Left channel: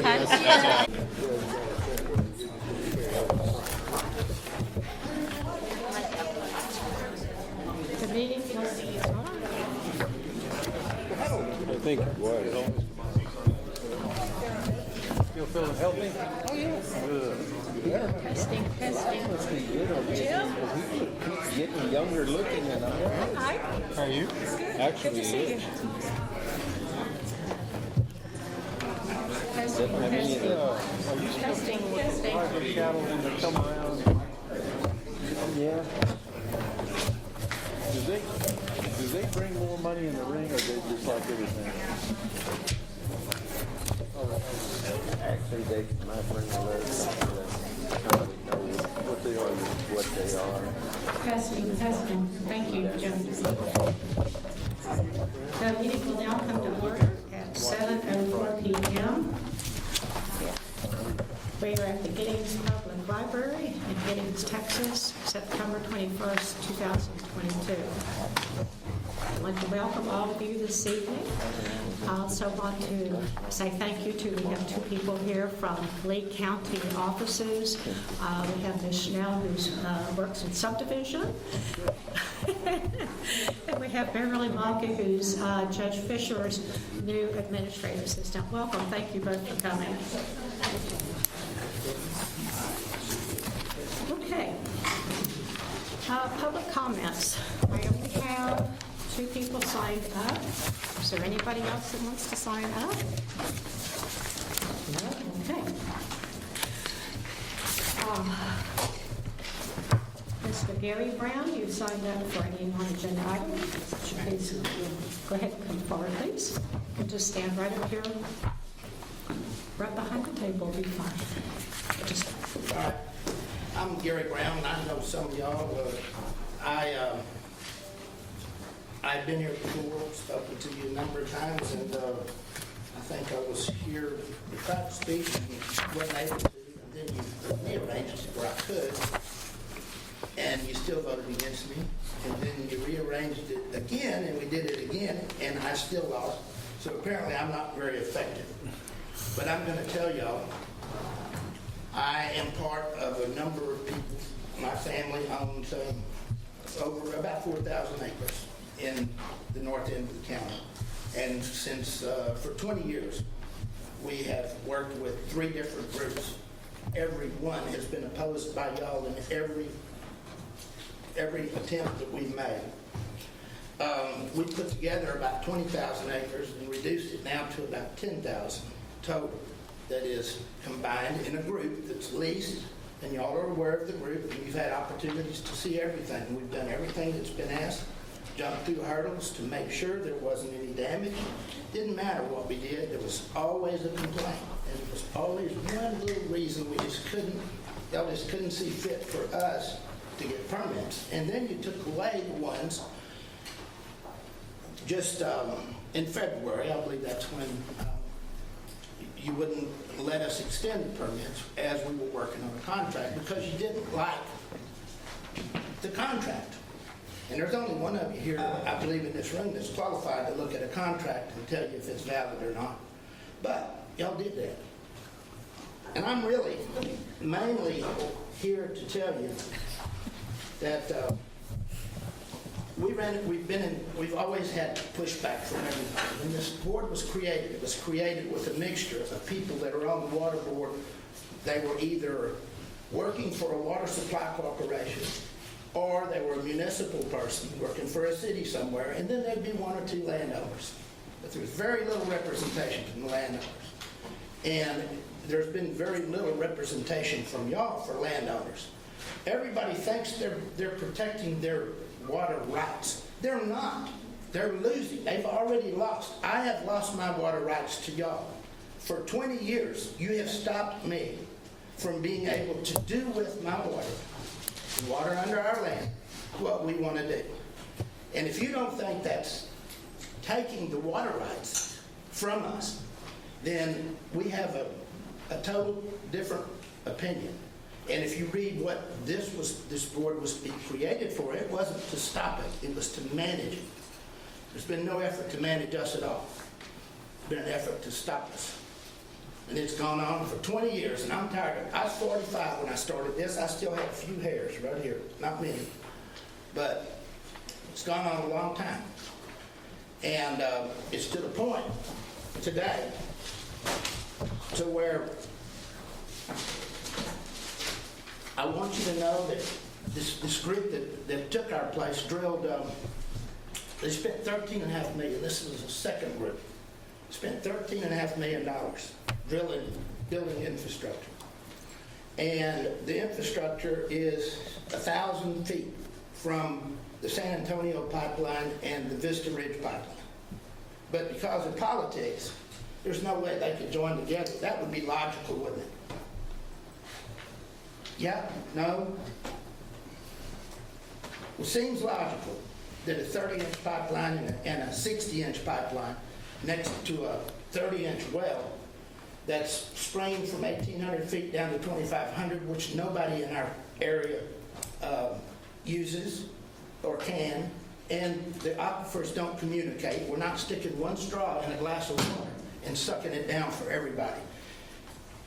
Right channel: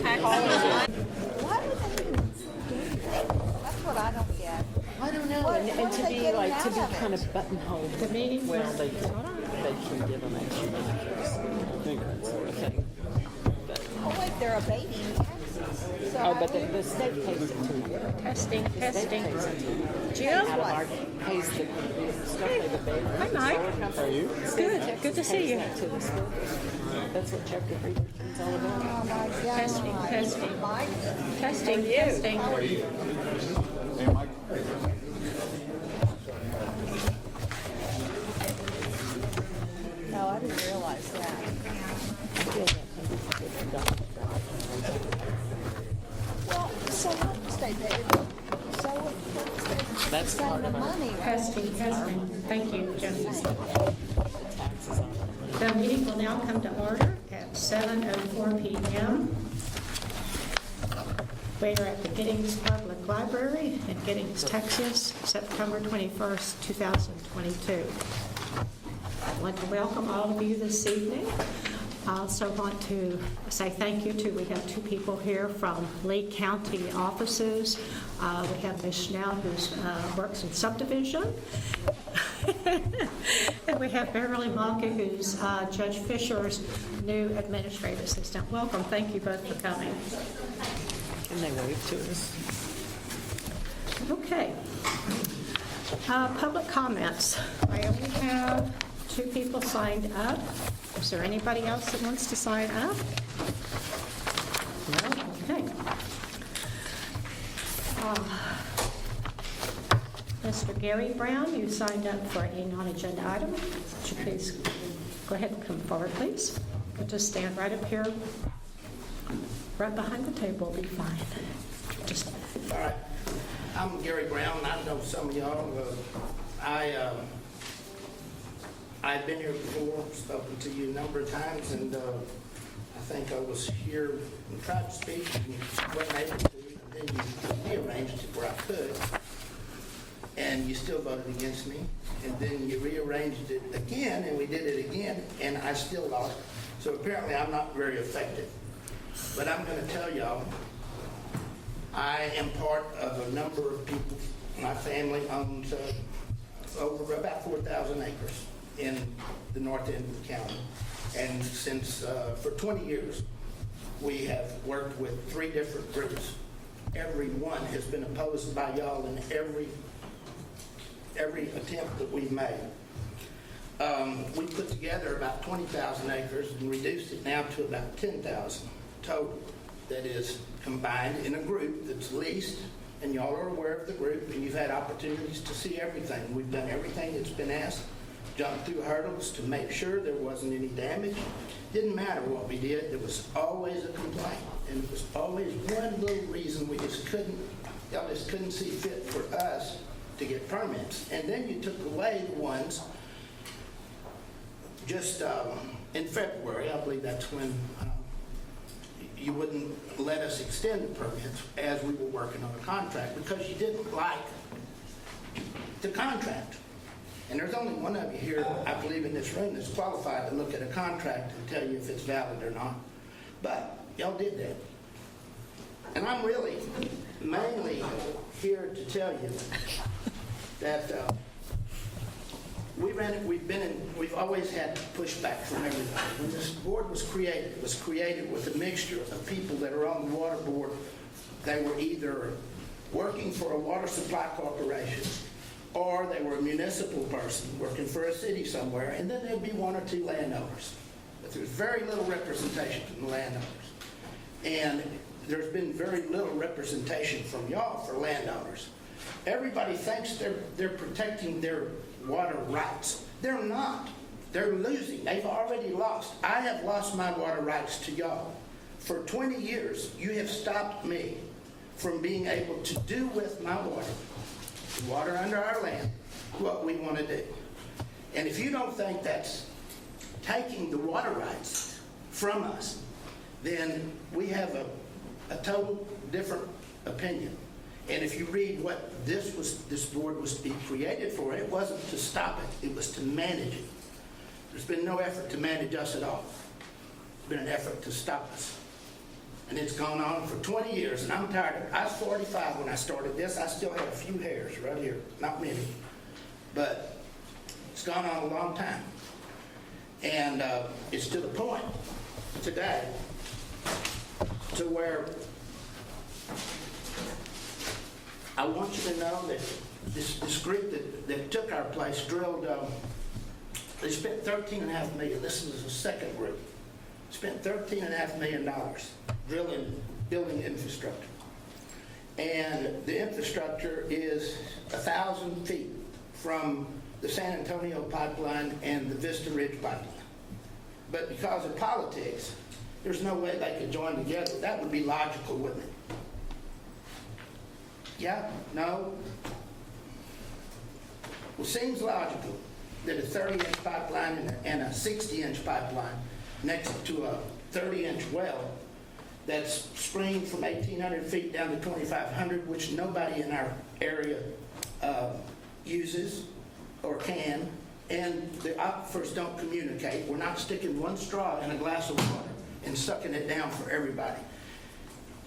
Okay. I don't know, and to be kind of buttonholed. The meeting was, hold on. I think it was. Oh, but the state takes it to the Testing, testing. Jim? Hey, hi Mike. Good, good to see you. That's what chapter it's all about. Testing, testing. Testing, testing. Yeah. Do they bring more money in the league or do they property? Actually, they might bring That's Testing, testing. Thank you, Jim. The meeting will now come to order at 7:04 p.m. We are at the Giddings Public Library in Giddings, Texas, September 21st, 2022. I want to welcome all of you this evening. I also want to say thank you to, we have two people here from Lee County offices. We have Ms. Schnell, who works in subdivision. And we have Beverly Malka, who's Judge Fisher's new administrative assistant. Welcome. Thank you both for coming. and they wave to us. Okay. Public comments. I only have two people signed up. Is there anybody else that wants to sign up? No? Okay. Mr. Gary Brown, you signed up for a non-agenda item. Would you please go ahead and come forward, please? You can just stand right up here, right behind the table will be fine. Just All right. I'm Gary Brown. I know some of y'all. I've been here before, spoken to you a number of times, and I think I was here without to speak and wasn't able to, and then you rearranged it where I could, and you still voted against me, and then you rearranged it again, and we did it again, and I still lost. So apparently I'm not very effective. But I'm going to tell y'all, I am part of a number of people. My family owns over about 4,000 acres in the north end of the county. And since, for 20 years, we have worked with 3 different groups. Every one has been opposed by y'all in every attempt that we've made. We put together about 20,000 acres and reduced it now to about 10,000 total that is combined in a group that's leased, and y'all are aware of the group, and you've had opportunities to see everything. We've done everything that's been asked, jumped through hurdles to make sure there wasn't any damage. Didn't matter what we did, there was always a complaint, and there was always one little reason y'all just couldn't see fit for us to get permits. And then you took away the ones just in February, I believe that's when you wouldn't let us extend the permits as we were working on the contract because you didn't like the contract. And there's only one of you here, I believe, in this room that's qualified to look at a contract and tell you if it's valid or not. But y'all did that. And I'm really mainly here to tell you that we've always had pushback from everything. When this board was created, it was created with a mixture of people that are on the water board. They were either working for a water supply corporation or they were a municipal person working for a city somewhere, and then there'd be 1 or 2 landowners. But there's very little representation from the landowners. And there's been very little representation from y'all for landowners. Everybody thinks they're protecting their water rights. They're not. They're losing. They've already lost. I have lost my water rights to y'all. For 20 years, you have stopped me from being able to do with my water under our land, what we want to do. And if you don't think that's taking the water rights from us, then we have a total different opinion. And if you read what this board was being created for, it wasn't to stop it, it was to manage it. There's been no effort to manage us at all. There's been an effort to stop us. And it's gone on for 20 years, and I'm tired of it. I was 45 when I started this. I still have a few hairs right here, not many, but it's gone on a long time. And it's to the point today to where I want you to know that this group that took our place drilled, they spent $13.5 million. This was the second group. Spent $13.5 million building infrastructure. And the infrastructure is 1,000 feet from the San Antonio pipeline and the Vista Ridge pipeline. But because of politics, there's no way they could join together. That would be logical, wouldn't it? Yeah? No? Well, it seems logical that a 30-inch pipeline and a 60-inch pipeline next to a 30-inch well that's springing from 1,800 feet down to 2,500, which nobody in our area uses or can, and the aquifers don't communicate. We're not sticking one straw in a glass of water and sucking it down for everybody.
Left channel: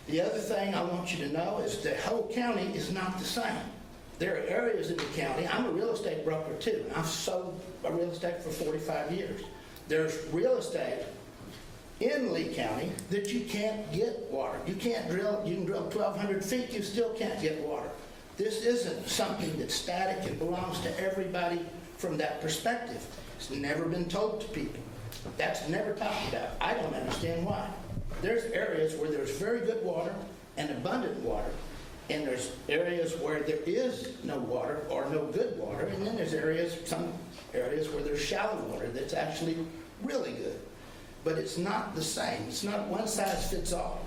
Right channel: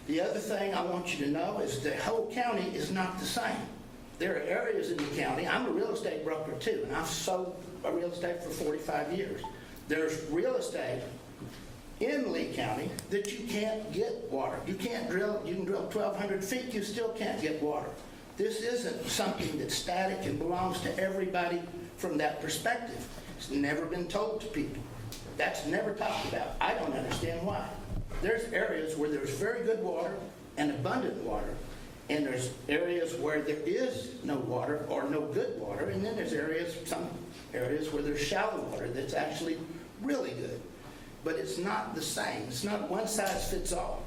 The other thing I want you to know is the whole county is not the same. There are areas in the county, I'm a real estate broker too, and I've sold real estate for 45 years. There's real estate in Lee County that you can't get water. You can't drill, you can drill 1,200 feet, you still can't get water. This isn't something that's static and belongs to everybody from that perspective. It's never been told to people. That's never talked about. I don't understand why. There's areas where there's very good water and abundant water, and there's areas where there is no water or no good water, and then there's some areas where there's shallow water that's actually really good. But it's not the same. It's not one size fits all.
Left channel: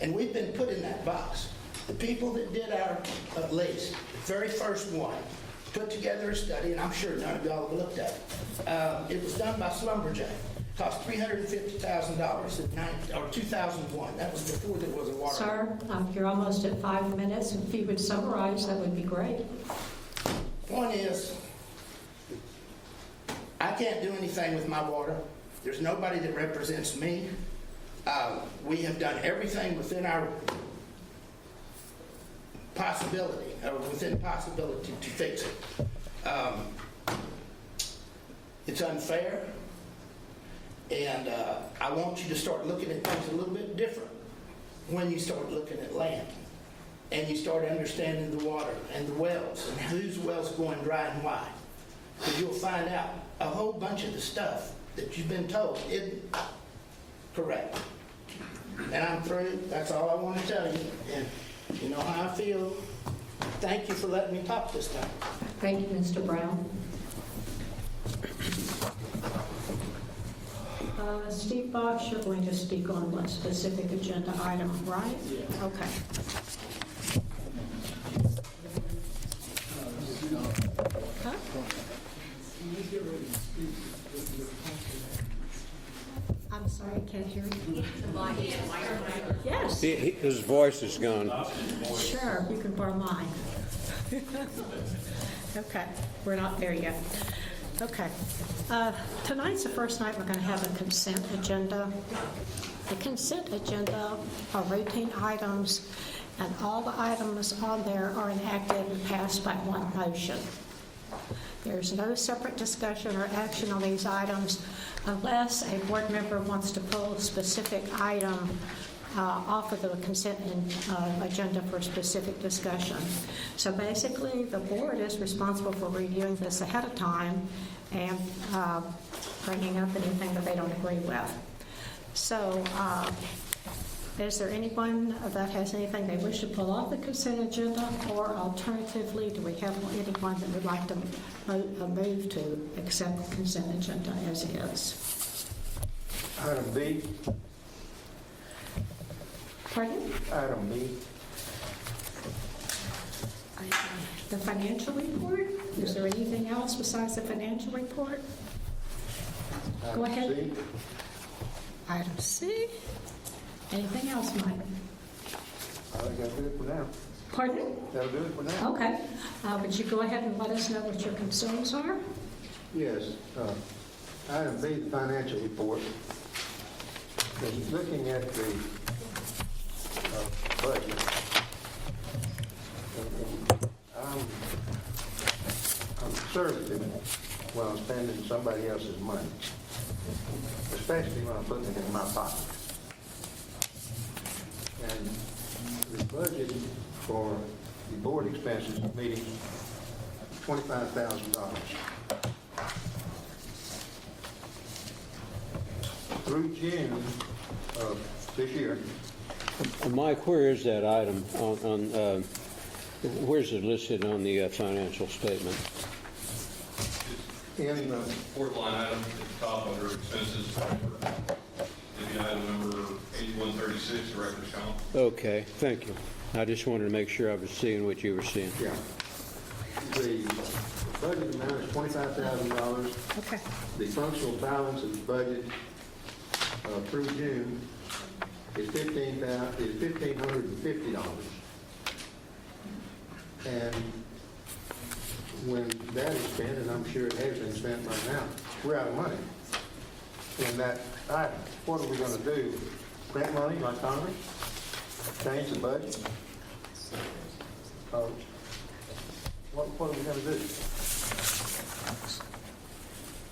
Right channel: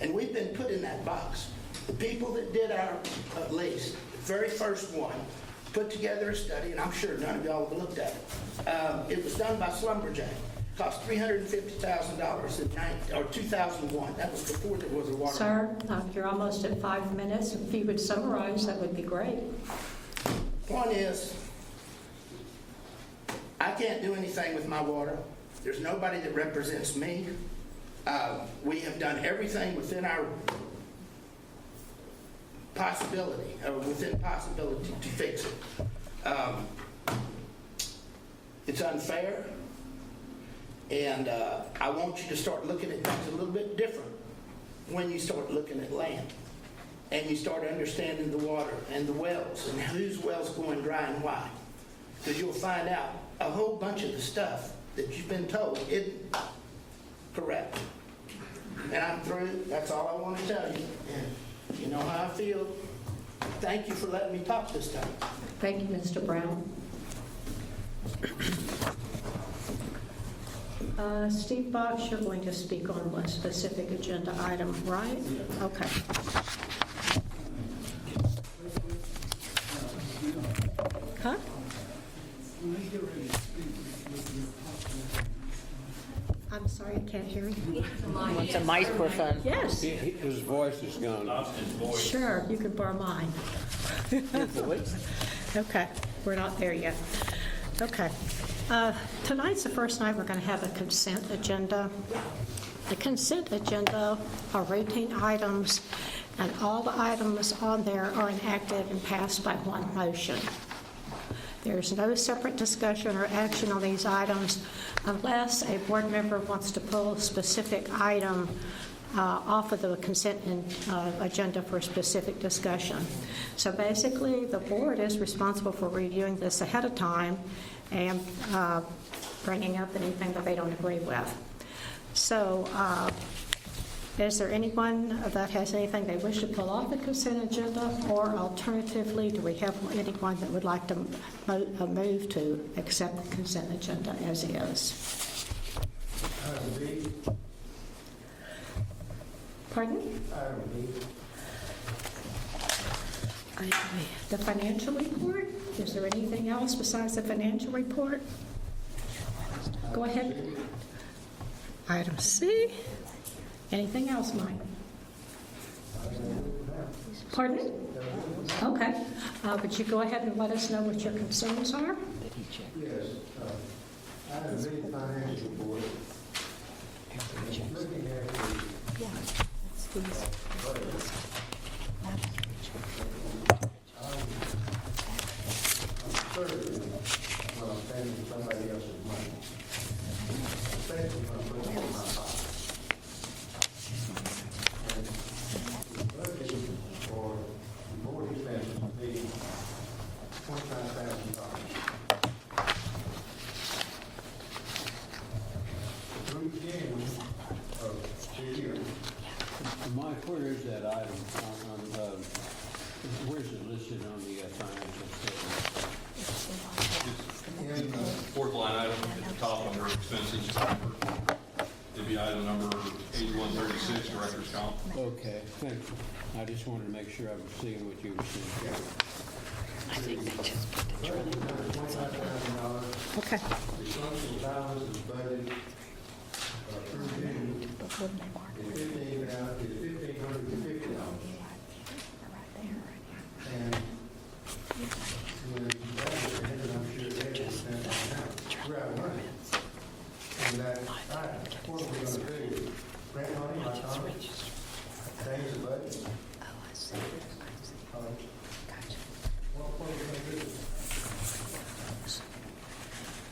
And we've been put in that box. The people that did our lease, the very first one, put together a study, and I'm sure none of y'all have looked at it. It was done by Slumberjack. It cost $350,000 or 2001. That was before there was a water. Sir, you're almost at 5 minutes. If you would summarize, that would be great. One is, I can't do anything with my water. There's nobody that represents me. We have done everything within our possibility, or within possibility to fix it. It's unfair, and I want you to start looking at things a little bit different when you start looking at land, and you start understanding the water and the wells, and whose well's going dry and why. Because you'll find out a whole bunch of the stuff that you've been told isn't correct. And I'm through. That's all I want to tell you. And you know how I feel. Thank you for letting me talk this time. Thank you, Mr. Brown. Steve Box, you're going to speak on one specific agenda item, right? Yeah. Okay. Huh? I'm sorry, I can't hear you. It's a microphone. Yes, His voice is gone. sure, you can borrow mine. Okay, we're not there yet. Okay. Tonight's the first night we're going to have a consent agenda. The consent agenda are routine items, and all the items on there are enacted and passed by one motion. There's no separate discussion or action on these items unless a board member wants to pull a specific item off of the consent agenda for specific discussion. So basically, the board is responsible for reviewing this ahead of time and bringing up anything that they don't agree with. So is there anyone that has anything they wish to pull off the consent agenda? Or alternatively, do we have anyone that would like to move to accept the consent agenda as is? Item B. Pardon? Item B. The financial report? Is there anything else besides the financial report? Go ahead. C. Item C. Anything else, Mike? I think that's good for now. Pardon? That's good for now. Okay. Would you go ahead and let us know what your concerns are? Yes. Item B, the financial report. Just looking at the somebody else's money, especially when I'm putting it in my pocket. And the budget for the board expenses would be $25,000. Through June of this year, Mike, where is that item where's it listed on the financial statement? in Fourth line item, at the top under expenses, it'd be item number 8136, director's count. Okay, thank you. I just wanted to make sure I was seeing what you were seeing. yeah. The budget now is $25,000. Okay. The functional balance of the budget through June is $1,550. And when that is spent, and I'm sure they've been spent on now, we're out of money. And that item, what are we going to do? Print money like Congress? Change the budget? What are we going to do?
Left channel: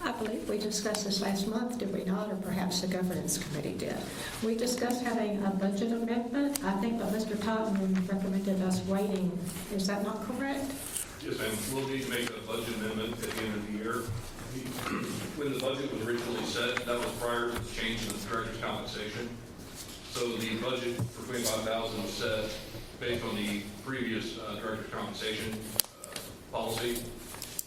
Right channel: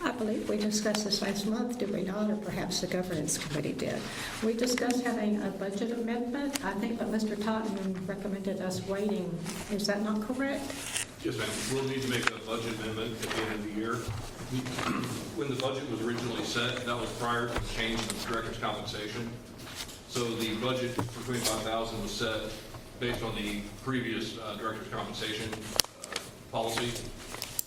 I believe we discussed this last month, did we not? Or perhaps the governance committee did. We discussed having a budget amendment. I think that Mr. Tottenham recommended us waiting. Is that not correct? Yes, ma'am. We'll need to make a budget amendment at the end of the year. When the budget was originally set, that was prior to the change in the director's compensation. So the budget for $25,000 was set based on the previous director's compensation policy.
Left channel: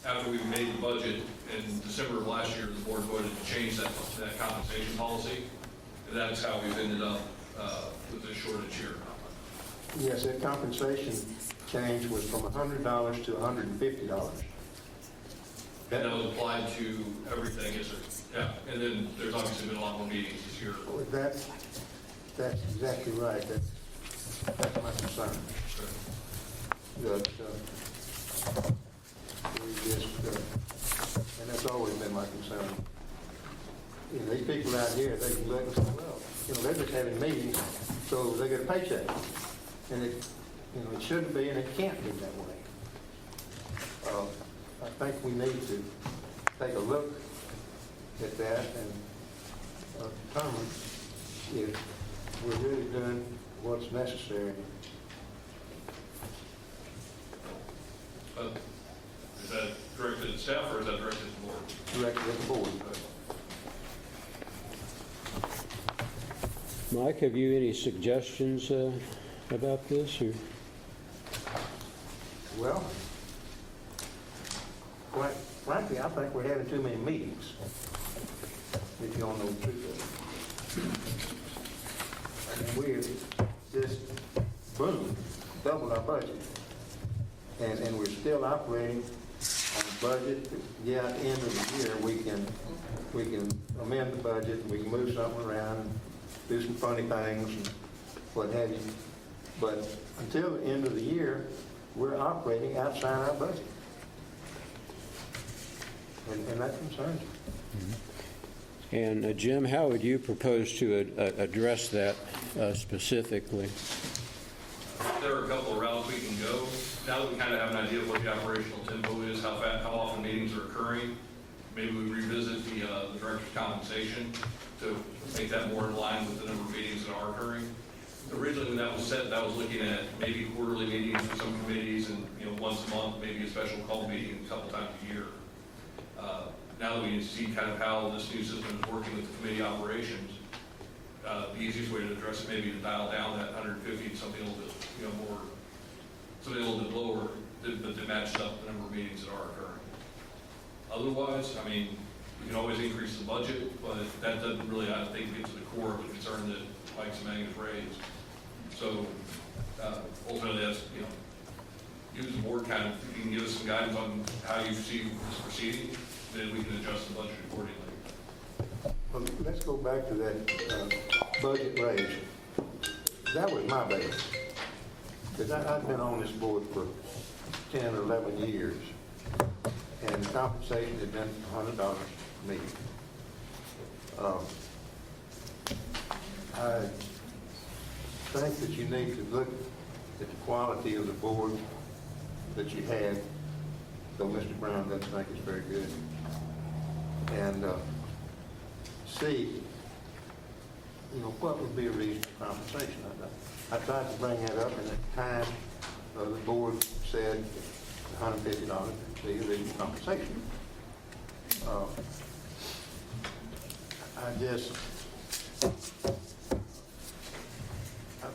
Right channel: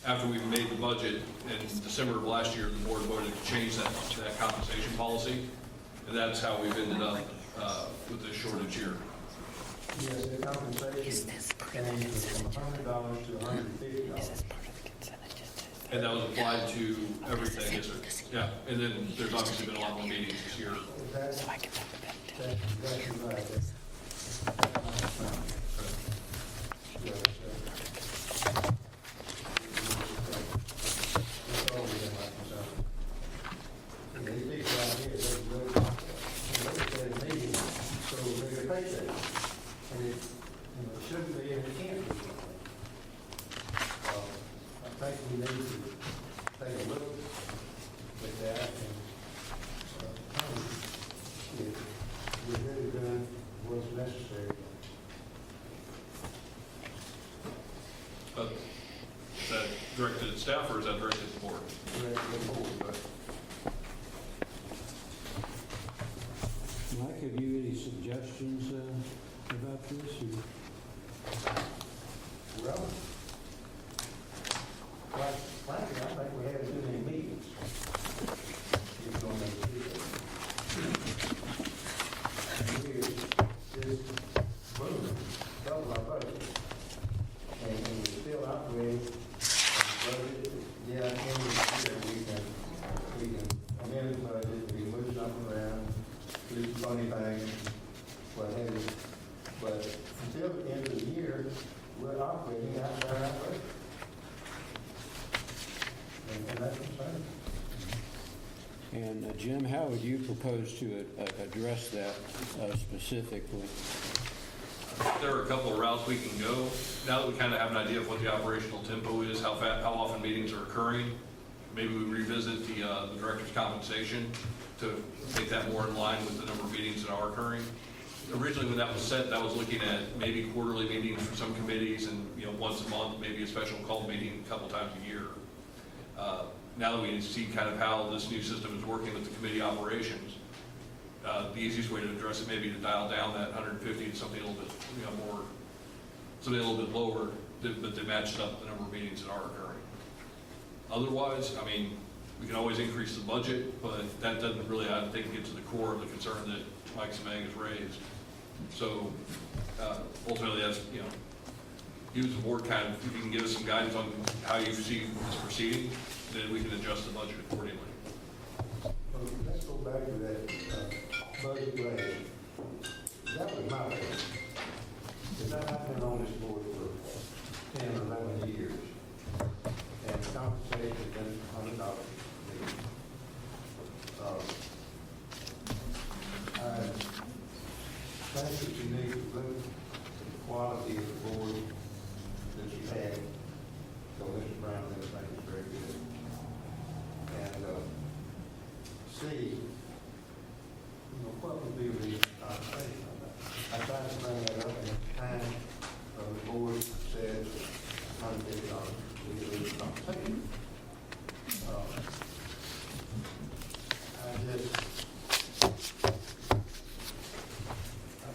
After we made the budget in December of last year, the board voted to change that compensation policy, and that's how we've ended up with this shortage here. Yes, that compensation change was from $100 to $150. And that was applied to everything, yes, sir. Yeah, and then there's obviously been a lot more meetings this year. That's exactly right. That's my concern. And that's always been my concern. And these people out here, they can look, they're just having meetings, so they get a paycheck. And it shouldn't be, and it can't be that way. I think we need to take a look at that and determine if we're really doing what's necessary. But is that directed at staff or is that directed at the board? Direct that forward. Mike, have you any suggestions about this? Or? Well, frankly, I think we're having too many meetings. If you don't know the truth. We're just, boom, doubled our budget. And we're still operating on the budget. Yeah, at the end of the year, we can amend the budget, we can move something around, do some funny things, and what have you. But until the end of the year, we're operating outside our budget. And that concerns me. And Jim, how would you propose to address that specifically? There are a couple of routes we can go. Now that we kind of have an idea of what the operational tempo is, how often meetings are occurring, maybe we revisit the director's compensation to make that more in line with the number of meetings that are occurring. Originally, when that was set, that was looking at maybe quarterly meetings for some committees and, once a month, maybe a special call meeting a couple times a year. Now that we see kind of how this new system is working with the committee operations, the easiest way to address it may be to dial down that 150 to something a little bit, more, something a little bit lower, but that matched up the number of meetings that are occurring. Otherwise, you can always increase the budget, but that doesn't really, I think, get to the core of the concern that Mike Semang has raised. So ultimately, that's, use the board kind of, if you can give us some guidance on how you see this proceeding, then we can adjust the budget accordingly. Well, let's go back to that budget raise. That was my base. Because I've been on this board for 10 or 11 years, and compensation has been $100 to me. I think that you need to look at the quality of the board that you had, though Mr. Brown doesn't think it's very good. and see, what would be a reasonable compensation. I tried to bring that up, and at the time, the board said $150 would be a reasonable compensation.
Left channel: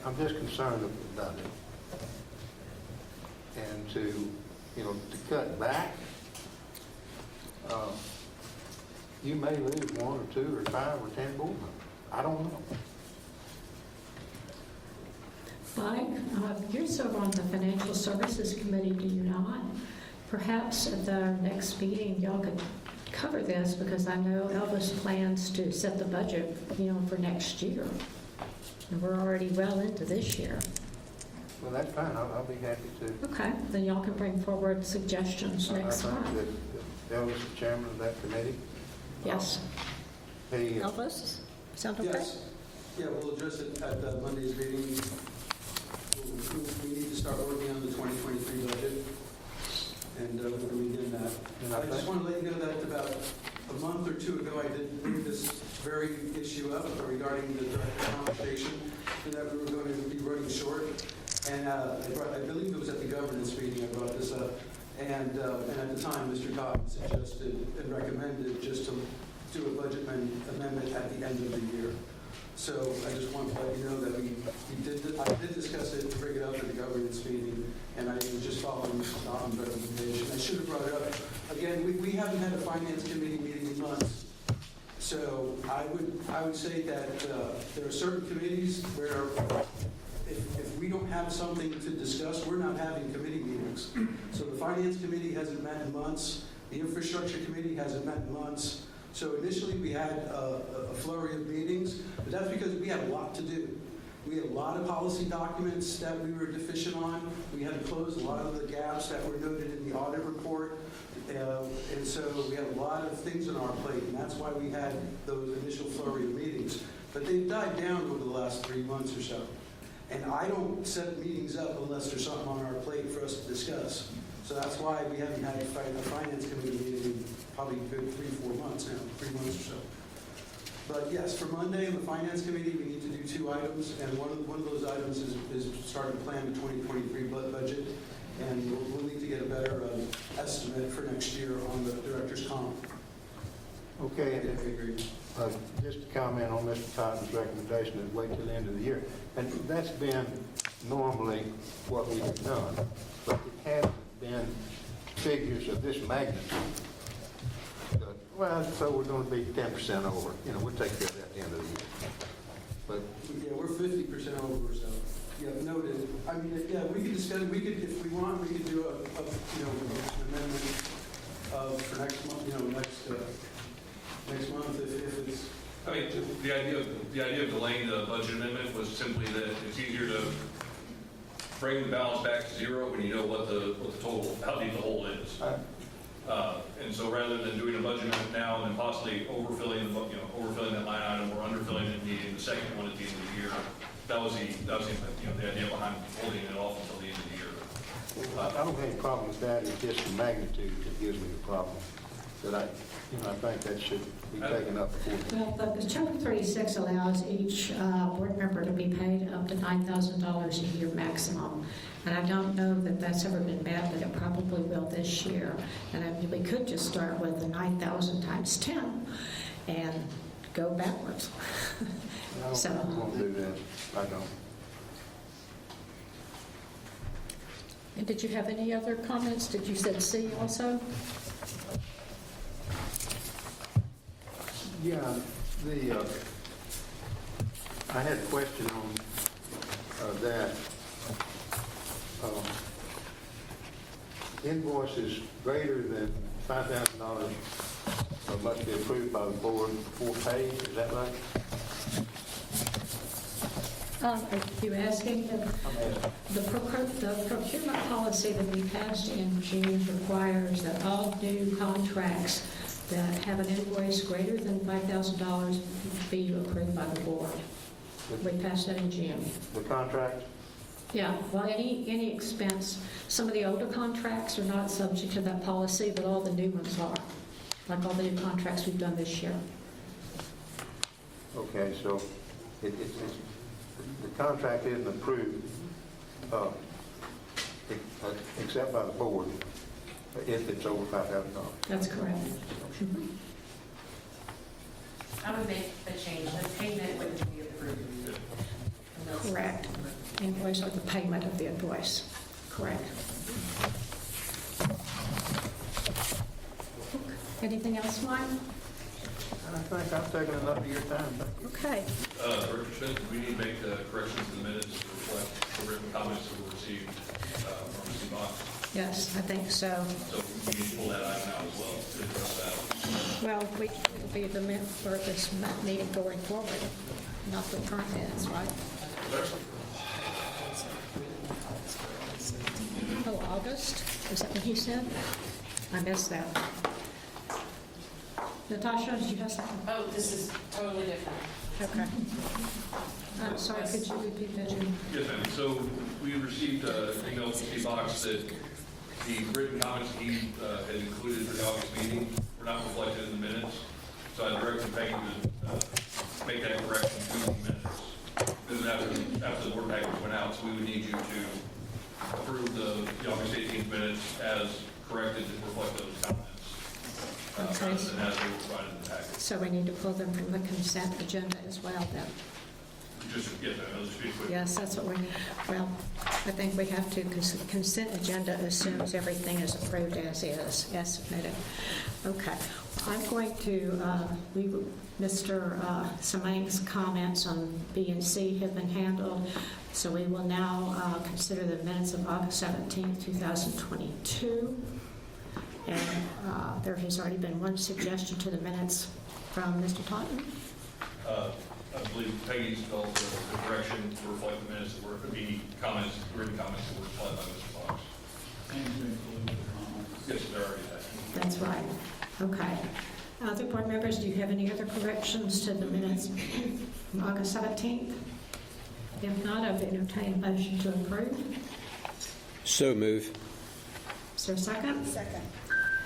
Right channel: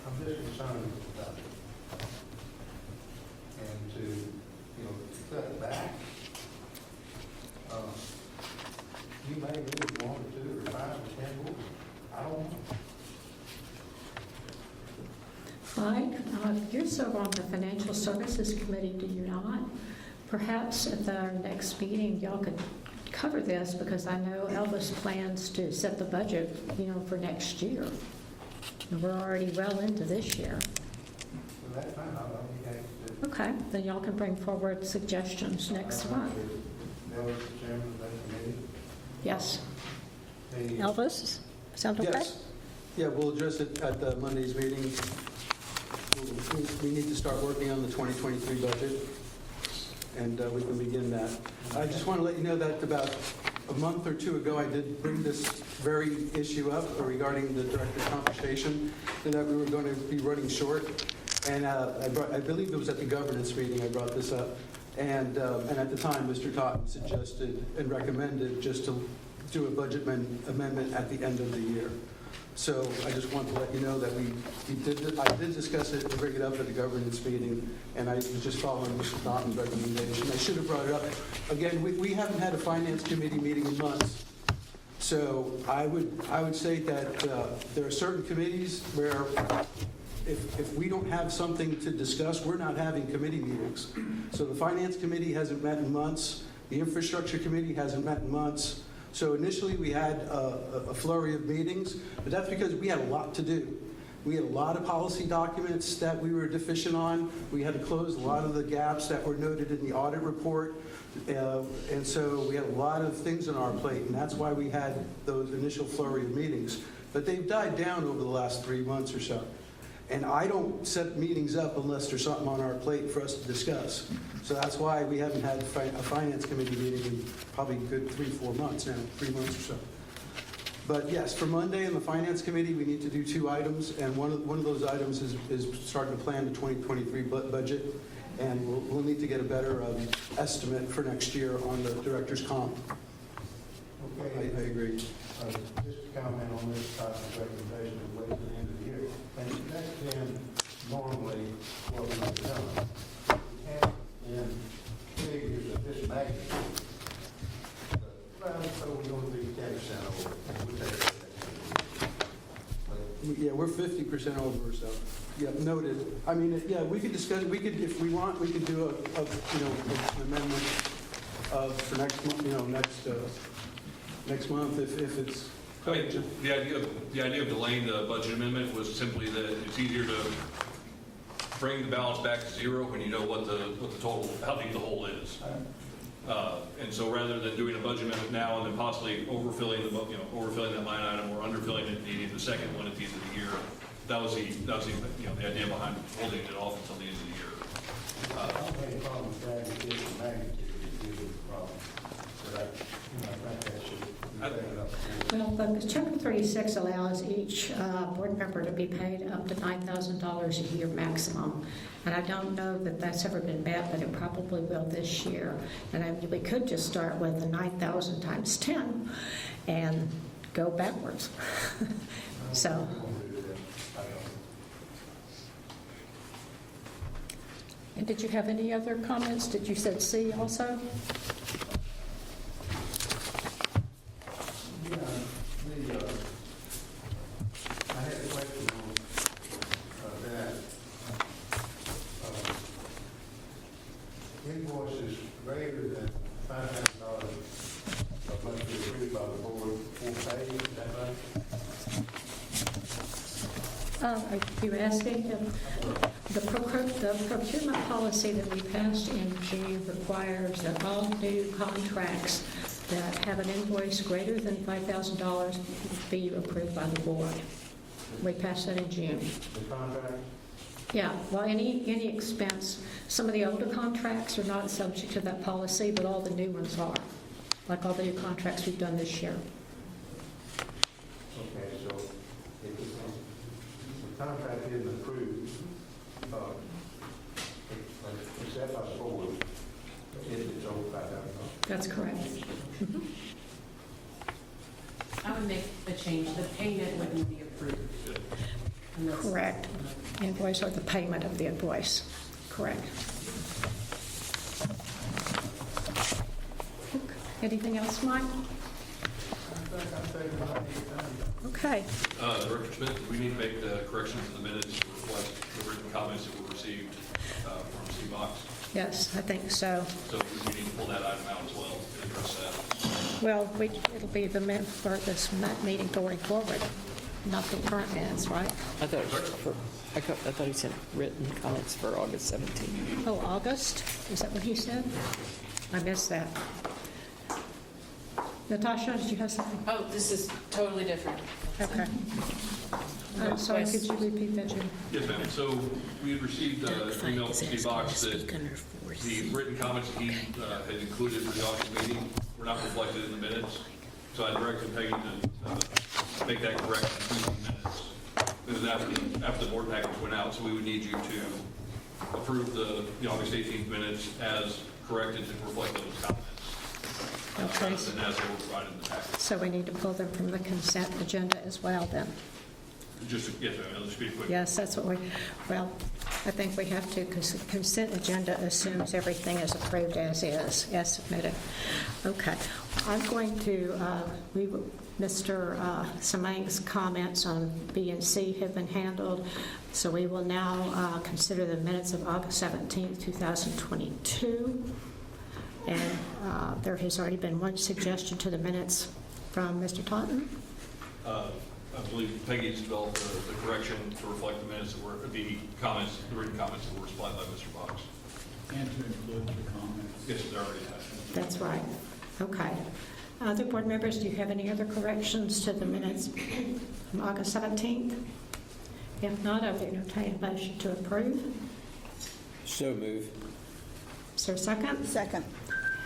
I'm just concerned about it. And to cut back, you may lose 1 or 2 or 5 or 10 boards. I don't know. Mike, you serve on the Financial Services Committee, do you not? Perhaps at our next meeting, y'all could cover this, because I know Elvis plans to set the budget, for next year. And we're already well into this year. Well, that's fine. I'll be happy to. Okay, then y'all can bring forward suggestions next month. Elvis, the chairman of that committee. Yes. Hey, Elvis, sound okay? Yes. Yeah, we'll address it at the Monday's meeting. We need to start working on the 2023 budget, and we can begin that. I just want to let you know that about a month or 2 ago, I did bring this very issue up regarding the director's compensation, that we were going to be running short. And I believe it was at the governance meeting I brought this up. And at the time, Mr. Cotton suggested and recommended just to do a budget amendment at the end of the year. So I just want to let you know that I did discuss it and bring it up at the governance meeting, and I was just following Mr. Cotton's recommendation. I should have brought it up. Again, we haven't had a finance committee meeting in months. So I would say that there are certain committees where if we don't have something to discuss, we're not having committee meetings. So the Finance Committee hasn't met in months. The Infrastructure Committee hasn't met in months. So initially we had a flurry of meetings, but that's because we had a lot to do. We had a lot of policy documents that we were deficient on. We had to close a lot of the gaps that were noted in the audit report. And so we had a lot of things on our plate, and that's why we had those initial flurry of meetings. But they've died down over the last 3 months or so. And I don't set meetings up unless there's something on our plate for us to discuss. So that's why we haven't had a finance committee meeting in probably a good 3-4 months now, 3 months or so. But yes, for Monday in the finance committee, we need to do 2 items, and one of those items is start to plan the 2023 budget, and we'll need to get a better estimate for next year on the director's comp. Okay, And I agree. just to comment on Mr. Cotton's recommendation of wait till the end of the year. And that's been normally what we have done. But it hasn't been figures of this magnitude. So we're going to be 10% over. We'll take that at the end of the year. But Yeah, we're 50% over, so, yeah, noted. I mean, yeah, we could discuss, if we want, we could do an amendment for next month, next month if it's. I mean, the idea of delaying the budget amendment was simply that it's easier to bring the balance back to 0 when you know what the total, how deep the hole is. And so rather than doing a budget amendment now and then possibly overfilling that line item or underfilling it, needing the second one at the end of the year, that was the idea behind holding it off until the end of the year. I don't have any problem with that. It's just the magnitude that gives me a problem. But I think that should be taken up. Well, the Chapter 36 allows each board member to be paid up to $9,000 a year maximum. And I don't know that that's ever been met, but it probably will this year. And we could just start with the 9,000 times 10 and go backwards. So. I won't do that. I don't. And did you have any other comments? Did you said C also? Yeah, I had a question on that. Invoices greater than $5,000 must be approved by the board before paying, is that right? Are you asking? The procurement policy that we passed in June requires that all new contracts that have an invoice greater than $5,000 be approved by the board. We passed that in June. The contract? Yeah, well, any expense, some of the older contracts are not subject to that policy, but all the new ones are. like all the new contracts we've done this year. Okay, so the contract isn't approved, except by the board, if it's over $5,000. That's correct. I would make a change, the payment wouldn't be approved. Unless- Correct. Invoice or the payment of the invoice. Correct. Anything else, Mike? I think I'm taking enough of your time. Okay. Director Smith, do we need to make the correction to the minutes to reflect the written comments that were received from Steve Box? Yes, I think so. So we need to pull that item out as well to address that. Well, it'll be the for this meeting going forward, not the current minutes, right? I thought he said written comments for August 17th. Oh, August? Is that what he said? I missed that. Natasha, did you have something? Oh, this is totally different. Okay. I'm sorry, could you repeat that, Jim? Yes, ma'am. So we received an email from Steve Box that the written comments he had included in the August meeting were not reflected in the minutes. So I directed Peggy to make that correction to the minutes. Because after the board package went out, so we would need you to approve the August 18th minutes as corrected to reflect those comments. Okay, And that's what we're providing in the package. so we need to pull them from the consent agenda as well, then? Just to get that, just be quick. Yes, that's what well, I think we have to, because the consent agenda assumes everything is approved as is, as submitted. Okay, I'm going to, Mr. Semang's comments on B and C have been handled, so we will now consider the minutes of August 17th, 2022. And there has already been one suggestion to the minutes from Mr. Totten. I believe Peggy's developed the correction to reflect the minutes that were, the comments, the written comments that were supplied by Mr. Fox. And to include the comments. Yes, it's already there. That's right. Okay. Other board members, do you have any other corrections to the minutes from August 17th? If not, I would entertain a motion to approve. So move. Is there a second? Second.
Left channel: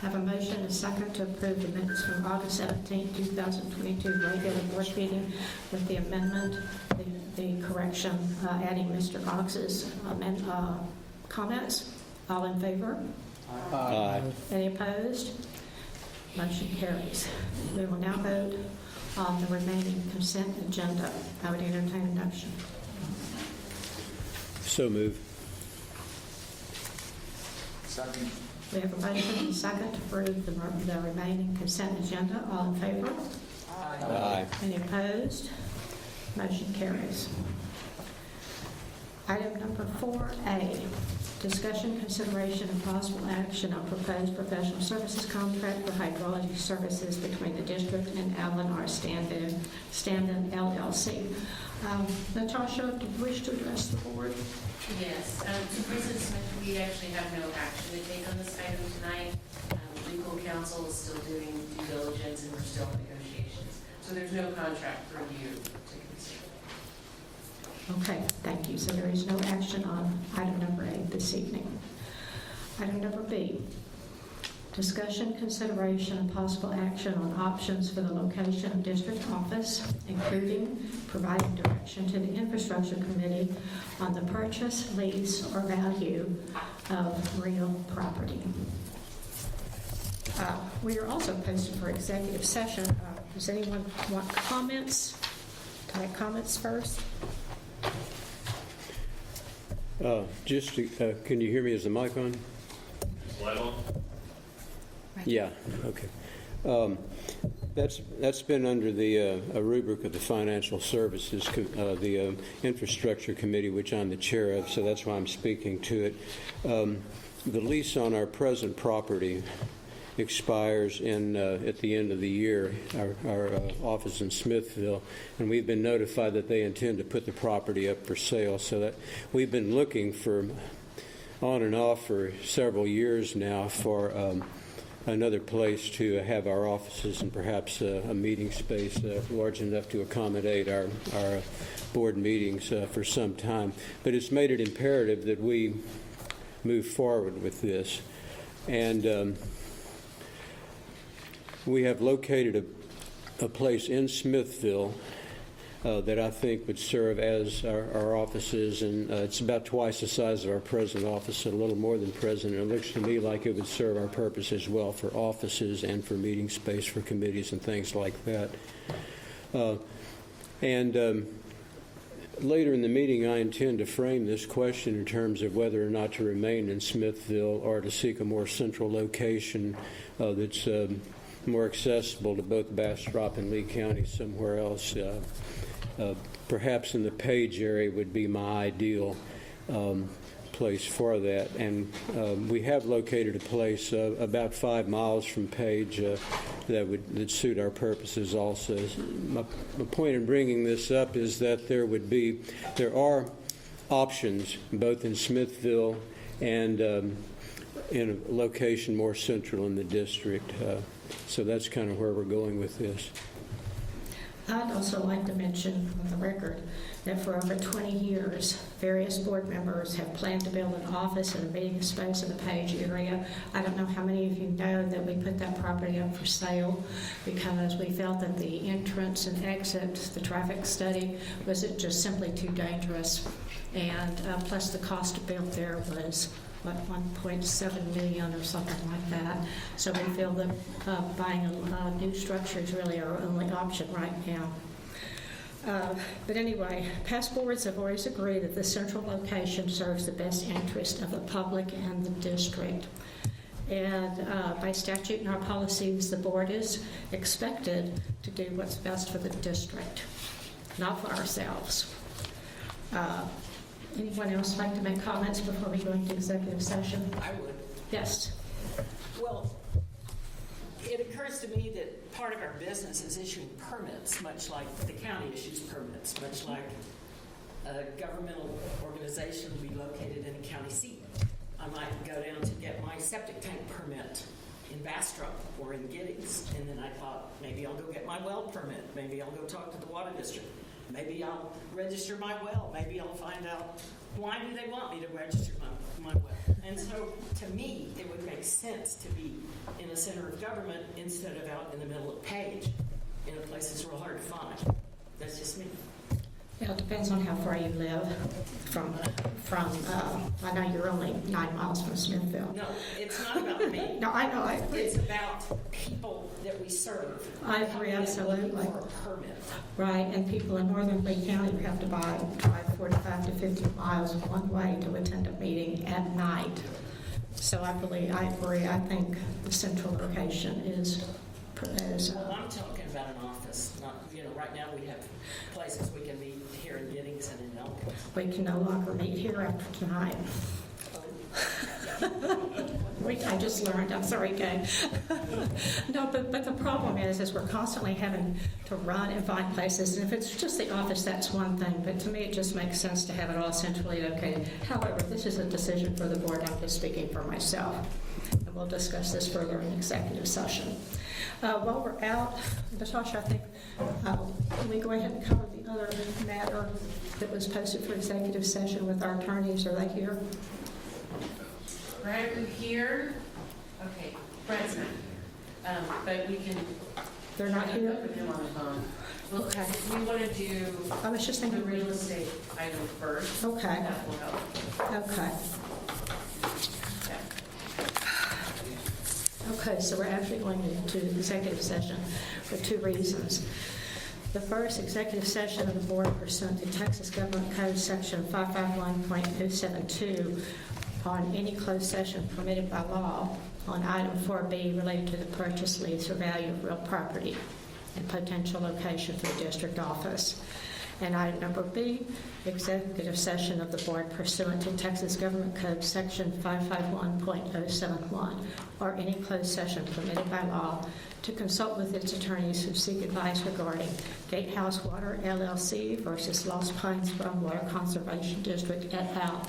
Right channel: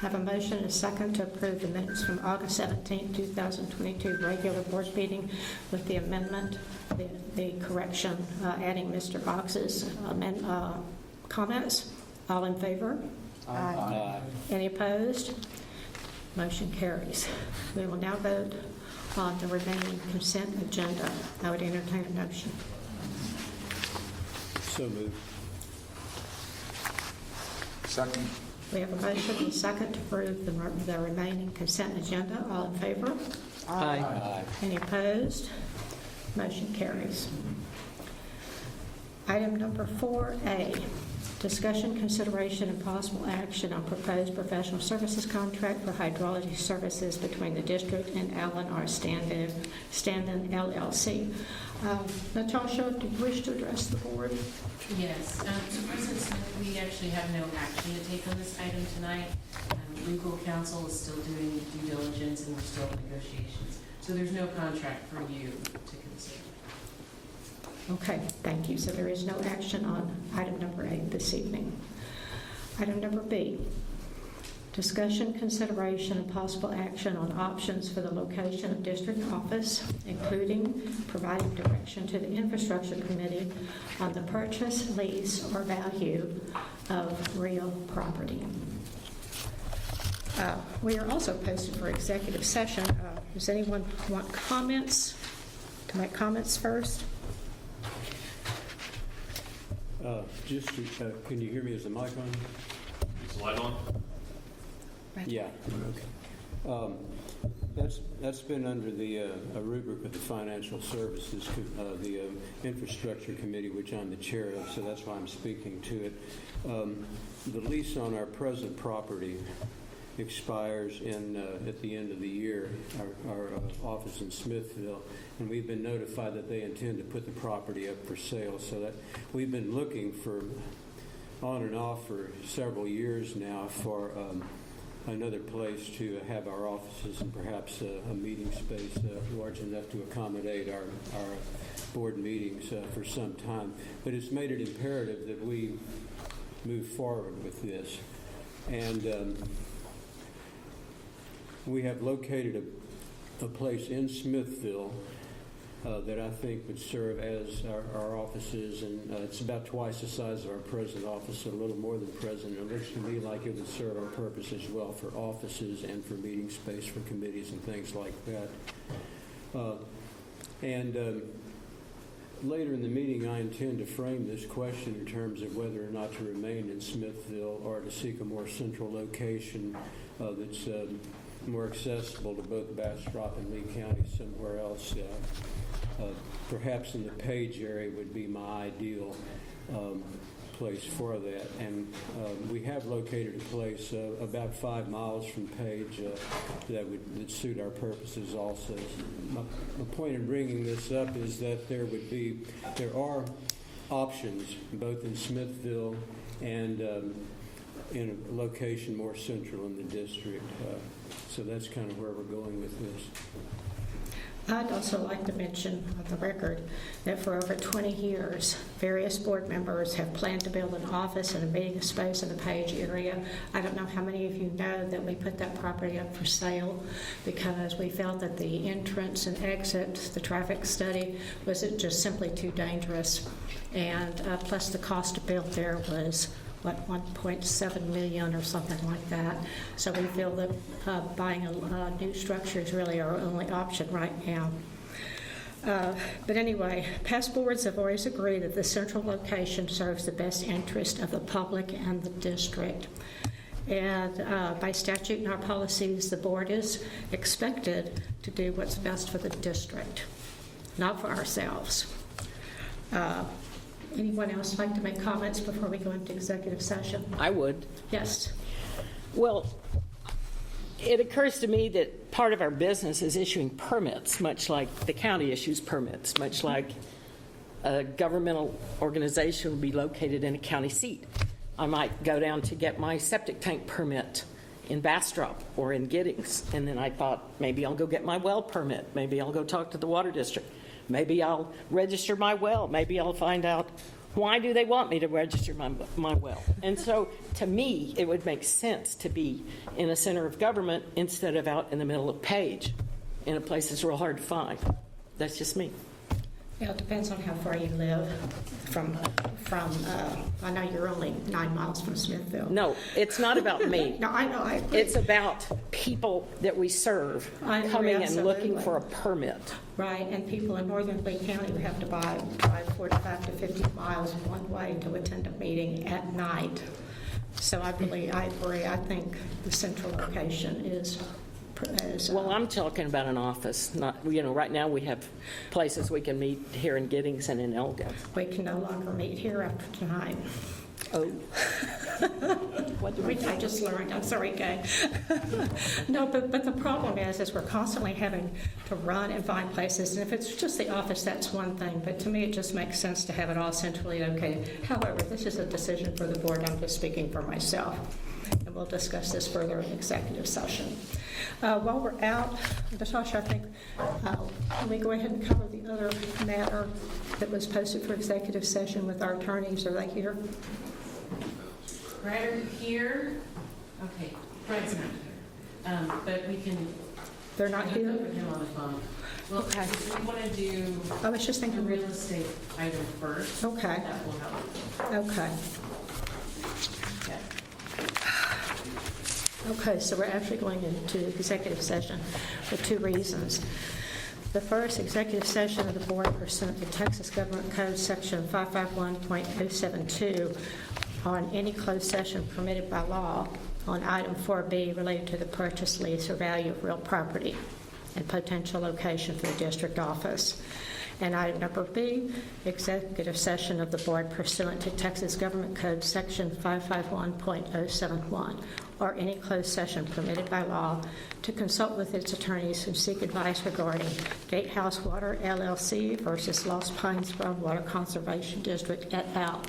Have a motion and a second to approve the minutes from August 17, 2022 regular board meeting with the amendment, the correction, adding Mr. Box's comments. All in favor? Aye. Any opposed? Motion carries. We will now vote on the remaining consent agenda. I would entertain a motion. So move. Second. We have a motion and a second to approve the remaining consent agenda. All in favor? Aye. Aye. Any opposed? Motion carries. Item number 4A, discussion, consideration, and possible action on proposed professional services contract for hydrology services between the district and Allen R. Standen LLC. Natasha, did you wish to address the board? Yes, so President Smith, we actually have no action to take on this item tonight. Legal counsel is still doing due diligence and we're still in negotiations. So there's no contract for you to consider. Okay, thank you. So there is no action on item number 8 this evening. Item number B, discussion, consideration, and possible action on options for the location of district office, including providing direction to the infrastructure committee on the purchase, lease, or value of real property. We are also posted for executive session. Does anyone want comments? To make comments first? Can you hear me? Is the mic on? Is the light on? Yeah, okay. That's been under the a rubric of the Financial Services, the Infrastructure Committee, which I'm the chair of, so that's why I'm speaking to it. The lease on our present property expires at the end of the year, our office in Smithville, and we've been notified that they intend to put the property up for sale, so that we've been looking for on and off for several years now for another place to have our offices and perhaps a meeting space large enough to accommodate our board meetings for some time. But it's made it imperative that we move forward with this. And we have located a place in Smithville that I think would serve as our offices, and it's about twice the size of our present office, a little more than present. It looks to me like it would serve our purpose as well for offices and for meeting space for committees and things like that. Later in the meeting, I intend to frame this question in terms of whether or not to remain in Smithville or to seek a more central location that's more accessible to both Bastrop and Lee County somewhere else. Perhaps in the Page area would be my ideal place for that. And we have located a place about 5 miles from Page that suit our purposes also. My point in bringing this up is that there are options both in Smithville and in a location more central in the district. So that's kind of where we're going with this. I'd also like to mention on the record that for over 20 years, various board members have planned to build an office and a meeting space in the Page area. I don't know how many of you know that we put that property up for sale because we felt that the entrance and exit, the traffic study, was just simply too dangerous. And plus the cost to build there was $1.7 million or something like that. So we feel that buying a new structure is really our only option right now. But anyway, past boards have always agreed that the central location serves the best interest of the public and the district. And by statute and our policies, the board is expected to do what's best for the district, not for ourselves. Anyone else like to make comments before we go into executive session? I would. Yes. Well, it occurs to me that part of our business is issuing permits, much like the county issues permits, much like a governmental organization would be located in a county seat. I might go down to get my septic tank permit in Bastrop or in Giddings, and then I thought maybe I'll go get my well permit. Maybe I'll go talk to the water district. Maybe I'll register my well. Maybe I'll find out why do they want me to register my well. And so to me, it would make sense to be in a center of government instead of out in the middle of Page in a place that's real hard to find. That's just me. Yeah, it depends on how far you live from I know you're only 9 miles from Smithville. No, it's not about me. No, I know, I agree. It's about people that we serve I agree, coming and absolutely. looking for a permit. Right, and people in northern Lee County would have to drive 45 to 50 miles one way to attend a meeting at night. So I agree. I think the central location is Well, I'm talking about an office, not, right now we have places we can meet here in Giddings and in Elgin. we can no longer meet here after tonight. Oh. I just learned. I'm sorry, Kay. No, but the problem is we're constantly having to run and find places. And if it's just the office, that's one thing. But to me, it just makes sense to have it all centrally located. However, this is a decision for the board. I'm just speaking for myself. And we'll discuss this further in executive session. While we're out, Natasha, I think, can we go ahead and cover the other matter that was posted for executive session with our attorneys? Are they here? Brad, are you here? Okay, Brad's not here. But we can. They're not here? Put him on the phone. Well, Okay. We want to do I was just the thinking. real estate item first. Okay. That will help. Okay. Okay, so we're actually going into executive session for 2 reasons. The first, executive session of the board pursuant to Texas Government Code Section 551.072 on any closed session permitted by law on item 4B related to the purchase, lease, or value of real property and potential location for the district office. And item number B, executive session of the board pursuant to Texas Government Code Section 551.071, or any closed session permitted by law to consult with its attorneys who seek advice regarding Gatehouse Water LLC versus Lost Pines Groundwater Conservation District et al.,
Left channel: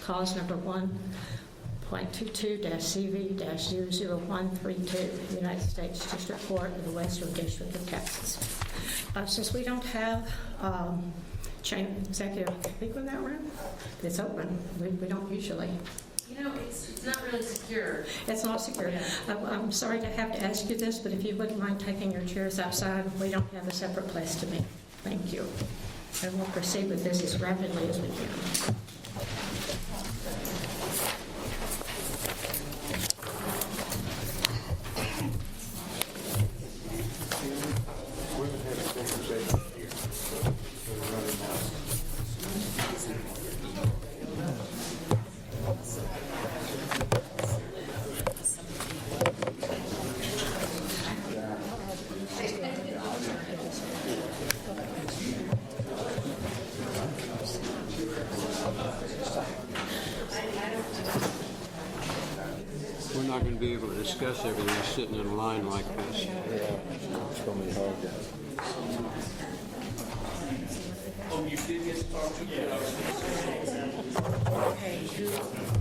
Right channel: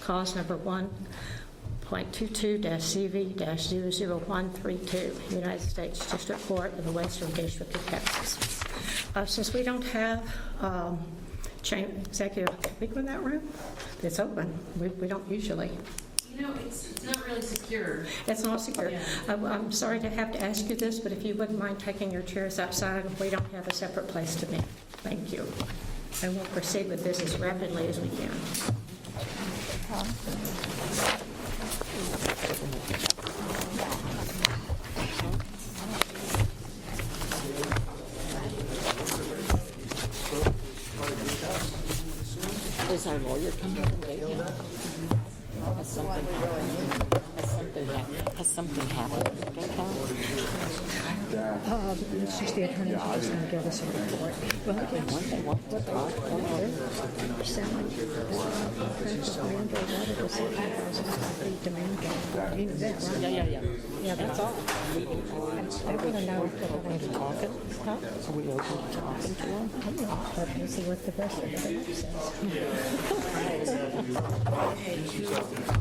cause number 1.22-CV-00132, United States District Court of the Western District of Texas. Since we don't have executive, can we go in that room? It's open. We don't usually. You know, it's not really secure. It's not secure. I'm sorry to have to ask you this, but if you wouldn't mind taking your chairs outside, we don't have a separate place to meet. Thank you. And we'll proceed with this as rapidly as we can. Is our lawyer coming today? Has something happened? She's the attorney. She's just going to give us a report. Well, again, one thing, We're not going to be able to discuss everything sitting in line like I want to this. know if we're going to talk. Are we open to talking to them? I'm not, but we'll see what the rest of the thing says.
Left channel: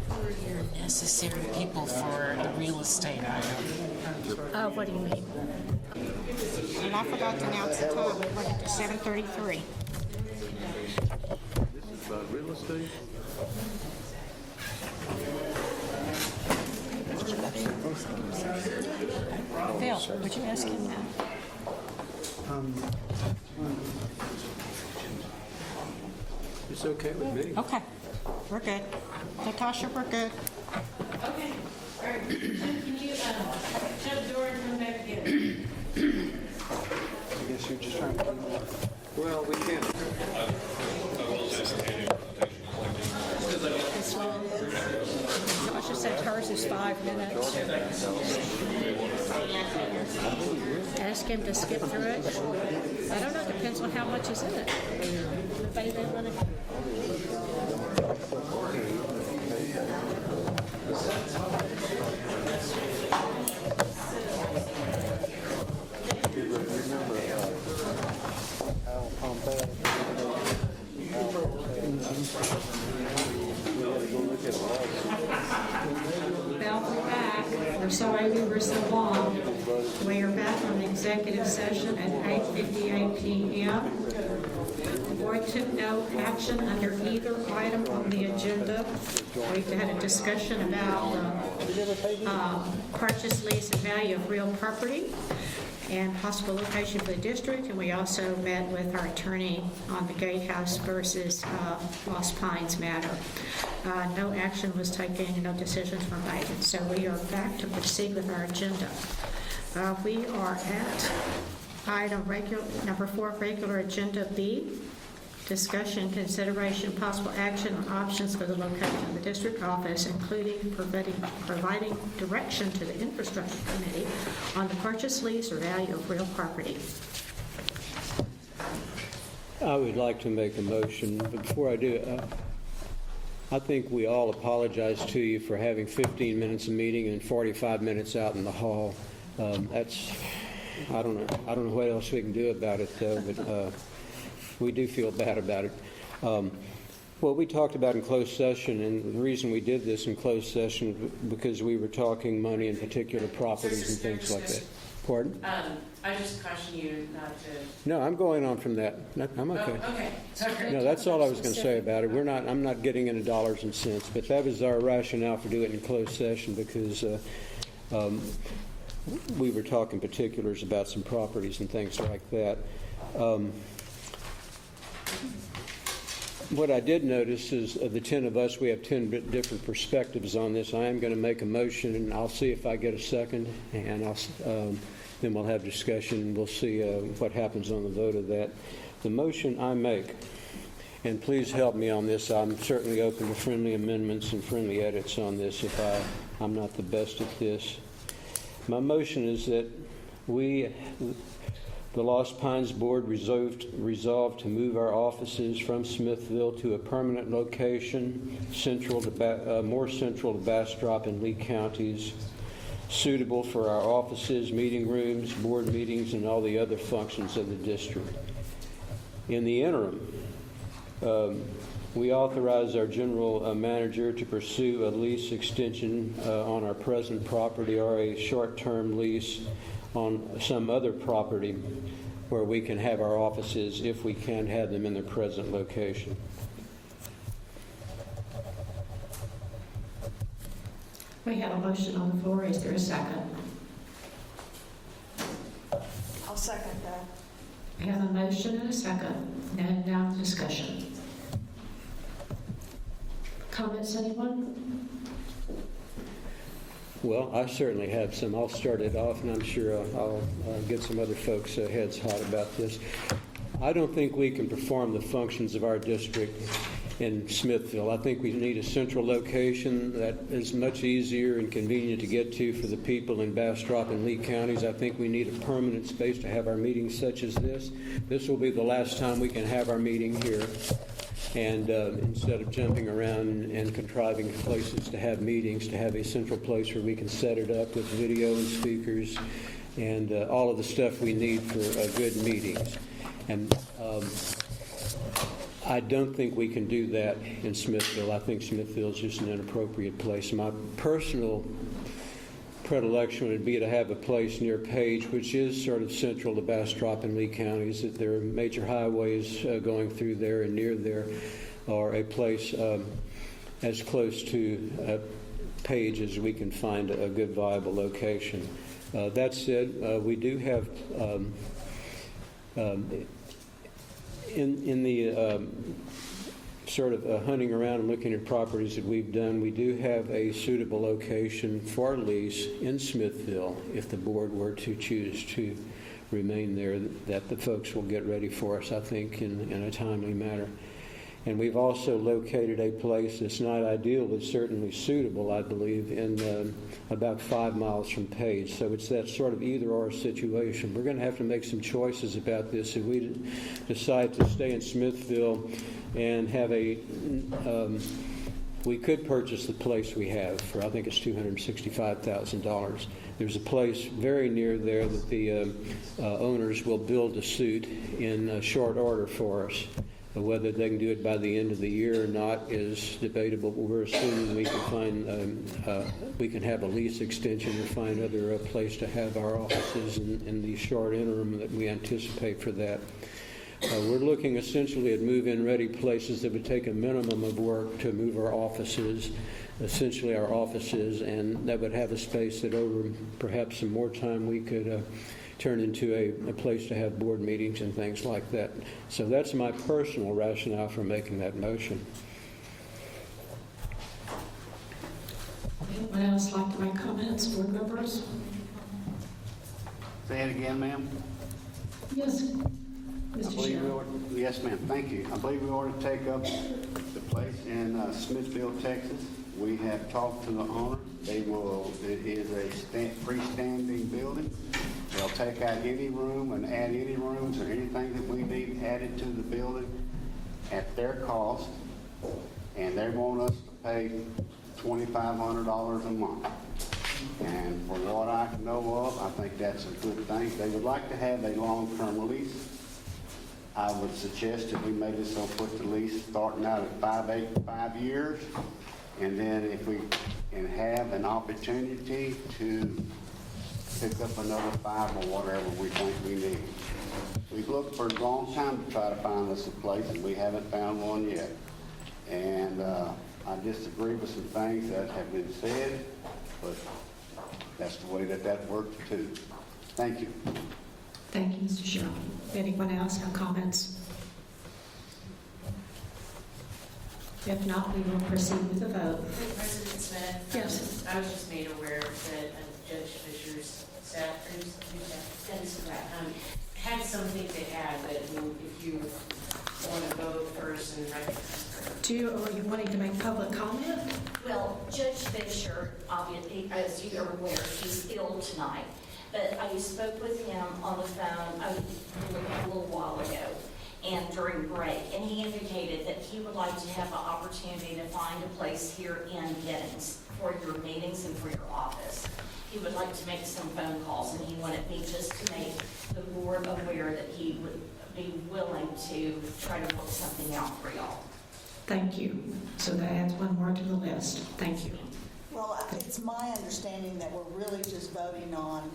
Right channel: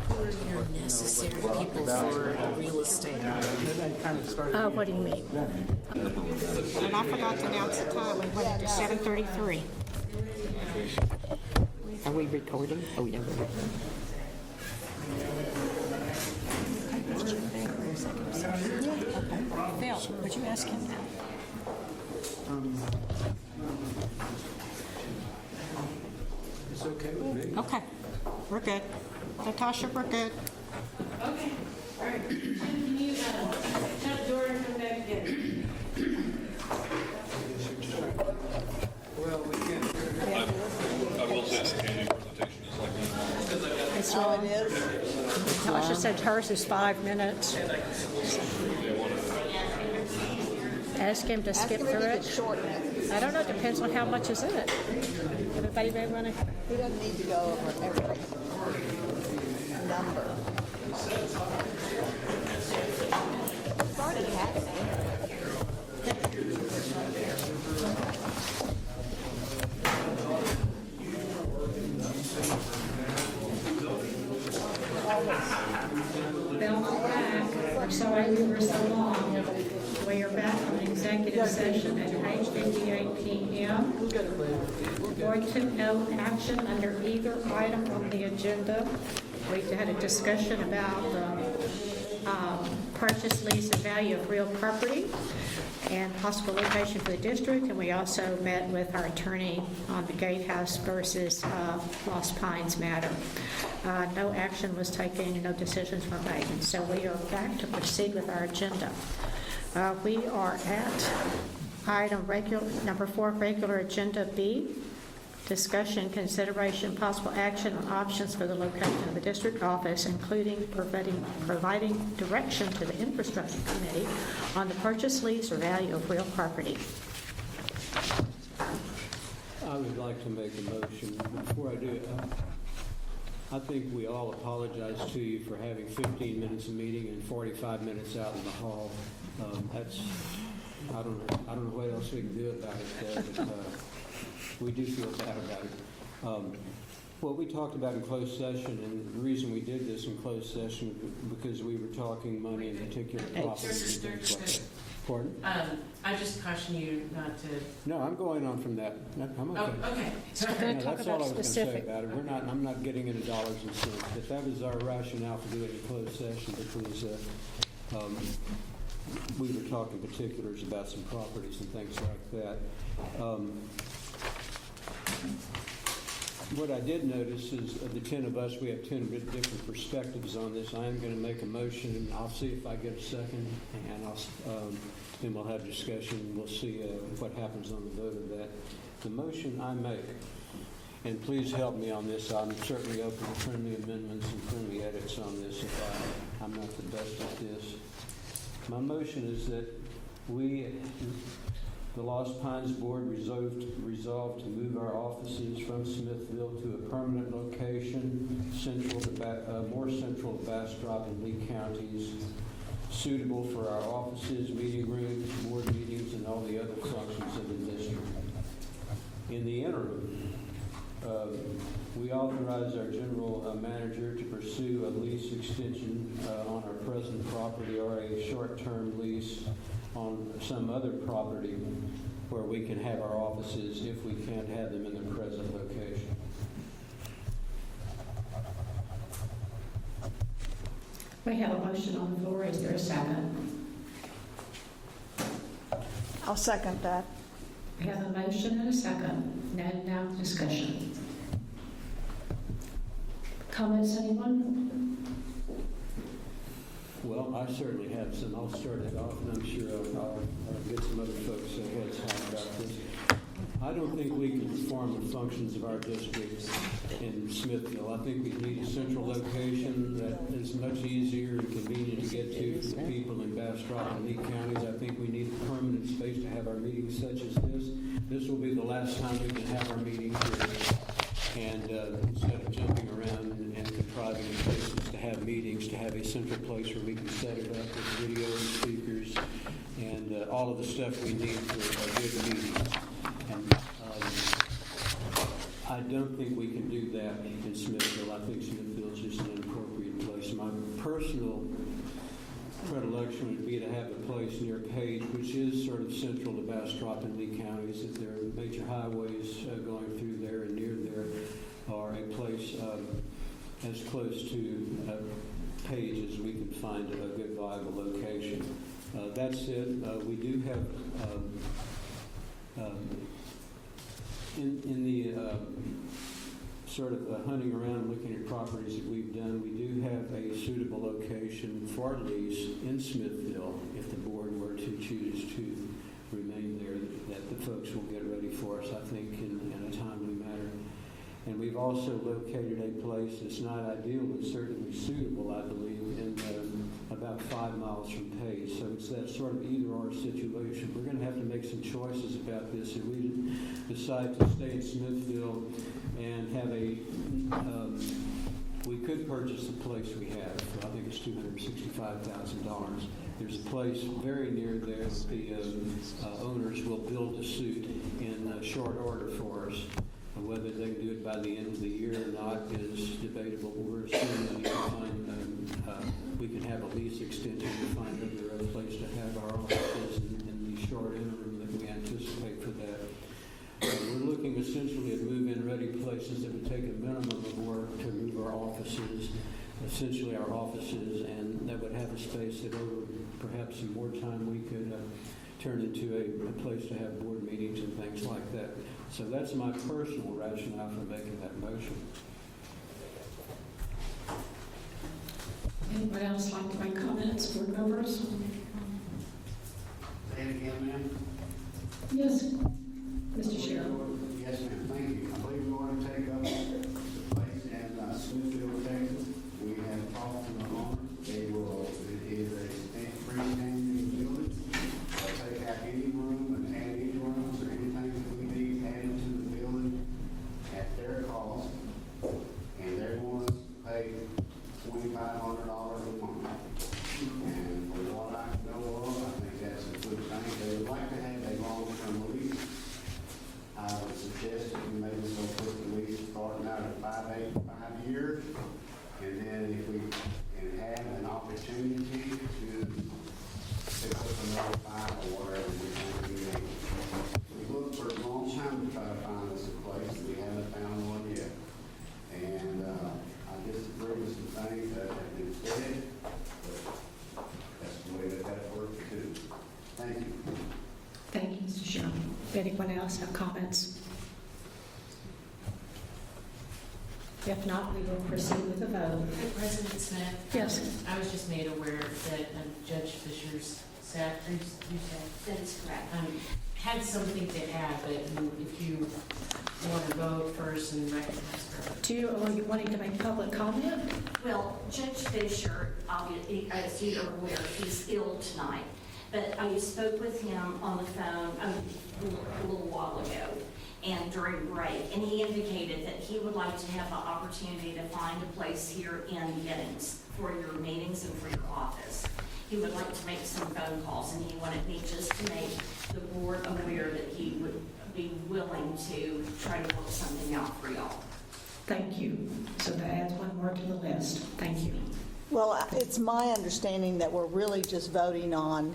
Who are your necessary people for the real estate? What do you mean? And I forgot to announce the time. We went into 7:33. Are we recording? Oh, yeah. Okay, but you're ready for executive session. Okay. Phil, would you ask him now? It's okay with me. Okay, we're good. Natasha, we're good. Okay, all right. Can you shut the door and come back again? Well, we can't. I will say the meeting presentation is like this. It's long. Natasha said hers is 5 minutes. You may want to Ask him to skip through it. I don't know, it depends on how much is in it. Everybody may want to... Welcome back. We're sorry we were so long. We are back from an executive session at 8:58 p.m. The board took no action under either item on the agenda. We had a discussion about the purchase, lease, and value of real property and possible location for the district, and we also met with our attorney on the Gatehouse versus Lost Pines matter. No action was taken, no decisions were made, and so we are back to proceed with our agenda. We are at item number 4, regular agenda B, discussion, consideration, possible action on options for the location of the district office, including providing direction to the infrastructure committee on the purchase, lease, or value of real property. I would like to make a motion, but before I do, I think we all apologize to you for having 15 minutes of meeting and 45 minutes out in the hall. I don't know what else we can do about it, though, but we do feel bad about it. What we talked about in closed session, and the reason we did this in closed session, because we were talking money in particular properties and things like that. Pardon? I just caution you not to. No, I'm going on from that. I'm okay. Oh, okay. No, that's all I was going to say about it. I'm not getting into dollars and cents, but that was our rationale for doing it in closed session, because we were talking particulars about some properties and things like that. What I did notice is of the 10 of us, we have 10 different perspectives on this. I am going to make a motion, and I'll see if I get a second, and then we'll have discussion. We'll see what happens on the vote of that. The motion I make, and please help me on this, I'm certainly open to friendly amendments and friendly edits on this if I'm not the best at this. My motion is that the Lost Pines Board resolved to move our offices from Smithville to a permanent location more central to Bastrop and Lee counties, suitable for our offices, meeting rooms, board meetings, and all the other functions of the district. In the interim, we authorize our general manager to pursue a lease extension on our present property or a short-term lease on some other property where we can have our offices if we can't have them in their present location. We have a motion on the floor. Is there a second? I'll second that. We have a motion and a second. And now discussion. Comments, anyone? Well, I certainly have some. I'll start it off, and I'm sure I'll get some other folks' heads hot about this. I don't think we can perform the functions of our district in Smithville. I think we need a central location that is much easier and convenient to get to for the people in Bastrop and Lee counties. I think we need a permanent space to have our meetings such as this. This will be the last time we can have our meeting here. And instead of jumping around and contriving places to have meetings, to have a central place where we can set it up with video and speakers and all of the stuff we need for good meetings. And I don't think we can do that in Smithville. I think Smithville is just an inappropriate place. My personal predilection would be to have a place near Page, which is sort of central to Bastrop and Lee counties. That there are major highways going through there and near there, or a place as close to Page as we can find a good viable location. That said, we do have in the sort of hunting around and looking at properties that we've done, we do have a suitable location for lease in Smithville if the board were to choose to remain there, that the folks will get ready for us, I think, in a timely manner. And we've also located a place that's not ideal but certainly suitable, I believe, in about 5 miles from Page. So it's that sort of either-or situation. We're going to have to make some choices about this. If we decide to stay in Smithville and have we could purchase the place we have for, I think it's $265,000. There's a place very near there that the owners will build a suit in short order for us. Whether they can do it by the end of the year or not is debatable, but we're assuming we can find, we can have a lease extension or find other place to have our offices in the short interim that we anticipate for that. We're looking essentially at move-in ready places that would take a minimum of work to move our offices, essentially our offices, and that would have a space that over perhaps some more time we could turn into a place to have board meetings and things like that. So that's my personal rationale for making that motion. Anyone else like to make comments, board members? Say it again, ma'am. Yes, I Mr. believe Sheriff. we ought to- Yes, ma'am, thank you. I believe we ought to take up the place in Smithville, Texas. We have talked to the owner. It is a freestanding building. They'll take out any room and add any rooms or anything that we need added to the building at their cost. And they want us to pay $2,500 a month. And for what I know of, I think that's a good thing. They would like to have a long-term lease. I would suggest that we maybe so put the lease starting out at 5 years. And then if we can have an opportunity to pick up another 5 or whatever we think we need. We've looked for a long time to try to find us a place, and we haven't found one yet. And I disagree with some things that have been said, but that's the way that works too. Thank you. Thank you, Mr. Sheriff. Anyone else have comments? If not, we will proceed with the vote. President Smith? Yes. I was just made aware that Judge Fisher's staff, had something to add, but if you want to vote first and recognize her. Are you wanting to make public comment? Well, Judge Fisher, obviously, as you're aware, he's ill tonight. But I spoke with him on the phone a little while ago and during break, and he indicated that he would like to have the opportunity to find a place here in Giddings for your meetings and for your office. He would like to make some phone calls, and he wanted me just to make the board aware that he would be willing to try to work something out for y'all. Thank you. So that adds one more to the list. Thank you. Well, it's my understanding that we're really just voting on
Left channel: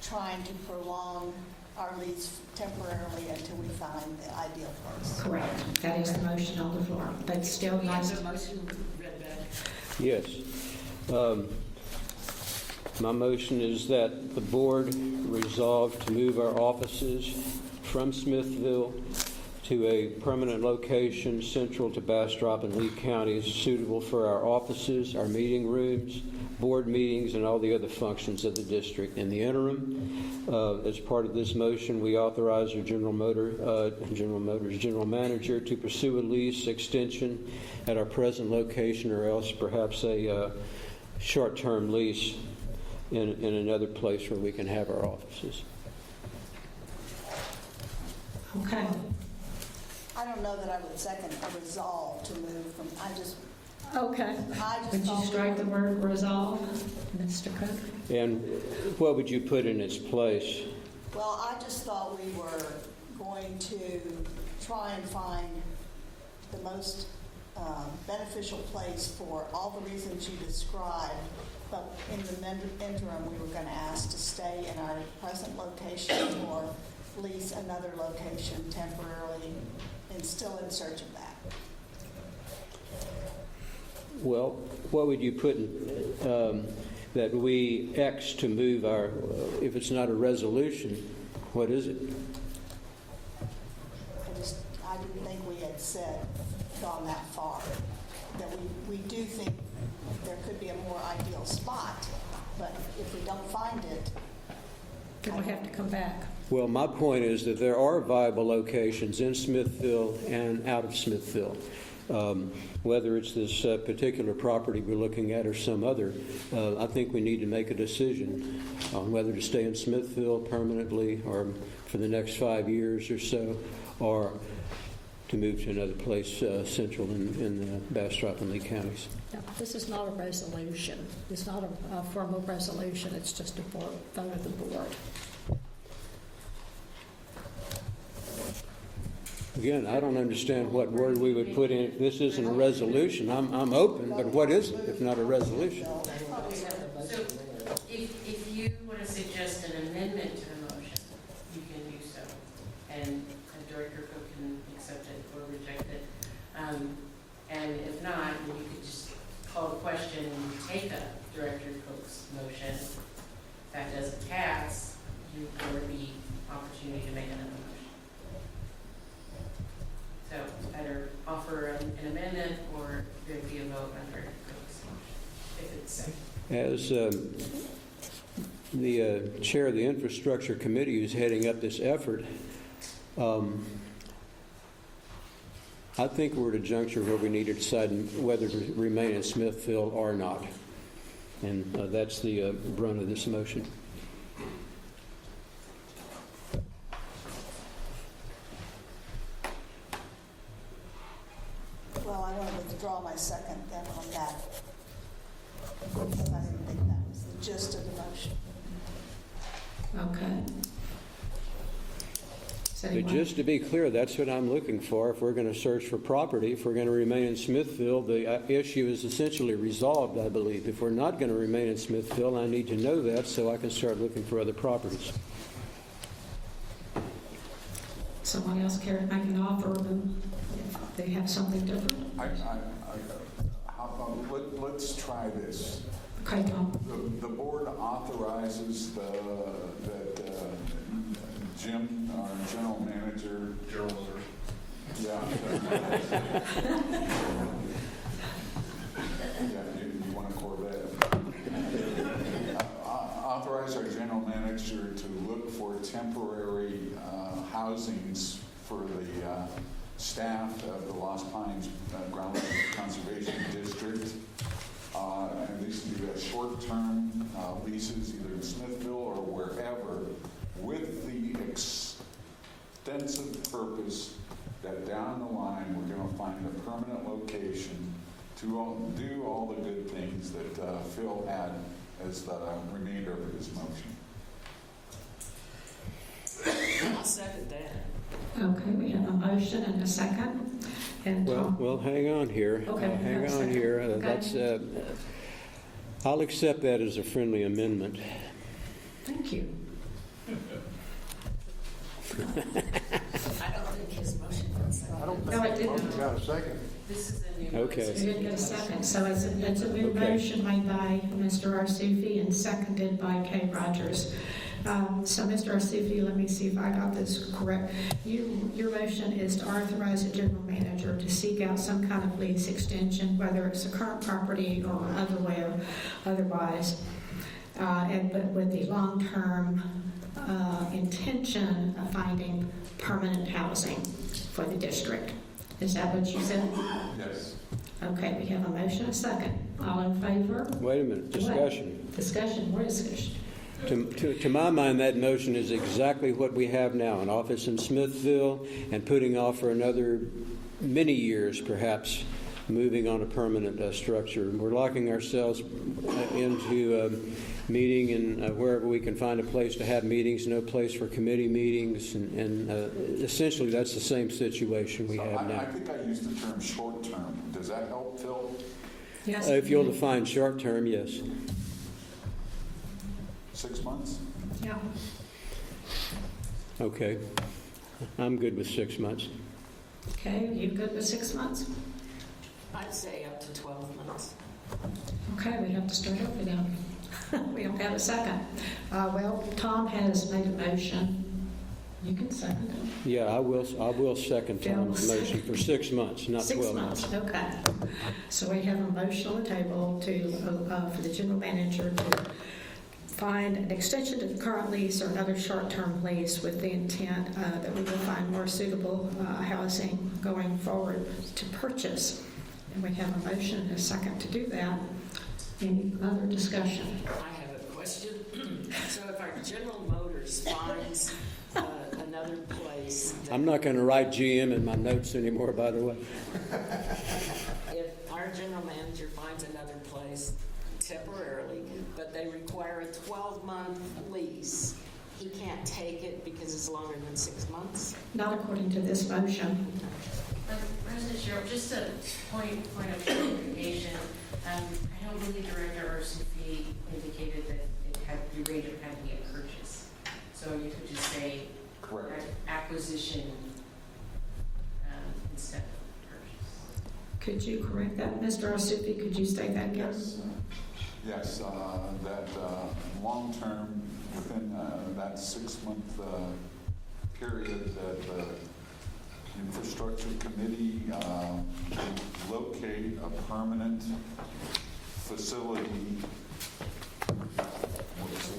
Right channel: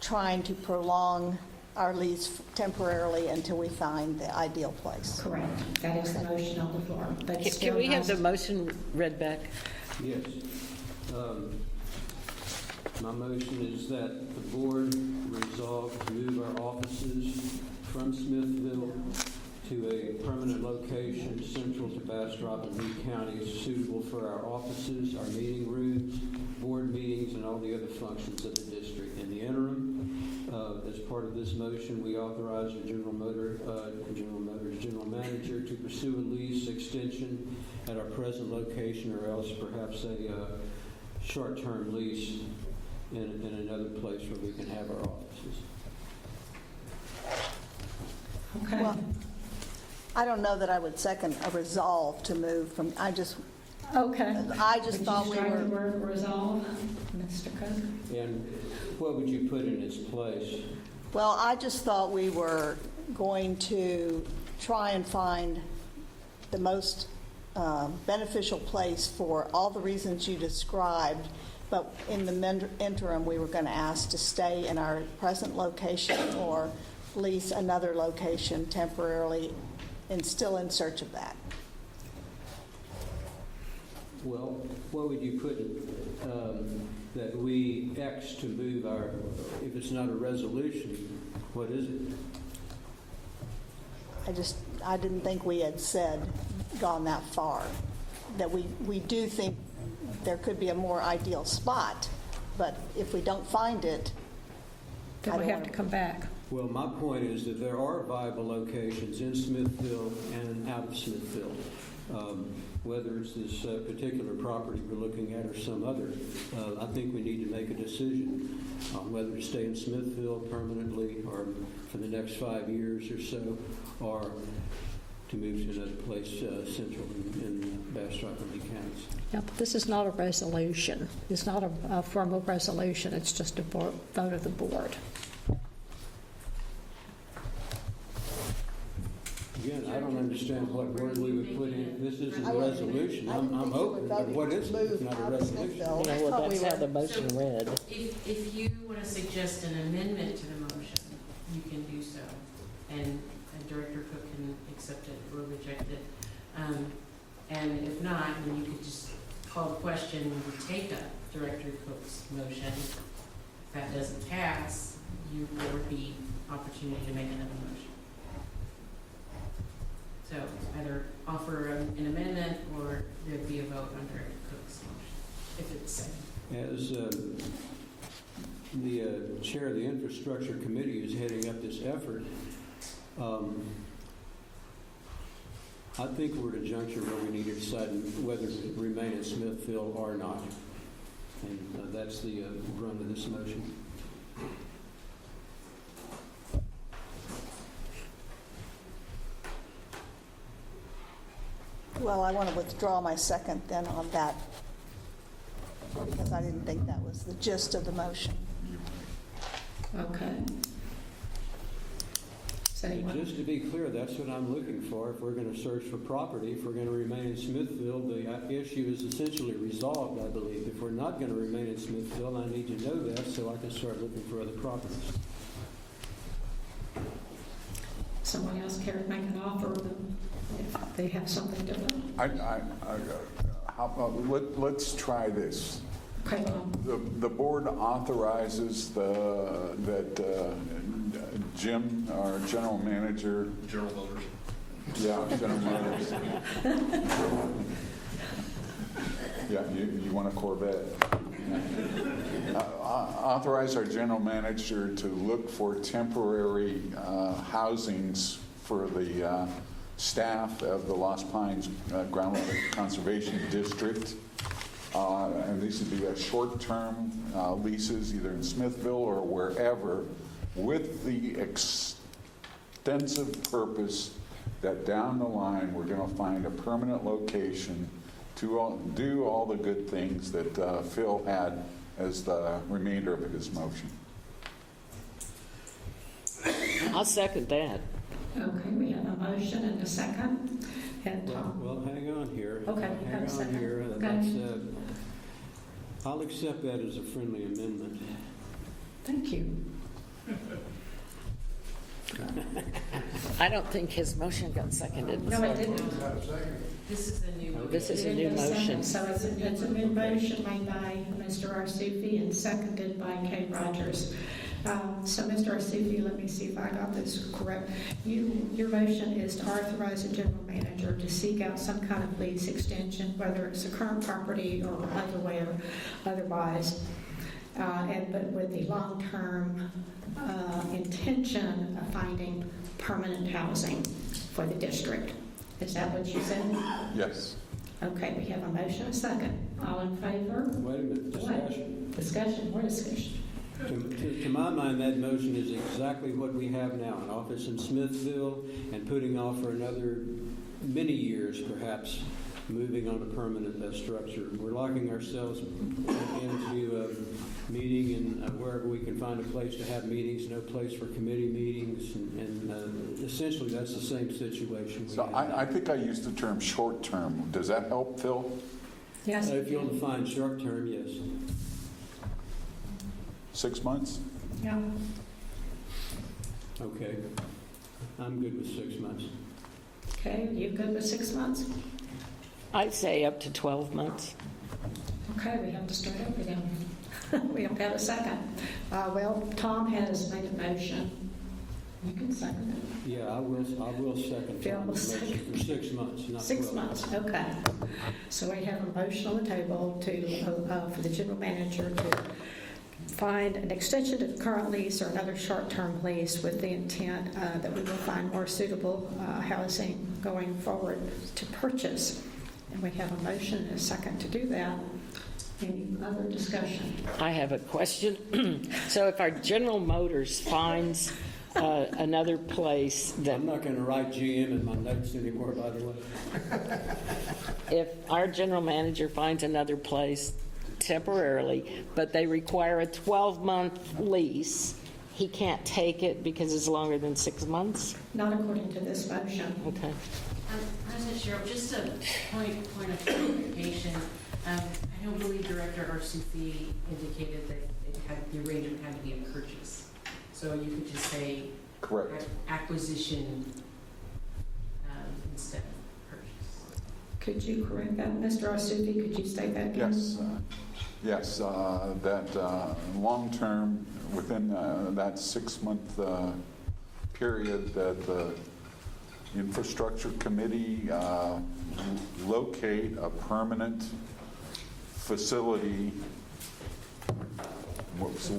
trying to prolong our lease temporarily until we find the ideal place. Correct. That is the motion on the floor. But still Can we have nice the motion read back? Yes. My motion is that the board resolve to move our offices from Smithville to a permanent location central to Bastrop and Lee counties, suitable for our offices, our meeting rooms, board meetings, and all the other functions of the district. In the interim, as part of this motion, we authorize our General Manager to pursue a lease extension at our present location, or else perhaps a short-term lease in another place where we can have our offices. Okay. Well, I don't know that I would second a resolve to move from, Okay. I just Would you thought we strike the were- word resolve, Mr. Cook? And what would you put in its place? well, I just thought we were going to try and find the most beneficial place for all the reasons you described, but in the interim, we were going to ask to stay in our present location or lease another location temporarily, and still in search of that. Well, what would you put in, that we X to move our, if it's not a resolution, what is it? I didn't think we had gone that far, that we do think there could be a more ideal spot, but if we don't find it, Then we have to come back. Well, my point is that there are viable locations in Smithville and out of Smithville. Whether it's this particular property we're looking at or some other, I think we need to make a decision on whether to stay in Smithville permanently or for the next 5 years or so, or to move to another place central in Bastrop and Lee counties. Yeah, but this is not a resolution. It's not a formal resolution. It's just a vote of the board. Again, I don't understand what word we would put in. This isn't a resolution. I'm open, but what is it if not a resolution? Yeah, well, that's how the motion read. If you want to suggest an amendment to the motion, you can do so, and Director Cook can accept it or reject it. And if not, then you could just call the question and take up Director Cook's motion. If that doesn't pass, there would be opportunity to make another motion. So either offer an amendment or there'd be a vote on Director Cook's motion, if it's safe. As the chair of the Infrastructure Committee who's heading up this effort, I think we're at a juncture where we need to decide whether to remain in Smithville or not. And that's the brunt of this motion. well, I want to withdraw my second then on that, because I didn't think that was the gist of the motion. Okay. Does But anyone- just to be clear, that's what I'm looking for. If we're going to search for property, if we're going to remain in Smithville, the issue is essentially resolved, I believe. If we're not going to remain in Smithville, I need to know that so I can start looking for other properties. Someone else care to make an offer if they have something different? Let's try this. Okay, Tom. The board authorizes that Jim, our general manager. General Motors. Yeah. General manager. Yeah, you want a Corvette. Authorize our general manager to look for temporary housings for the staff of the Lost Pines Groundwater Conservation District. And these would be short-term leases either in Smithville or wherever, with the extensive purpose that down the line we're going to find a permanent location to do all the good things that Phil had as the remainder of his motion. I'll second that. Okay, we have a motion and a second. And Well, hang on here. Okay, Hang have a on second. here. Okay. I'll accept that as a friendly amendment. thank you. I don't think his motion got seconded. No, it didn't. Got a second? This is the new. Okay. This is You a didn't new get a second, motion. so it's a new Okay. motion made by Mr. Arsufi and seconded by Kay Rogers. So, Mr. Arsufi, let me see if I got this correct. Your motion is to authorize the general manager to seek out some kind of lease extension, whether it's a current property or otherwise, but with the long-term intention of finding permanent housing for the district. Is that what you said? Yes. Okay, we have a motion, a second. All in favor? Wait a minute, discussion. Discussion, more discussion. To my mind, that motion is exactly what we have now, an office in Smithville, and putting off for another many years, perhaps, moving on a permanent structure. We're locking ourselves into meeting and wherever we can find a place to have meetings, no place for committee meetings, and essentially that's the same situation we So have I now. think I used the term short-term. Does that help, Phil? Yes. If you'll define short-term, yes. 6 months? Yeah. Okay. I'm good with 6 months. Okay, you good with 6 months? I'd say up to 12 months. Okay, we have to start over then. We don't have a second. Well, Tom has made a motion. You can second it. Yeah, I will second Phil will Tom's motion second. for 6 months, not 6 12 months. months, okay. So we have a motion on the table for the general manager to find an extension to the current lease or another short-term lease with the intent that we will find more suitable housing going forward to purchase. And we have a motion and a second to do that. Any other discussion? I have a question. So if our General Motors finds another place that, I'm not going to write GM in my notes anymore, by the way. if our general manager finds another place temporarily, but they require a 12-month lease, he can't take it because it's longer than 6 months? Not according to this motion. Okay. President Cheryl, just a point of clarification. I don't believe Director Arsufi indicated that the arrangement had to be a purchase. So you could just say Correct. acquisition instead of purchase. Could you correct that? Mr. Arsufi, could you state that again? Yes, that long-term, within that 6-month period, that the infrastructure committee locate a permanent facility.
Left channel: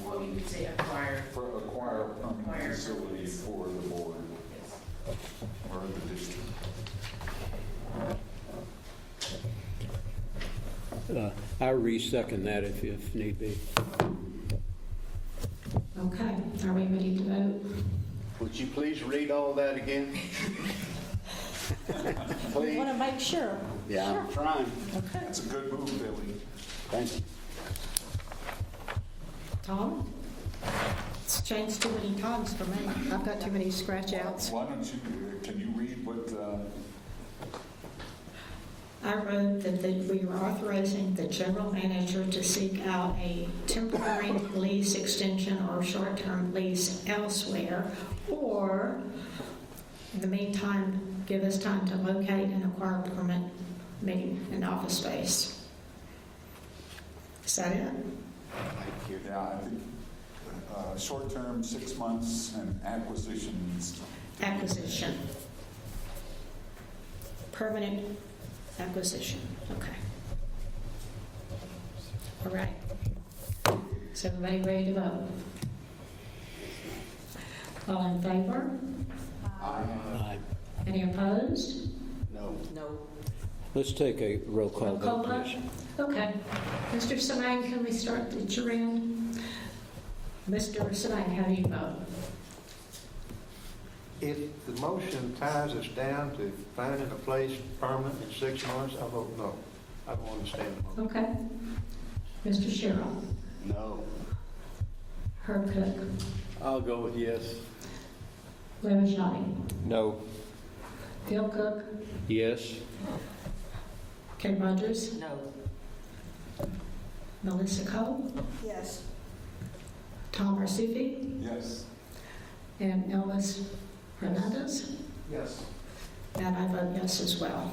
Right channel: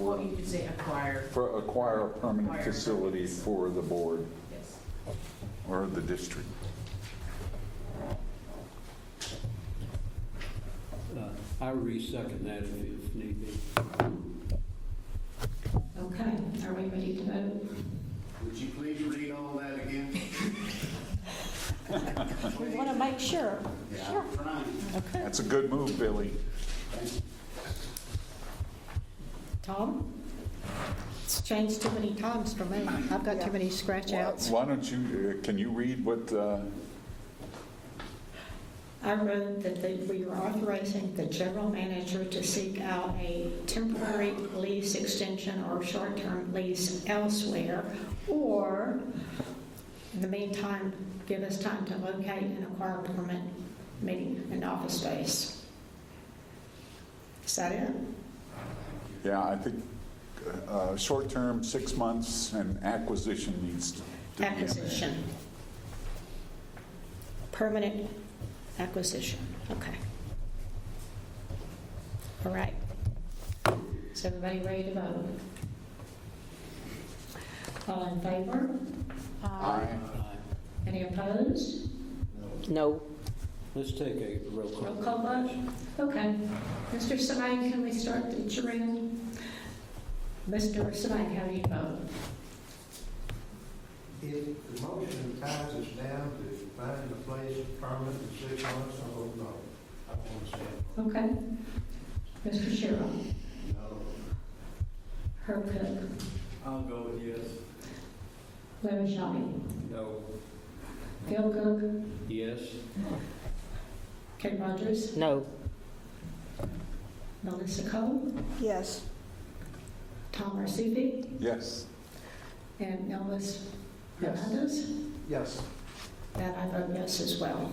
What you could say acquire. Acquire a permanent facility for the board Yes. or the district. I re-second that if need be. Okay, are we ready to vote? Would you please read all that again? We want to make sure. Yeah, Sure. I'm trying. Okay. That's a good move, Billy. Thank you. Tom? It's changed too many times for me. I've got too many scratch outs. Why don't you, can you read what, I wrote that we were authorizing the general manager to seek out a temporary lease extension or short-term lease elsewhere, or in the meantime, give us time to locate and acquire permanent meeting and office space. Is that it? yeah, I think short-term, 6 months, and acquisition needs. Acquisition. Permanent acquisition, okay. All right. Is everybody ready to vote? All in favor? Aye. Any opposed? No. Let's take a roll call Roll call vote, vote? please. Okay. Mr. Semang, can we start at your end? Mr. Semang, how do you vote? If the motion ties us down to finding a place permanent in 6 months, I vote no. I don't understand the motion. Okay. Mr. Sherrill? No. Herb Cook? I'll go with yes. Larry Shawnee? No. Phil Cook? Yes. Kay Rogers? No. Melissa Cole? Yes. Tom Arsufi? Yes. And Elvis Hernandez? Yes. And I vote yes as well.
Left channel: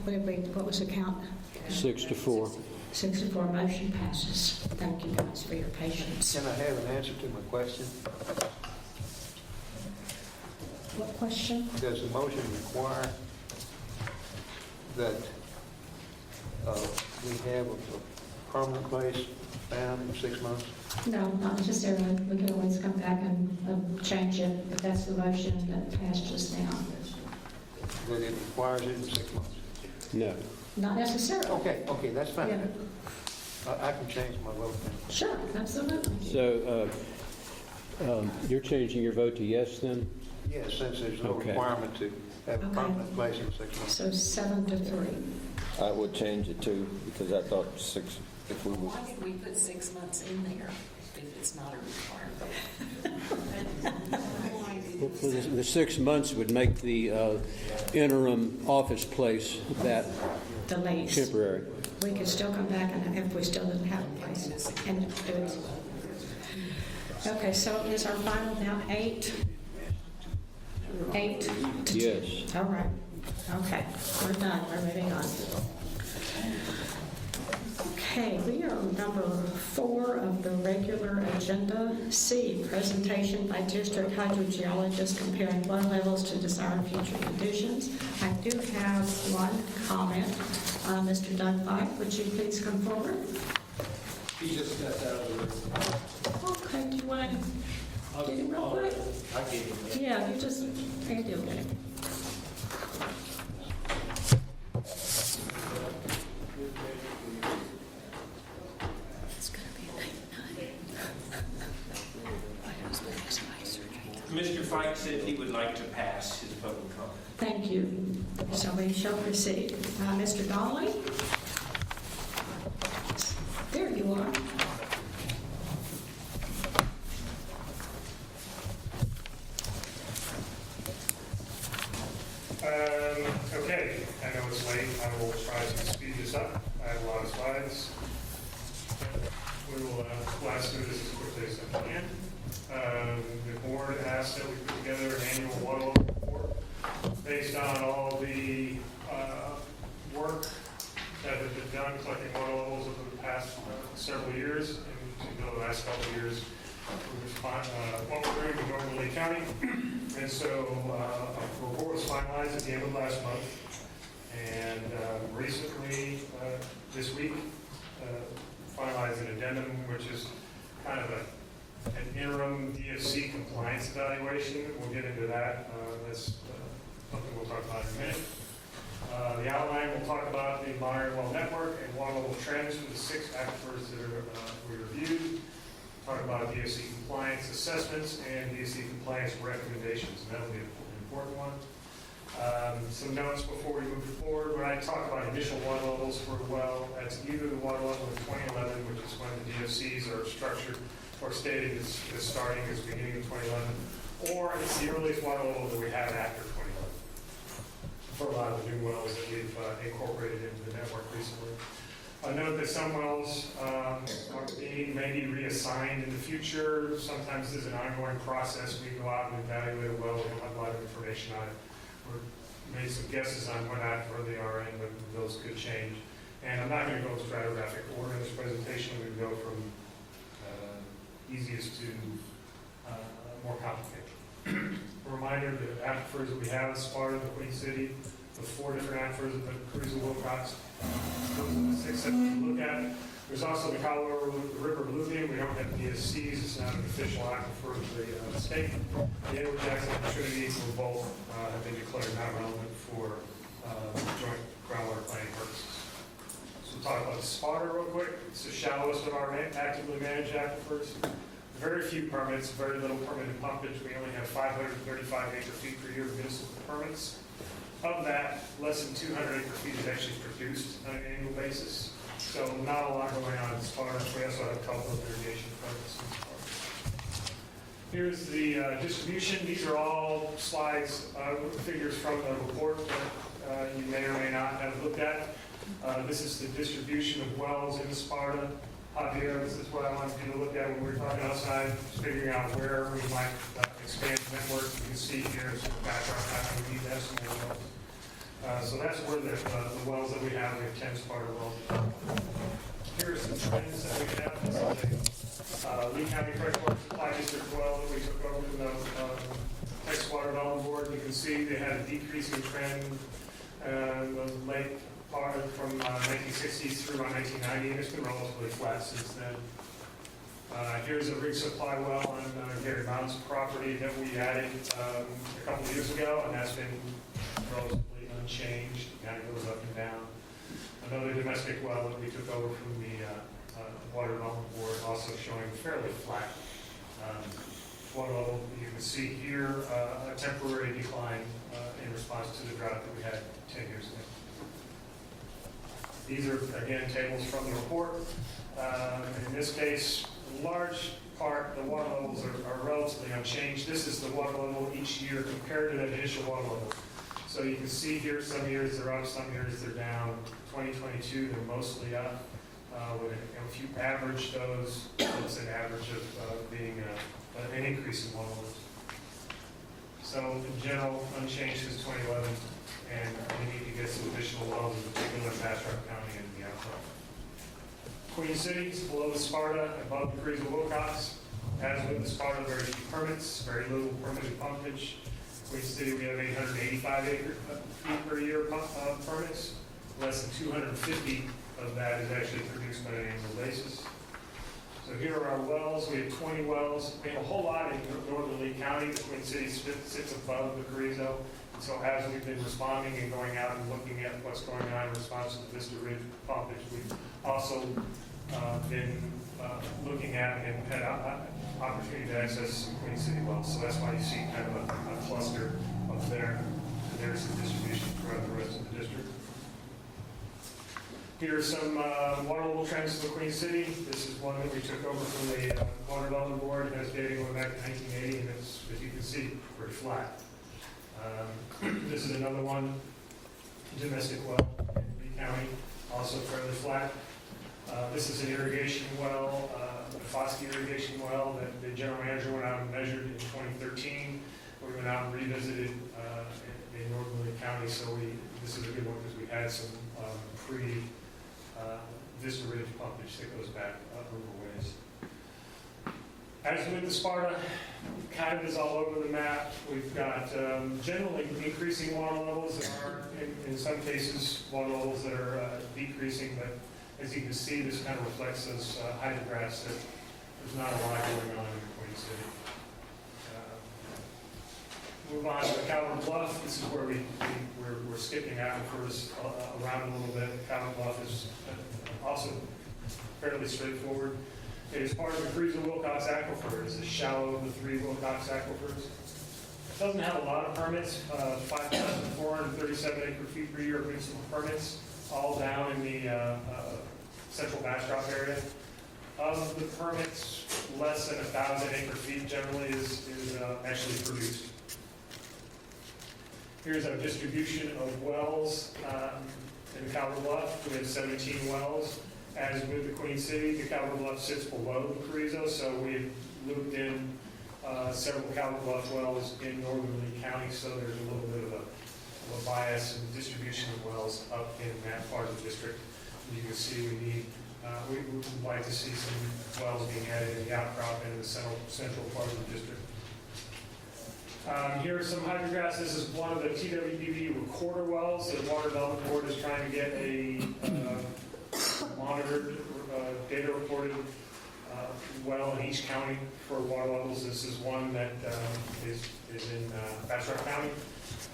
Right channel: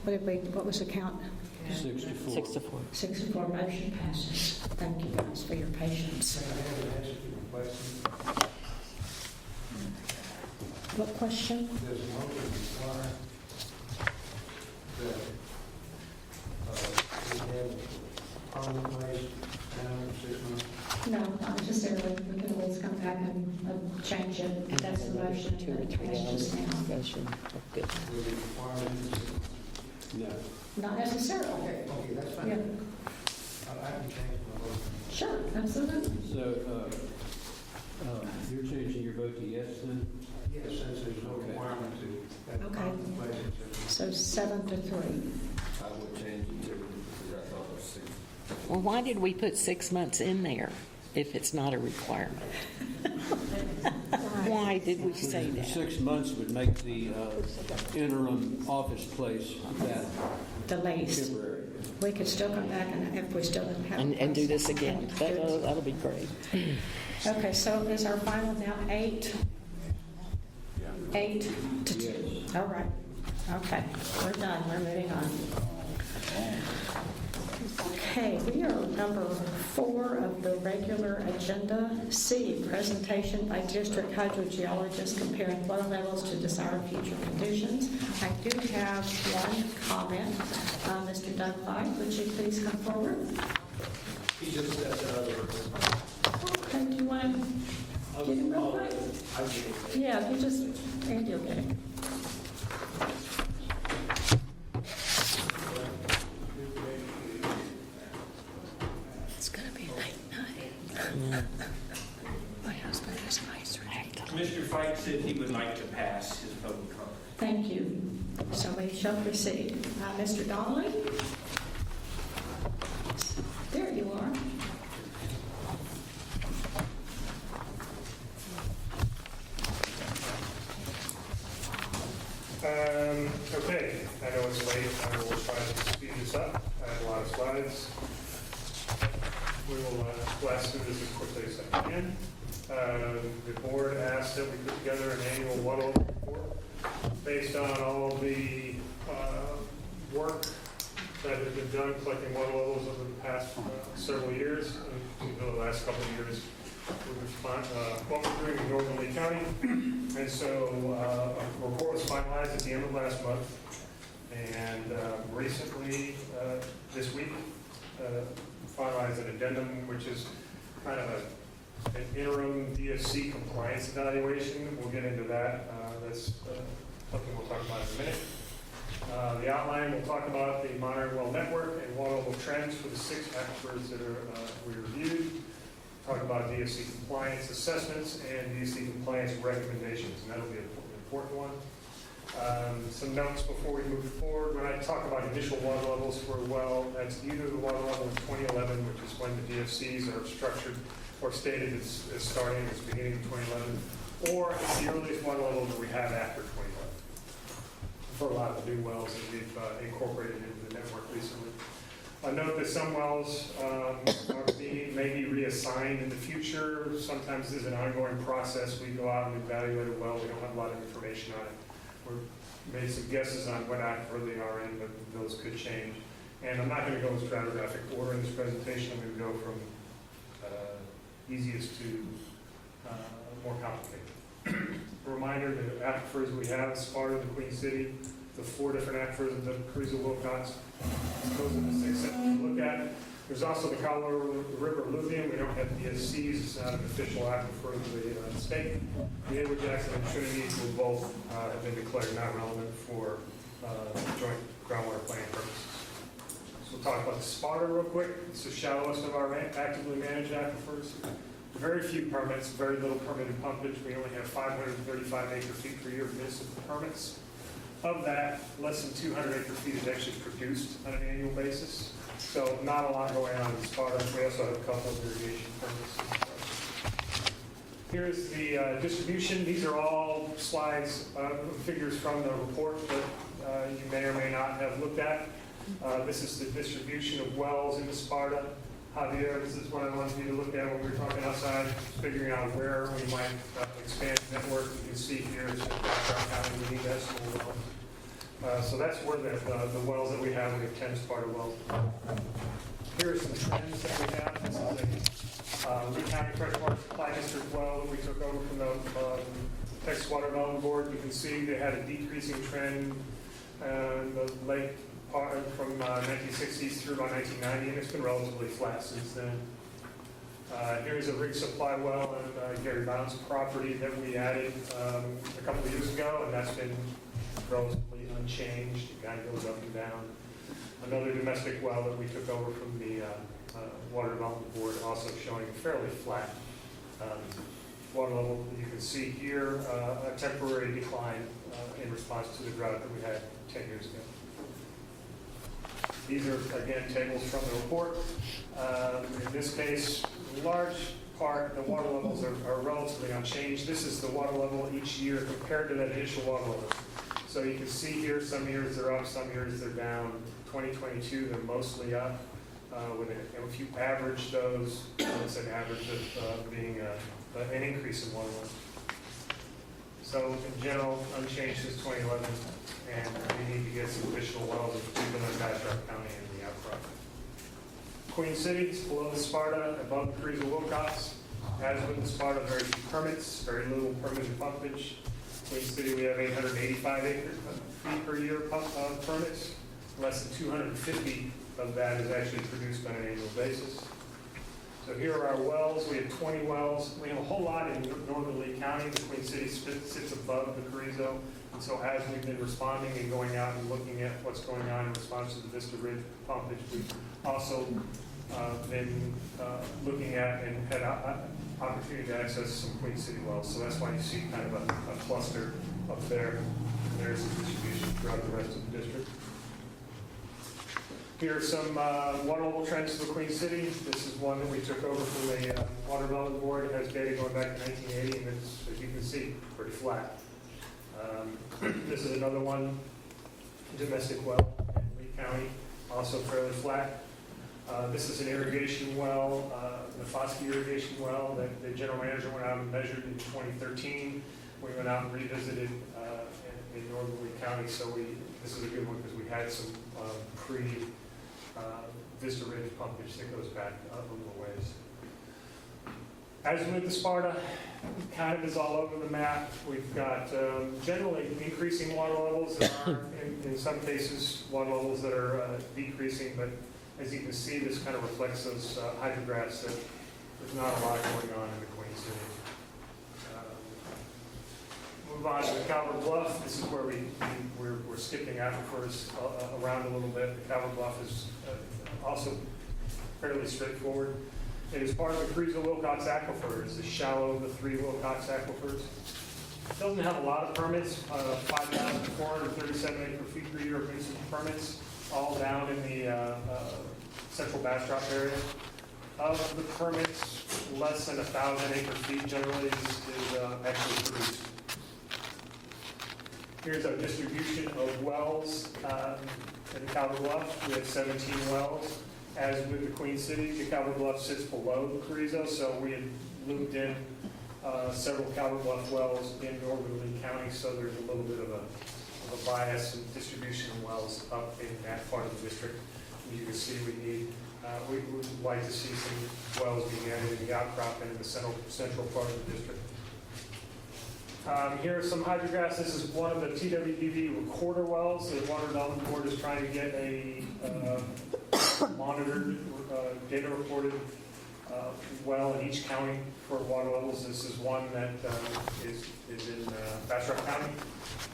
what was the count? 6-4. 6-4, motion passes. Thank you guys for your patience. Can I have an answer to my question? What question? Does the motion require that we have a permanent place down for 6 months? No, not necessarily. We can always come back and change it if that's the motion that passed just now. That it requires it in 6 months? No. Not necessarily. Okay, that's fine. Yeah. I can change my vote. Sure, absolutely. So you're changing your vote to yes then? Yes, since there's no Okay. requirement to have a Okay. permanent place in 6 months. So 7-3. I would change it too, because I thought 6, if we Well, why did we put 6 months in there if it's not a requirement? Why did we say The that? 6 months would make the interim office place that Delays. temporary. We could still come back and if we still didn't have a place. And do this again. And do it. That'll be great. Okay, so is our final now 8? 8 to 2? Yes. All right. Okay, we're done. We're moving on. Okay, we are number 4 of the regular agenda. C, presentation by district hydrogeologist comparing water levels to desired future conditions. I do have one comment. Mr. Dunphy, would you please come forward? He just stepped out of the room. Okay, do you want to get him real quick? Yeah, you just, Andy will get him. It's going to be a night. My husband has eye surgery. Mr. Fike said he would like to pass his public comment. Thank you. So we shall proceed. Mr. Donnelly? There you are. Okay, I know it's late. I will try to speed this up. I have a lot of slides. We will blast through this as quickly as I can. The board asked that we put together an annual water level report based on all the work that has been done collecting water levels over the past several years, and the last couple of years. What we're doing in Northern Lee County. And so a report was finalized at the end of last month. And recently, this week, finalized an addendum, which is kind of an interim DFC compliance evaluation. We'll get into that. That's something we'll talk about in a minute. The outline, we'll talk about the monitoring well network and water level trends for the 6 aquifers that we reviewed. Talk about DFC compliance assessments and DFC compliance recommendations, and that'll be an important one. Some notes before we move forward. When I talk about initial water levels for a well, that's either the water level in 2011, which is when the DFCs are structured or stated as starting as beginning of 2011, or it's the earliest water level that we have after 2011 for a lot of the new wells that we've incorporated into the network recently. Note that some wells may be reassigned in the future. Sometimes this is an ongoing process. We go out and evaluate a well. We don't have a lot of information on it. We've made some guesses on what aquifer they are in, but those could change. And I'm not going to go in stratigraphic order in this presentation. I'm going to go from easiest to more complicated. A reminder, the aquifers we have, Sparta, the Queen City, the 4 different aquifers of the Cruiser Wilcox. Those are the 6 that we look at. There's also the Colorado River alluvium. We don't have DSCs. It's not an official aquifer of the state. The Edward Jackson and Trinity will both have been declared not relevant for joint groundwater planning purposes. So we'll talk about the Sparta real quick. It's the shallowest of our actively managed aquifers. Very few permits, very little permitted pumpage. We only have 535 acre-feet per year of municipal permits. Of that, less than 200 acre-feet is actually produced on an annual basis. So not a lot going on in Sparta. We also have a couple of irrigation permits in Sparta. Here's the distribution. These are all slides, figures from the report that you may or may not have looked at. This is the distribution of wells in Sparta. Javier, this is what I wanted you to look at when we were talking outside, figuring out where we might expand the network. You can see here it's a background how we need that small wells. So that's where the wells that we have 10 Sparta wells. Here are some trends that we have. This is a Lee County Freshwater Supply District well that we took over from the Texas Water Development Board. You can see they had a decreasing trend the late part from 1960s through about 1990, and it's been relatively flat since then. Here's a rig supply well on Gary Bound's property that we added a couple of years ago, and that's been relatively unchanged. It kind of goes up and down. Another domestic well that we took over from the Water Development Board, also showing fairly flat water level. You can see here a temporary decline in response to the drought that we had 10 years ago. These are, again, tables from the report. In this case, large part, the water levels are relatively unchanged. This is the water level each year compared to that initial water level. So you can see here, some years they're up, some years they're down. 2022, they're mostly up. If you average those, it's an average of being an increase in water level. So in general, unchanged since 2011, and we need to get some additional wells, in particular in Bastrop County and the outcrop. Queen City is below the Sparta, above the Carrizo Wilcox. As with the Sparta, very few permits, very little permitted pumpage. Queen City, we have 885 feet per year permits. Less than 250 of that is actually produced on an annual basis. So here are our wells. We have 20 wells. We have a whole lot in northern Lee County. The Queen City sits above the Carrizo. And so as we've been responding and going out and looking at what's going on in response to the Vista Ridge pumpage, we've also been looking at and had opportunity to access some Queen City wells. So that's why you see kind of a cluster up there. And there's the distribution throughout the rest of the district. Here are some water level trends for Queen City. This is one that we took over from the Water Development Board. It has data going back to 1980, and it's, as you can see, pretty flat. This is another one, domestic well in Lee County, also fairly flat. This is an irrigation well, the Foskey irrigation well that the general manager went out and measured in 2013. We went out and revisited in northern Lee County, so this is a good one because we had some Vista Ridge pumpage that goes back a little ways. As with the Sparta, kind of is all over the map. We've got generally increasing water levels. There are, in some cases, water levels that are decreasing, but as you can see, this kind of reflects those hydrographs that there's not a lot going on in the Queen City. Move on to the Calvert Bluff. This is where we're skipping aquifers around a little bit. The Calvert Bluff is also fairly straightforward. It is part of the Carrizo Wilcox aquifer. It's the shallow of the 3 Wilcox aquifers. It doesn't have a lot of permits, 5,437 acre-feet per year of municipal permits, all down in the central Bastrop area. Of the permits, less than 1,000 acre-feet generally is actually produced. Here's our distribution of wells in the Calvert Bluff. We have 17 wells. As with the Queen City, the Calvert Bluff sits below the Carrizo, so we had looped in several Calvert Bluff wells in northern Lee County, so there's a little bit of a bias in distribution of wells up in that part of the district. And you can see we would like to see some wells being added in the outcrop and in the central part of the district. Here are some hydrographs. This is one of the TWDV recorder wells. The Water Development Board is trying to get a monitored, data reported well in each county for water levels. This is one that is in Bastrop County.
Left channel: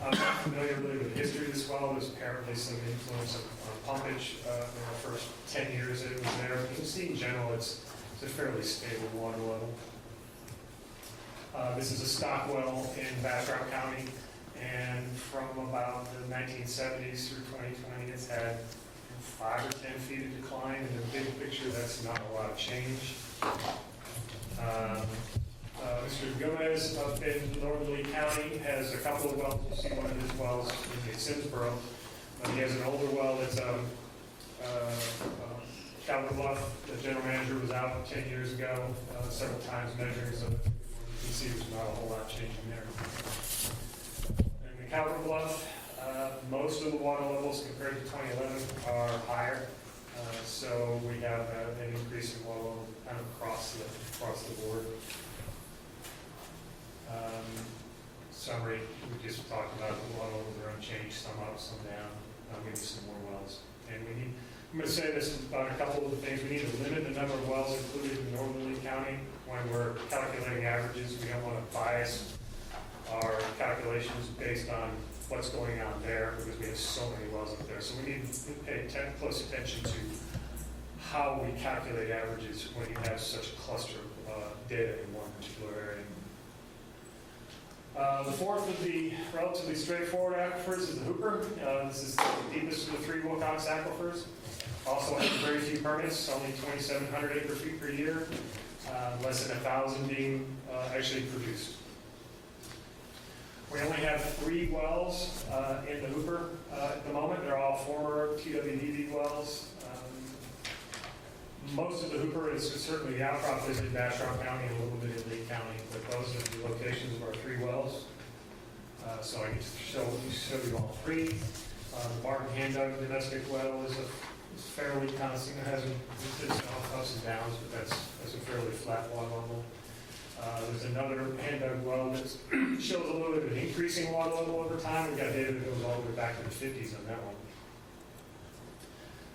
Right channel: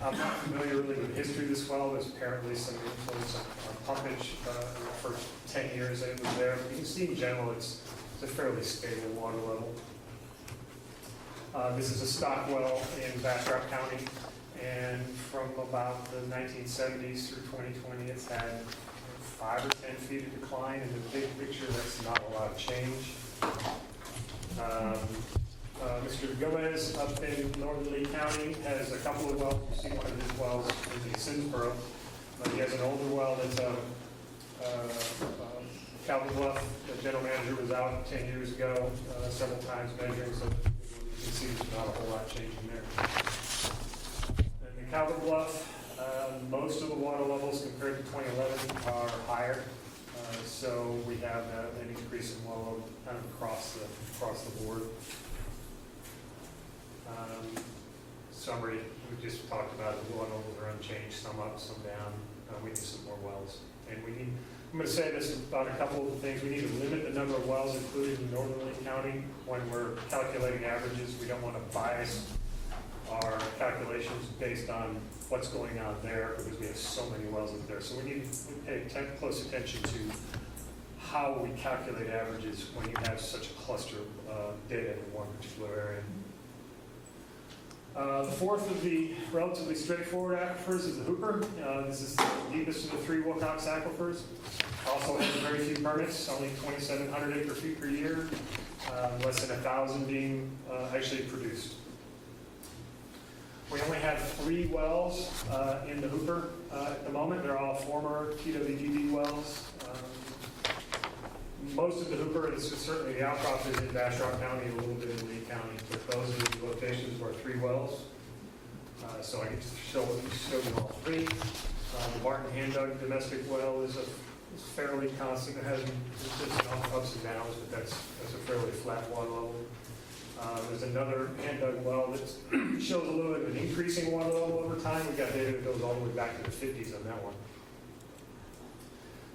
I'm not familiar really with the history of this well. There's apparently some influence on pumpage in the first 10 years that it was there. But you can see in general it's a fairly stable water level. This is a stock well in Bastrop County, and from about the 1970s through 2020, it's had 5 or 10 feet of decline. In the big picture, that's not a lot of change. Mr. Gomez up in northern Lee County has a couple of wells. You see one of his wells in Simsboro. He has an older well that's Calvert Bluff. The general manager was out 10 years ago several times measuring, so you can see there's not a whole lot changing there. In the Calvert Bluff, Most of the water levels compared to 2011 are higher. So we have an increase in water level kind of across the board. Summary, we just talked about the water levels are unchanged, some up, some down. We need some more wells. And we need, I'm going to say this about a couple of the things. We need to limit the number of wells included in Northern Lee County when we're calculating averages. We don't want to bias our calculations based on what's going on there because we have so many wells up there. So we need to pay close attention to how we calculate averages when you have such a cluster of data in one particular area. The fourth of the relatively straightforward aquifers is the Hooper. This is the deepest of the three Wilcox aquifers. Also has very few permits, only 2,700 acre-feet per year, less than 1,000 being actually produced. We only have 3 wells in the Hooper at the moment. They're all former TWDB wells. Most of the Hooper is certainly the outcrop is in Bastrop County and a little bit in Lee County, but those are the locations of our 3 wells. So I get to show you all 3. The Barton Hand Dug domestic well is fairly constant. It has some ups and downs, but that's a fairly flat water level. There's another hand dug well that shows a little bit of an increasing water level over time. We've got data that goes all the way back to the 50s on that one.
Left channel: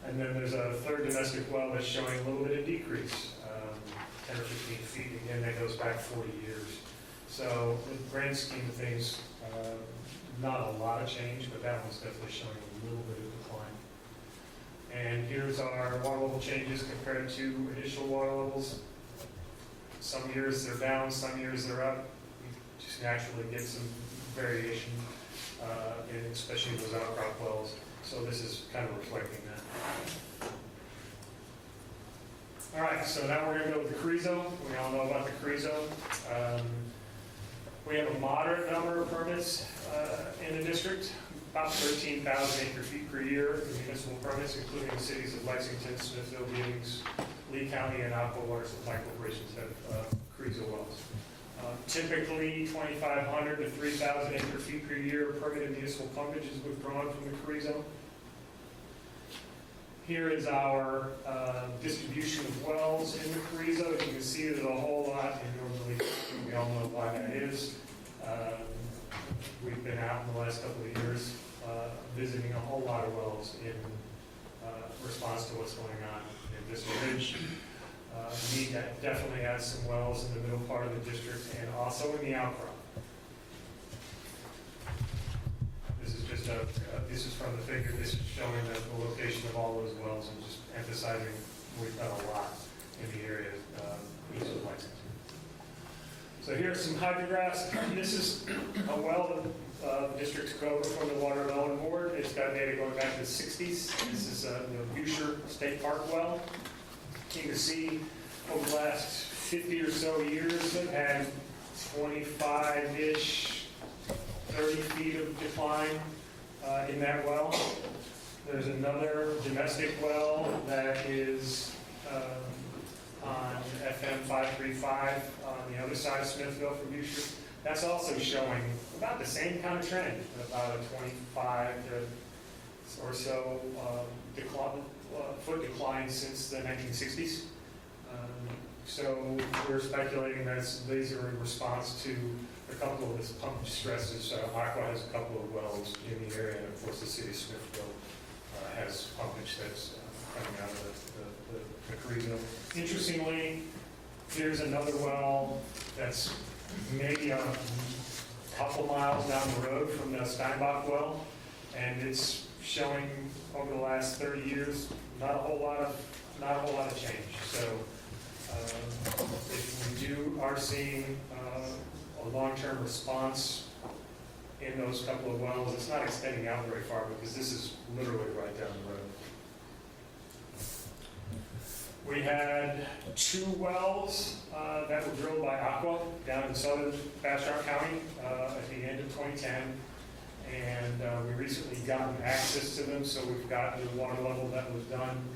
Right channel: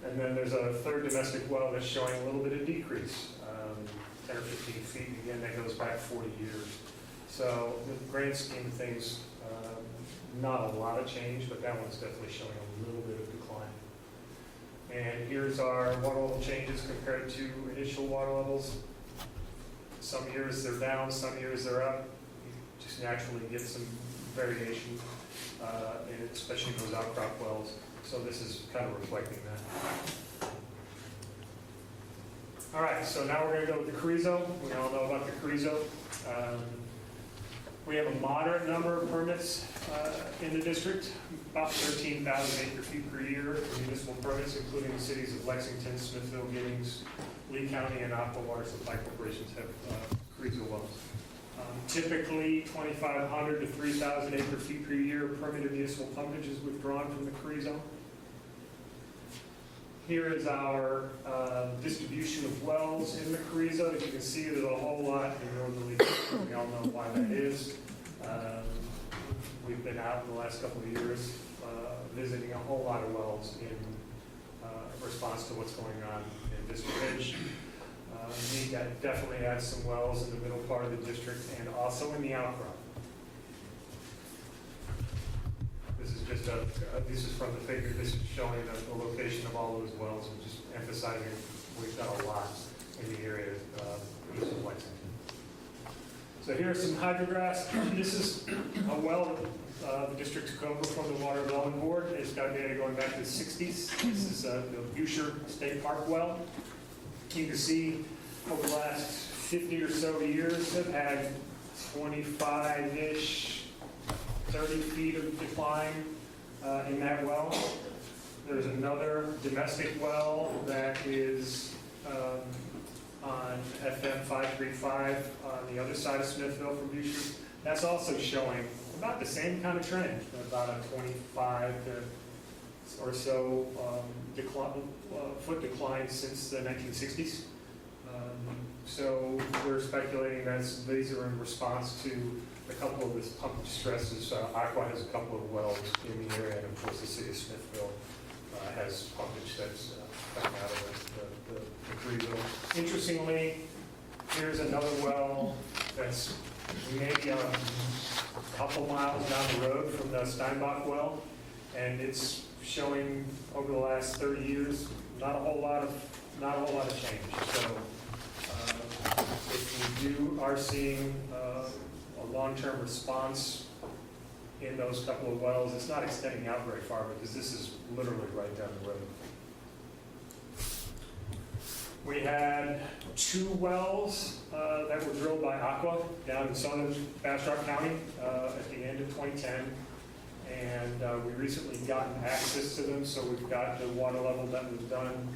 And then there's a third domestic well that's showing a little bit of decrease, 10 or 15 feet. Again, that goes back 40 years. So in the grand scheme of things, not a lot of change, but that one's definitely showing a little bit of decline. And here's our water level changes compared to initial water levels. Some years they're down, some years they're up. You just naturally get some variation, especially in those outcrop wells. So this is kind of reflecting that. All right, so now we're going to go with the Carrizo. We all know about the Carrizo. We have a moderate number of permits in the district, about 13,000 acre-feet per year for municipal permits, including the cities of Lexington, Smithville, Giddings, Lee County, and Aqua Water Supply Corporations have Carrizo wells. Typically, 2,500 to 3,000 acre-feet per year permitted municipal pumpage is withdrawn from the Carrizo. Here is our distribution of wells in the Carrizo. As you can see, there's a whole lot. We all know why that is. We've been out in the last couple of years visiting a whole lot of wells in response to what's going on in this ridge. Need to definitely add some wells in the middle part of the district and also in the outcrop. This is just this is from the figure. This is showing the location of all those wells and just emphasizing we've got a lot in the area east of Lexington. So here are some hydrographs. This is a well the district took over from the Water Development Board. It's got data going back to the 60s. This is the Boucher State Park well. You can see over the last 50 or so years, they've had 25-ish, 30 feet of decline in that well. There's another domestic well that is on FM 535 on the other side of Smithville from Boucher. That's also showing about the same kind of trend, about a 25 to or so foot decline since the 1960s. So we're speculating that these are in response to a couple of this pumpage stresses. Aqua has a couple of wells in the area, and of course the city of Smithville has pumpage that's coming out of the Carrizo. Interestingly, here's another well that's maybe a couple miles down the road from the Steinbach well, and it's showing over the last 30 years not a whole lot of change. So if we are seeing a long-term response in those couple of wells, it's not extending out very far because this is literally right down the road. We had 2 wells that were drilled by Aqua down in southern Bastrop County at the end of 2010. And we recently gotten access to them, so we've got the water level that was done,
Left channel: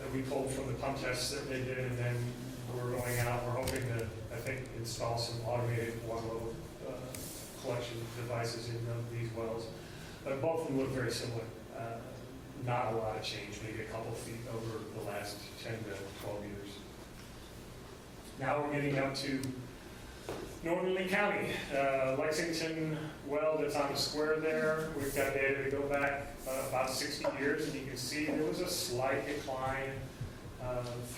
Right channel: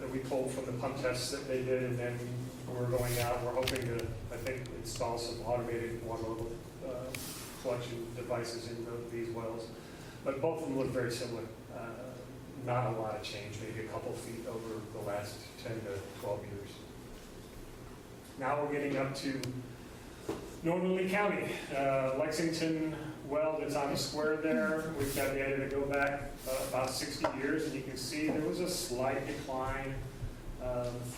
that we pulled from the pump tests that they did, and then we're going out, we're hoping to, I think, install some automated water level collection devices in these wells. But both of them look very similar. Not a lot of change, maybe a couple feet over the last 10 to 12 years. Now we're getting up to Northern Lee County. Lexington well that's on the square there, we've got data to go back about 60 years, and you can see there was a slight decline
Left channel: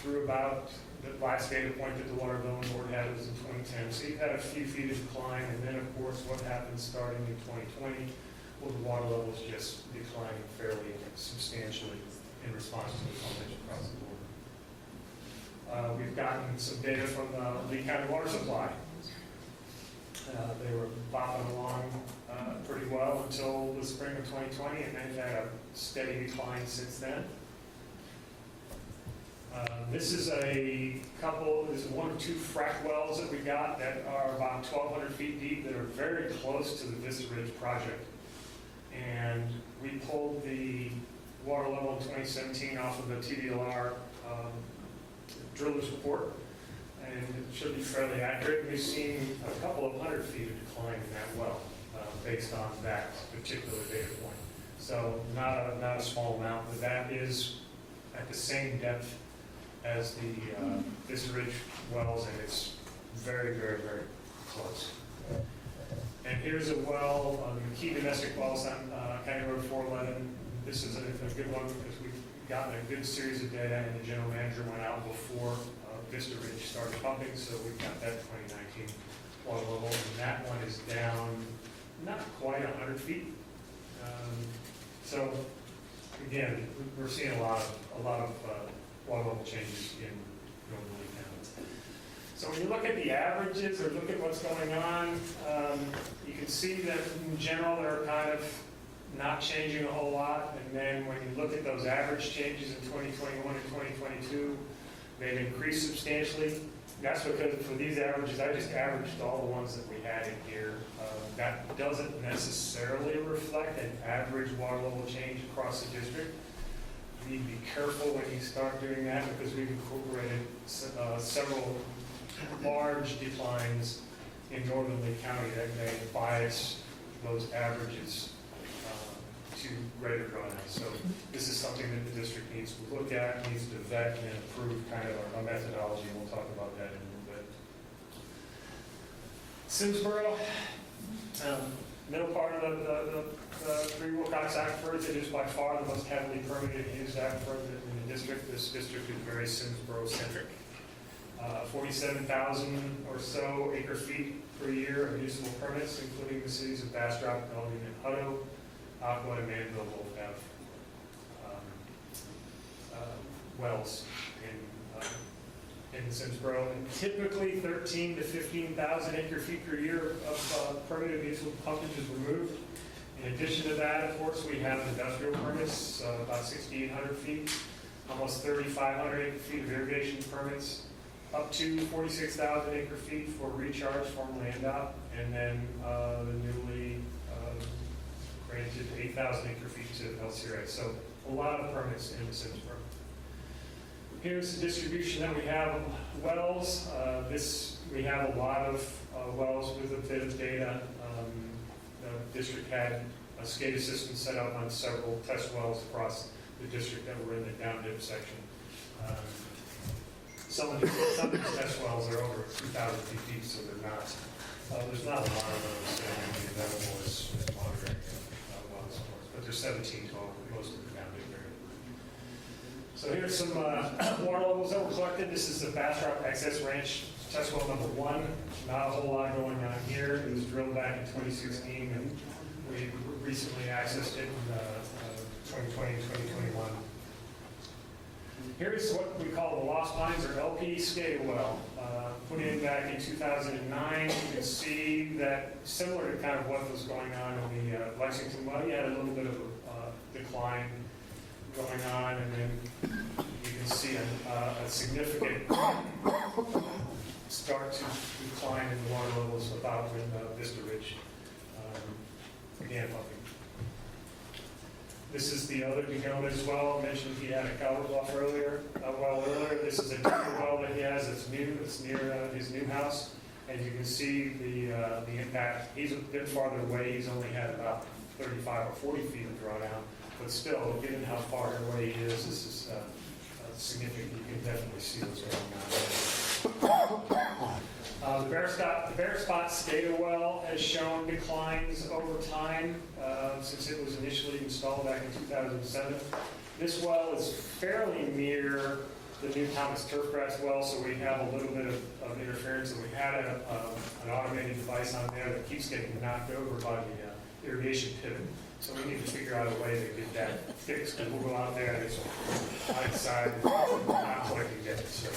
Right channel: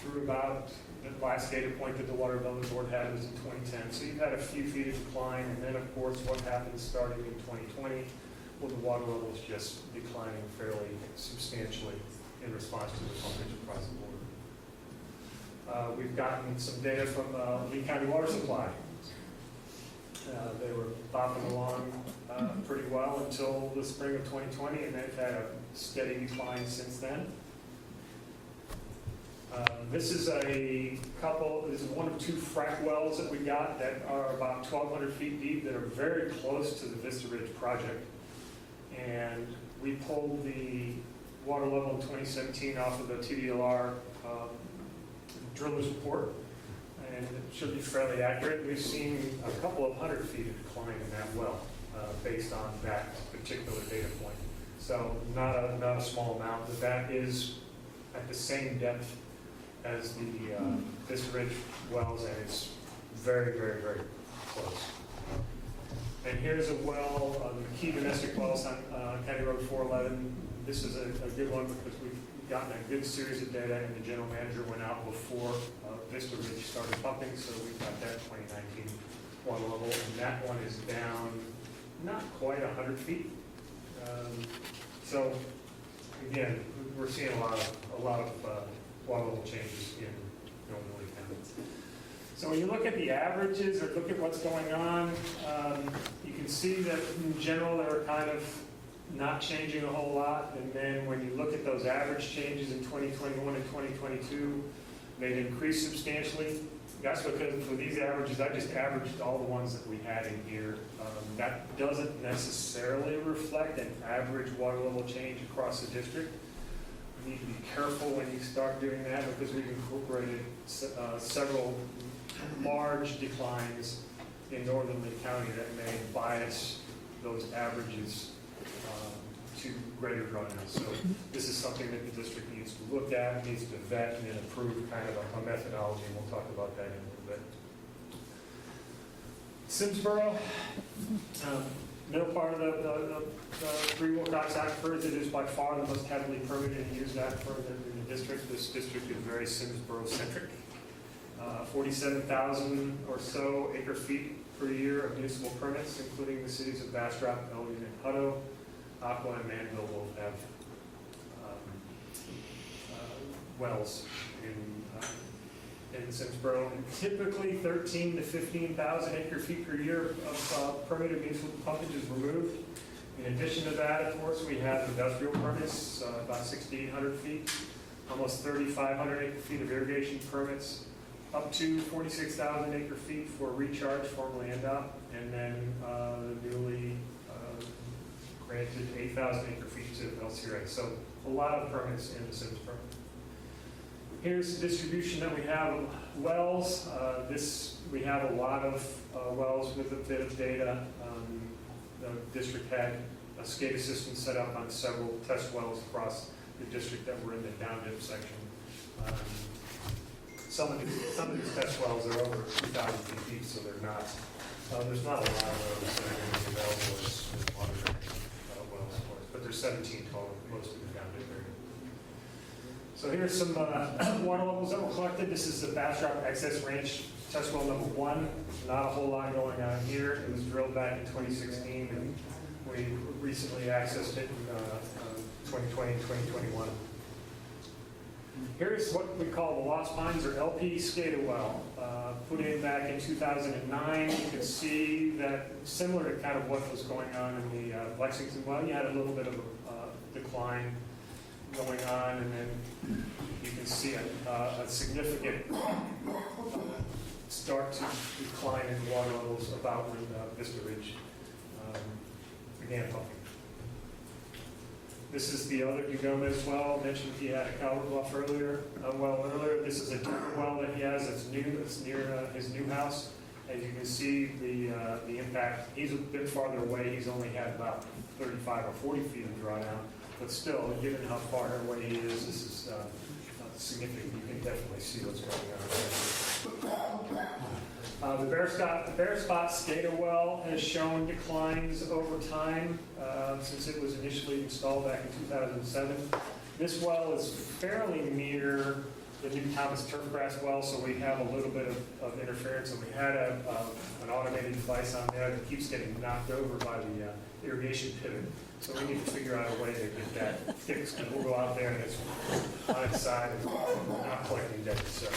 through about the last data point that the Water Development Board had was in 2010. So you've had a few feet of decline, and then of course what happened starting in 2020, well, the water levels just declining fairly substantially in response to the pumpage across the board. We've gotten some data from Lee County Water Supply. They were bopping along pretty well until the spring of 2020, and they've had a steady decline since then. This is one of two frac wells that we got that are about 1,200 feet deep that are very close to the Vista Ridge project. And we pulled the water level in 2017 off of the TDLR driller's report, and it should be fairly accurate. We've seen a couple of 100 feet of decline in that well based on that particular data point. So not a small amount, but that is at the same depth as the Vista Ridge wells, and it's very, very, very close. And here's a well, the key domestic wells on County Road 411. This is a good one because we've gotten a good series of data, and the general manager went out before Vista Ridge started pumping, so we've got that 2019 water level, and that one is down not quite 100 feet. So again, we're seeing a lot of water level changes in Northern Lee County. So when you look at the averages or look at what's going on, you can see that in general they're kind of not changing a whole lot. And then when you look at those average changes in 2021 and 2022, they've increased substantially. That's because for these averages, I just averaged all the ones that we had in here. That doesn't necessarily reflect an average water level change across the district. You need to be careful when you start doing that because we've incorporated several large declines in Northern Lee County that may bias those averages to greater drawdowns. So this is something that the district needs to look at, needs to vet and approve kind of a methodology, and we'll talk about that in a little bit. Simsboro, middle part of the Three Wilcox Aquifers, it is by far the most heavily permitted and used aquifer in the district. This district is very Simsboro-centric. 47,000 or so acre feet per year of municipal permits, including the cities of Bastrop, Elgin, and Hutto. Aqua and Manville both have wells in Simsboro, and typically 13 to 15,000 acre feet per year of permitted municipal pumpage is removed. In addition to that, of course, we have industrial permits, about 6,800 feet, almost 3,500 acre feet of irrigation permits, up to 46,000 acre feet for recharge, formerly NDOT, and then the newly granted 8,000 acre feet to LCRA. So a lot of permits in Simsboro. Here's the distribution that we have of wells. We have a lot of wells with a bit of data. The district had a SCADA system set up on several test wells across the district that were in the down dip section. Some of these test wells are over 2,000 feet deep, so they're not. There's not a lot of those that are going to be available as monitoring wells, of course. But there's 17 total, most of them down dip area. So here's some water levels that were collected. This is the Bastrop Access Ranch test well number 1. Not a whole lot going on here. It was drilled back in 2016, and we recently accessed it in 2020 and 2021. Here's what we call the Lost Pines, or LP SCADA well. Put in back in 2009. You can see that similar to kind of what was going on in the Lexington well, you had a little bit of decline going on, and then you can see a significant start to decline in the water levels about when Vista Ridge began pumping. This is the other Degomez well. I mentioned he had a Calvert Bluff earlier. This is a different well that he has. It's new. It's near his new house. As you can see, the impact. He's a bit farther away. He's only had about 35 or 40 feet of drawdown, but still, given how far away he is, this is significant. You can definitely see what's going on there. The bare spot SCADA well has shown declines over time since it was initially installed back in 2007. This well is fairly near the new Thomas turfgrass well, so we have a little bit of interference, and we had an automated device on there that keeps getting knocked over by the irrigation pivot. So we need to figure out a way to get that fixed, because we'll go out there and it's on its side and not collecting data. So,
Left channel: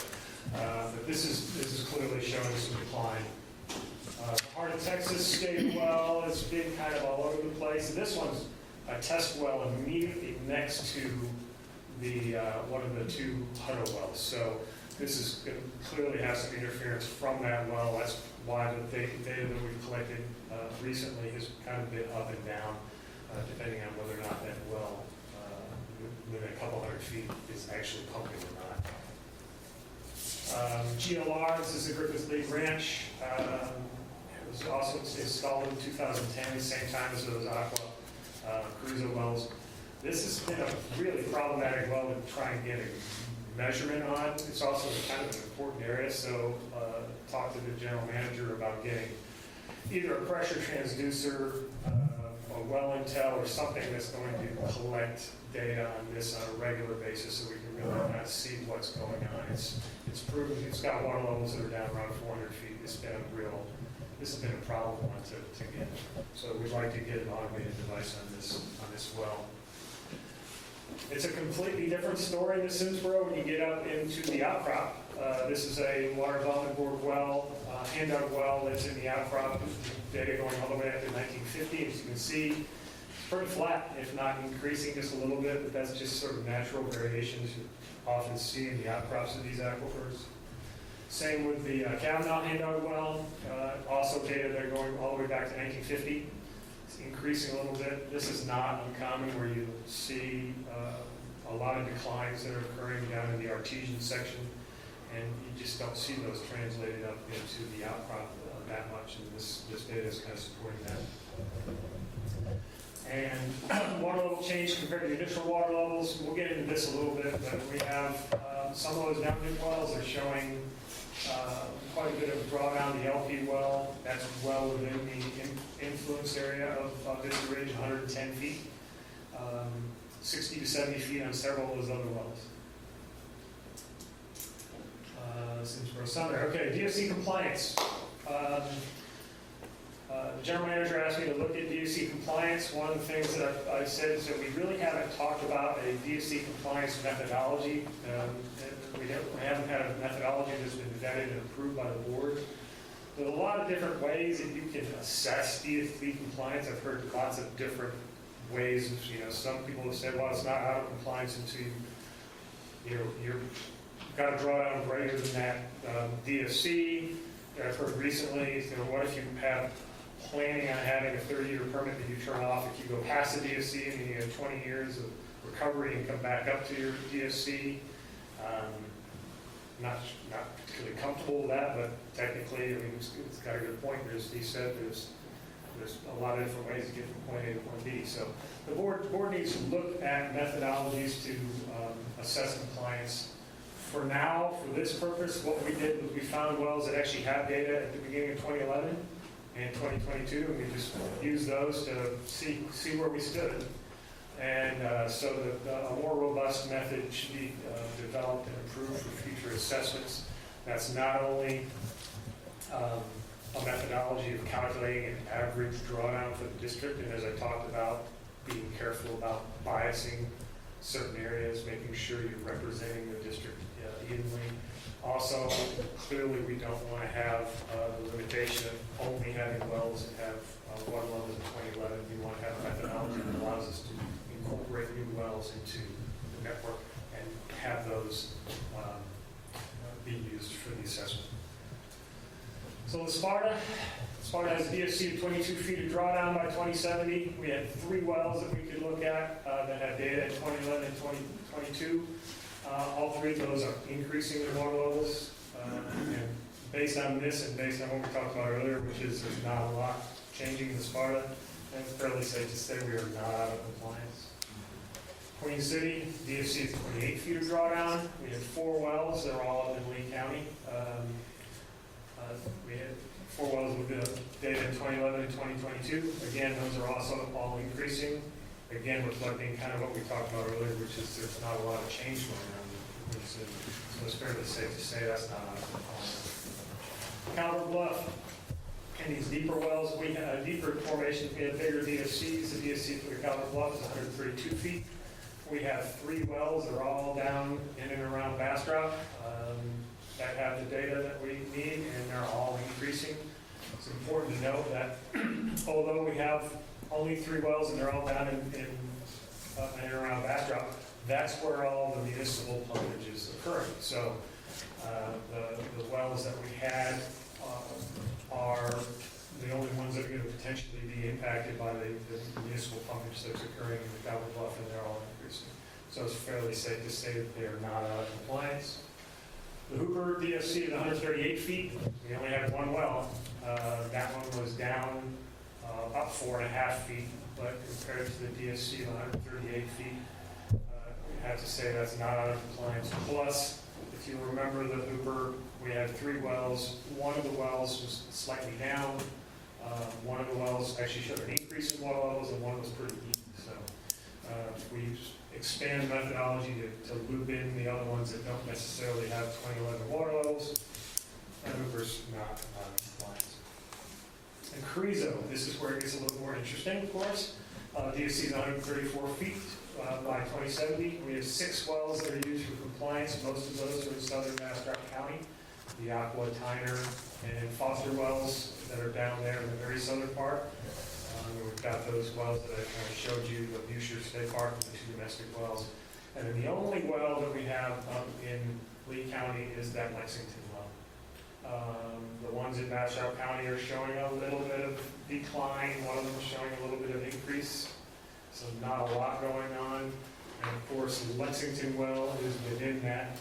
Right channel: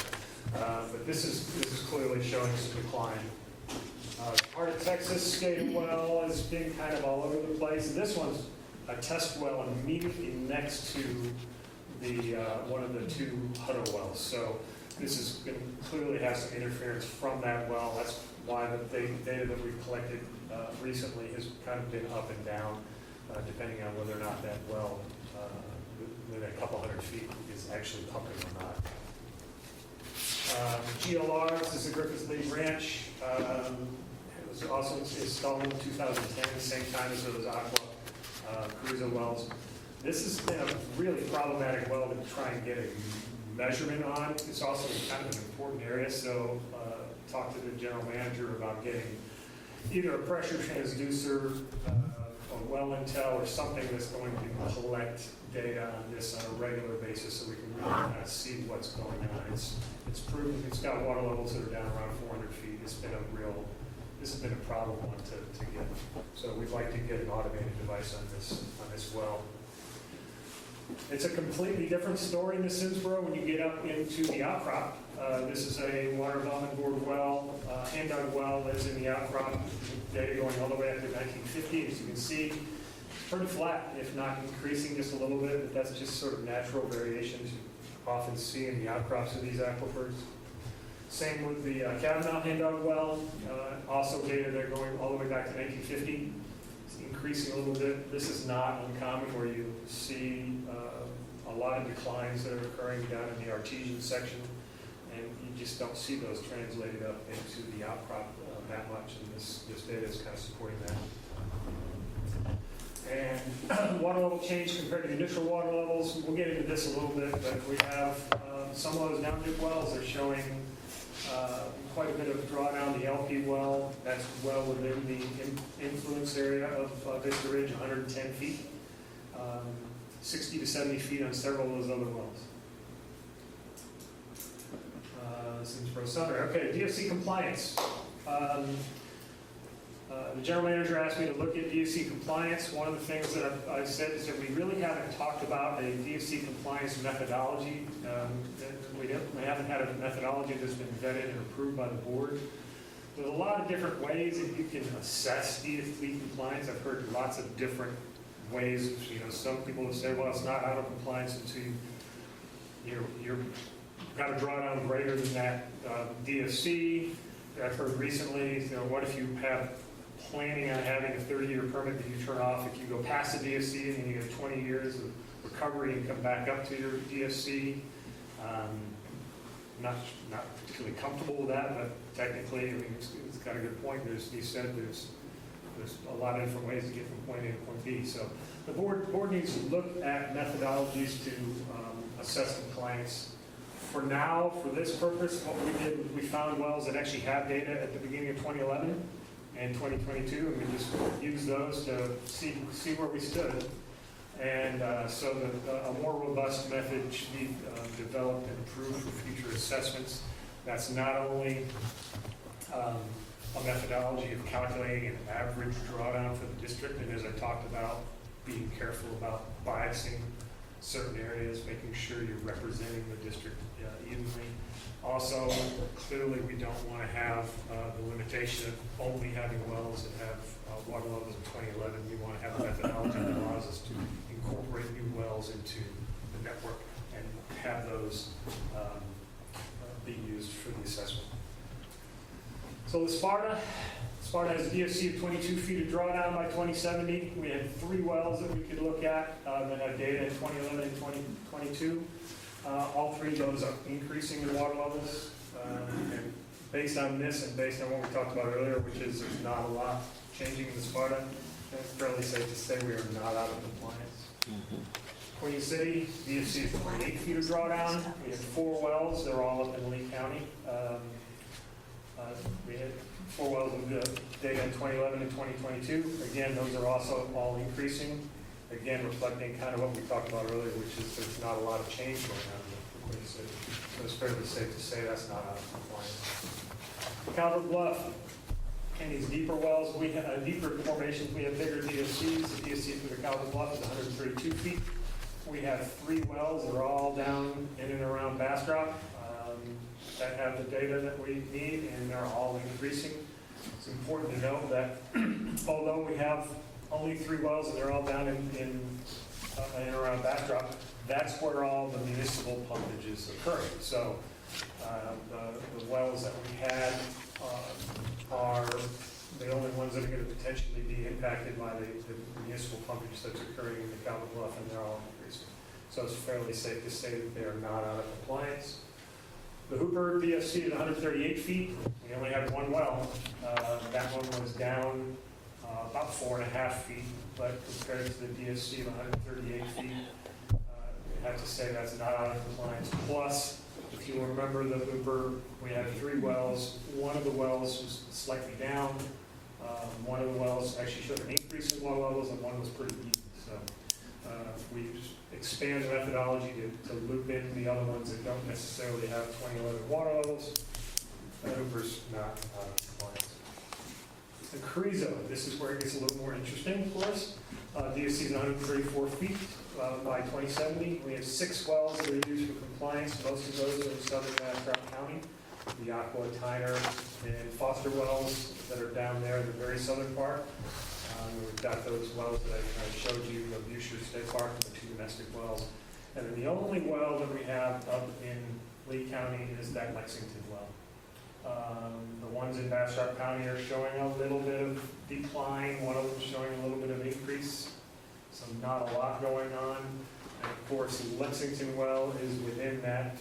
but this is clearly showing some decline. Heart of Texas SCADA well has been kind of all over the place. And this one's a test well immediately next to the one of the two Hutto wells. So this is going to clearly have some interference from that well. That's why the data that we've collected recently has kind of been up and down, depending on whether or not that well within a couple hundred feet is actually pumping or not. GLR, this is the Griffith Lake Ranch. It was also installed in 2010, same time as those Aqua Cruza wells. This has been a really problematic well to try and get a measurement on. It's also kind of an important area, so talk to the general manager about getting either a pressure transducer, or well intel, or something that's going to collect data on this on a regular basis so we can really kind of see what's going on. It's proven it's got water levels that are down around 400 feet. This has been a problem one to get. So we'd like to get an automated device on this well. It's a completely different story in the Simsboro when you get up into the outcrop. This is a water development board well, hand-dug well that's in the outcrop, data going all the way up to 1950. As you can see, it's pretty flat, if not increasing just a little bit, but that's just sort of natural variations you often see in the outcrops of these aquifers. Same with the Kavanaugh hand-dug well, also data there going all the way back to 1950. It's increasing a little bit. This is not uncommon where you see a lot of declines that are occurring down in the artesian section, and you just don't see those translated up into the outcrop that much, and this data is kind of supporting that. And water level change compared to the initial water levels, we'll get into this a little bit, but we have some of those down-dip wells are showing quite a bit of drawdown. The LP well, that's well within the influence area of Vista Ridge, 110 feet, 60 to 70 feet on several of those other wells. Simsboro Summer. Okay, DFC compliance. The general manager asked me to look at DFC compliance. One of the things that I've said is that we really haven't talked about a DFC compliance methodology. We haven't had a methodology that's been vetted and approved by the board. There's a lot of different ways that you can assess DFC compliance. I've heard lots of different ways. Some people have said, well, it's not out of compliance until you're got a drawdown greater than that DFC. I've heard recently, what if you have planning on having a 30-year permit that you turn off if you go past the DFC and then you have 20 years of recovery and come back up to your DFC? Not particularly comfortable with that, but technically, it's got a good point. He said there's a lot of different ways to get from point A to point B. So the board needs to look at methodologies to assess compliance. For now, for this purpose, what we did was we found wells that actually have data at the beginning of 2011 and 2022, and we just used those to see where we stood. And so that a more robust method should be developed and approved for future assessments. That's not only a methodology of calculating an average drawdown for the district, and as I talked about, being careful about biasing certain areas, making sure you're representing the district evenly. Also, clearly we don't want to have the limitation of only having wells that have water levels of 2011. We want to have a methodology that allows us to incorporate new wells into the network and have those be used for the assessment. So the Sparta has a DFC of 22 feet of drawdown by 2070. We had 3 wells that we could look at that had data in 2011 and 2022. All 3 of those are increasing in water levels. And based on this and based on what we talked about earlier, which is there's not a lot changing in the Sparta, It's fairly safe to say we are not out of compliance. Queen City, DFC is 28 feet of drawdown. We have 4 wells. They're all up in Lee County. We had 4 wells with data in 2011 and 2022. Again, those are also all increasing. Again, reflecting kind of what we talked about earlier, which is there's not a lot of change going on in Queen City. So it's fairly safe to say that's not out of compliance. Calvert Bluff, in these deeper wells, we have deeper formations, we have bigger DFCs. The DFC for the Calvert Bluff is 132 feet. We have 3 wells that are all down in and around Bastrop that have the data that we need, and they're all increasing. It's important to note that although we have only 3 wells and they're all down in and around Bastrop, that's where all the municipal pumpage is occurring. So the wells that we had are the only ones that are going to potentially be impacted by the municipal pumpage that's occurring in the Calvert Bluff, and they're all increasing. So it's fairly safe to say that they are not out of compliance. The Hooper DFC is 138 feet. We only have 1 well. That one was down about 4.5 feet, but compared to the DFC of 138 feet, you have to say that's not out of compliance. Plus, if you remember the Hooper, we had 3 wells. One of the wells was slightly down. One of the wells actually showed an increase in well levels, and one was pretty deep. So we expand the methodology to loop in the other ones that don't necessarily have 2011 water levels. Hooper's not out of compliance. And Carrizo, this is where it gets a little more interesting, of course. DFC is 134 feet by 2070. We have 6 wells that are used for compliance. Most of those are in southern Bastrop County. The Aqua, Tyner, and Foster wells that are down there in the very southern part. We've got those wells that I showed you, the Busher State Park and the 2 domestic wells. And then the only well that we have up in Lee County is that Lexington well. The ones in Bastrop County are showing a little bit of decline. One of them is showing a little bit of increase. So not a lot going on. And of course, the Lexington well is within that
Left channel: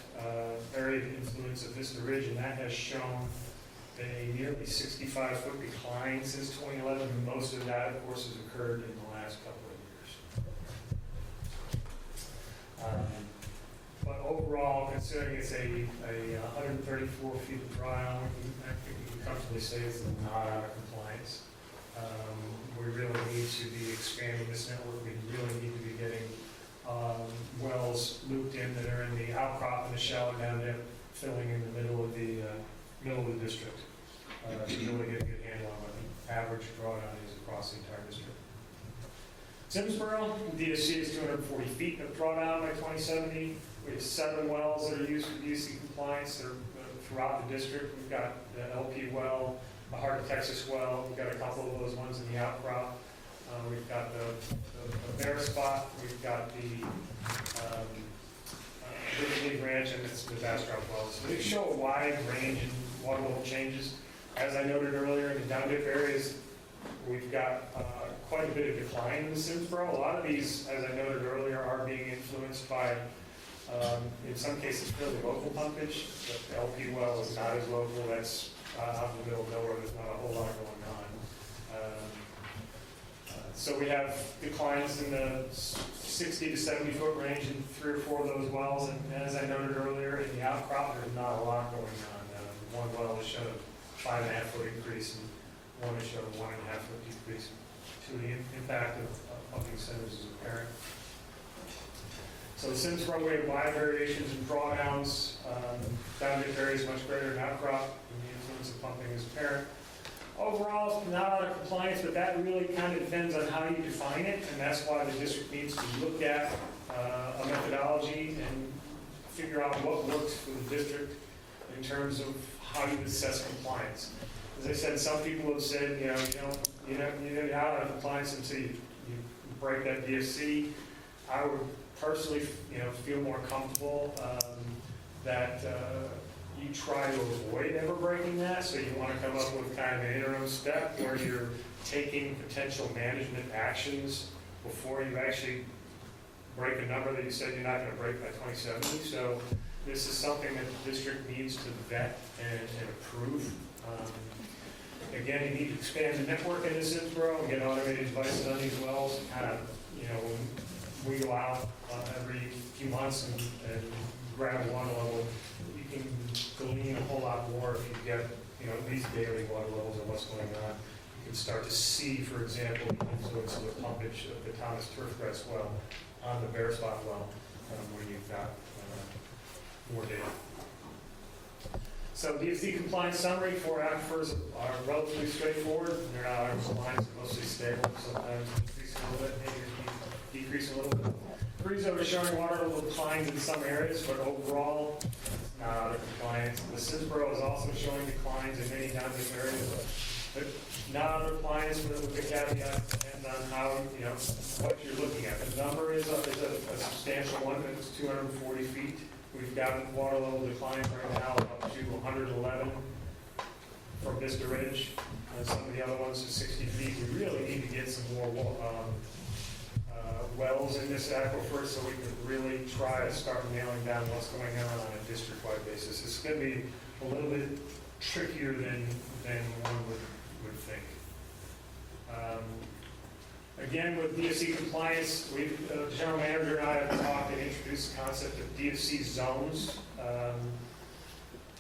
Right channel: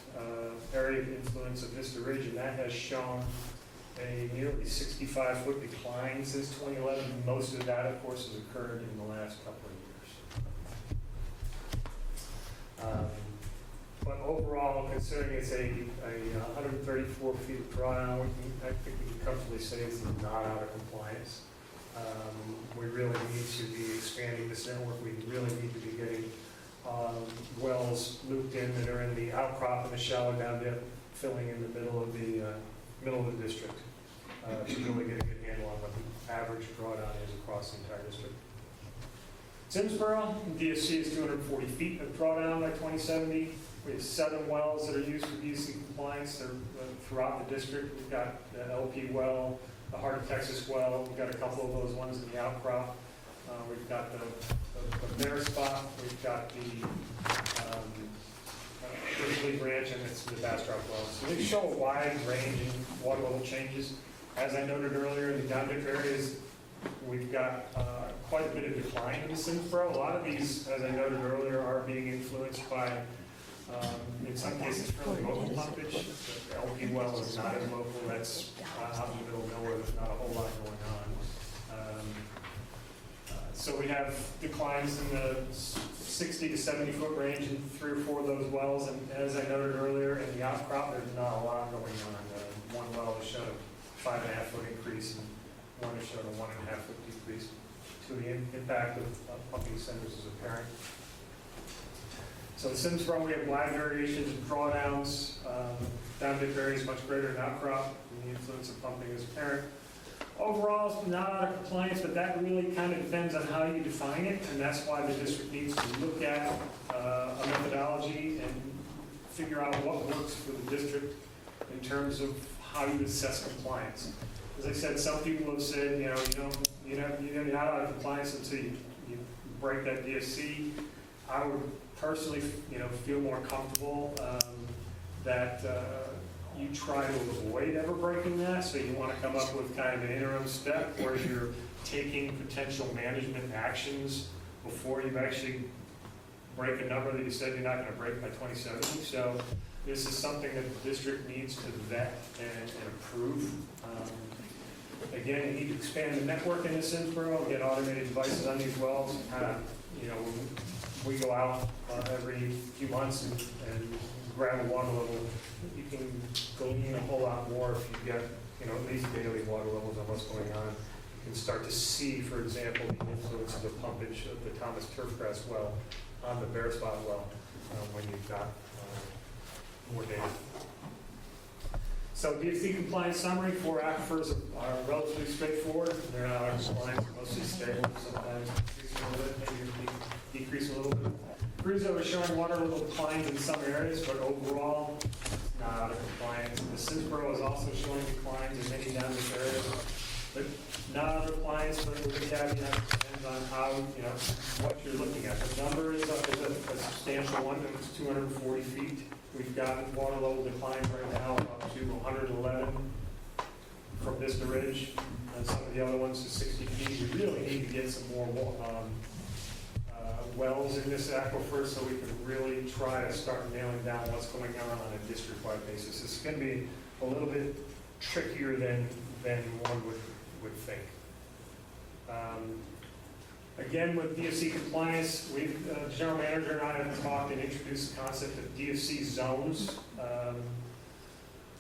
area of influence of Vista Ridge, and that has shown a nearly 65-foot decline since 2011. Most of that, of course, has occurred in the last couple of years. But overall, considering it's a 134 feet of drawdown, I think we can comfortably say it's not out of compliance. We really need to be expanding this network. We really need to be getting wells looped in that are in the outcrop and the shallow down dip, filling in the middle of the district to really get a good handle on what the average drawdown is across the entire district. Simsboro, DFC is 240 feet of drawdown by 2070. We have 7 wells that are used for DFC compliance. They're throughout the district. We've got the LP well, the Heart of Texas well. We've got a couple of those ones in the outcrop. We've got the Bear Spot. We've got the British Ranch, and it's the Bastrop wells. So they show a wide range in water level changes. As I noted earlier, in the down dip areas, we've got quite a bit of decline in the Simsboro. A lot of these, as I noted earlier, are being influenced by, in some cases, fairly local pumpage. The LP well is not as local. That's out in the middle of nowhere. There's not a whole lot going on. So we have declines in the 60 to 70 foot range in 3 or 4 of those wells. And as I noted earlier, in the outcrop, there's not a lot going on. One well has showed a 5.5 foot increase, and one has showed a 1.5 foot decrease. So the impact of pumping centers is apparent. So in Simsboro, we have wide variations in drawdowns. Down dip areas much greater in outcrop, and the influence of pumping is apparent. Overall, it's not out of compliance, but that really kind of depends on how you define it, and that's why the district needs to look at a methodology and figure out what works for the district in terms of how you assess compliance. As I said, some people have said, you're not out of compliance until you break that DFC. I would personally, feel more comfortable that you try to avoid ever breaking that. So you want to come up with kind of an interim step where you're taking potential management actions before you actually break a number that you said you're not going to break by 2070. So this is something that the district needs to vet and approve. Again, you need to expand the network in this Simsboro, get automated devices on these wells. You know, when we go out every few months and grab water level, you can glean a whole lot more if you get, you know, at least daily water levels on what's going on. You can start to see, for example, the influence of the pumpage of the Thomas turfgrass well on the bare spot well when you've got more data. So DFC compliance summary for aquifers are relatively straightforward. They're not out of compliance, they're mostly stable, sometimes increasing a little bit, maybe decreasing a little bit. Freezo is showing water level declines in some areas, but overall, it's not out of compliance. The Simsboro is also showing declines in many down-deep areas, but not out of compliance with the caveat, depends on how, you know, what you're looking at. The number is a substantial one, it's 240 feet. We've got water level declines right now up to 111 from Vista Ridge, and some of the other ones are 60 feet. We really need to get some more wells in this aquifer so we can really try to start nailing down what's going on a district-wide basis. It's going to be a little bit trickier than one would think. Again, with DFC compliance, the general manager and I have talked and introduced the concept of DFC zones,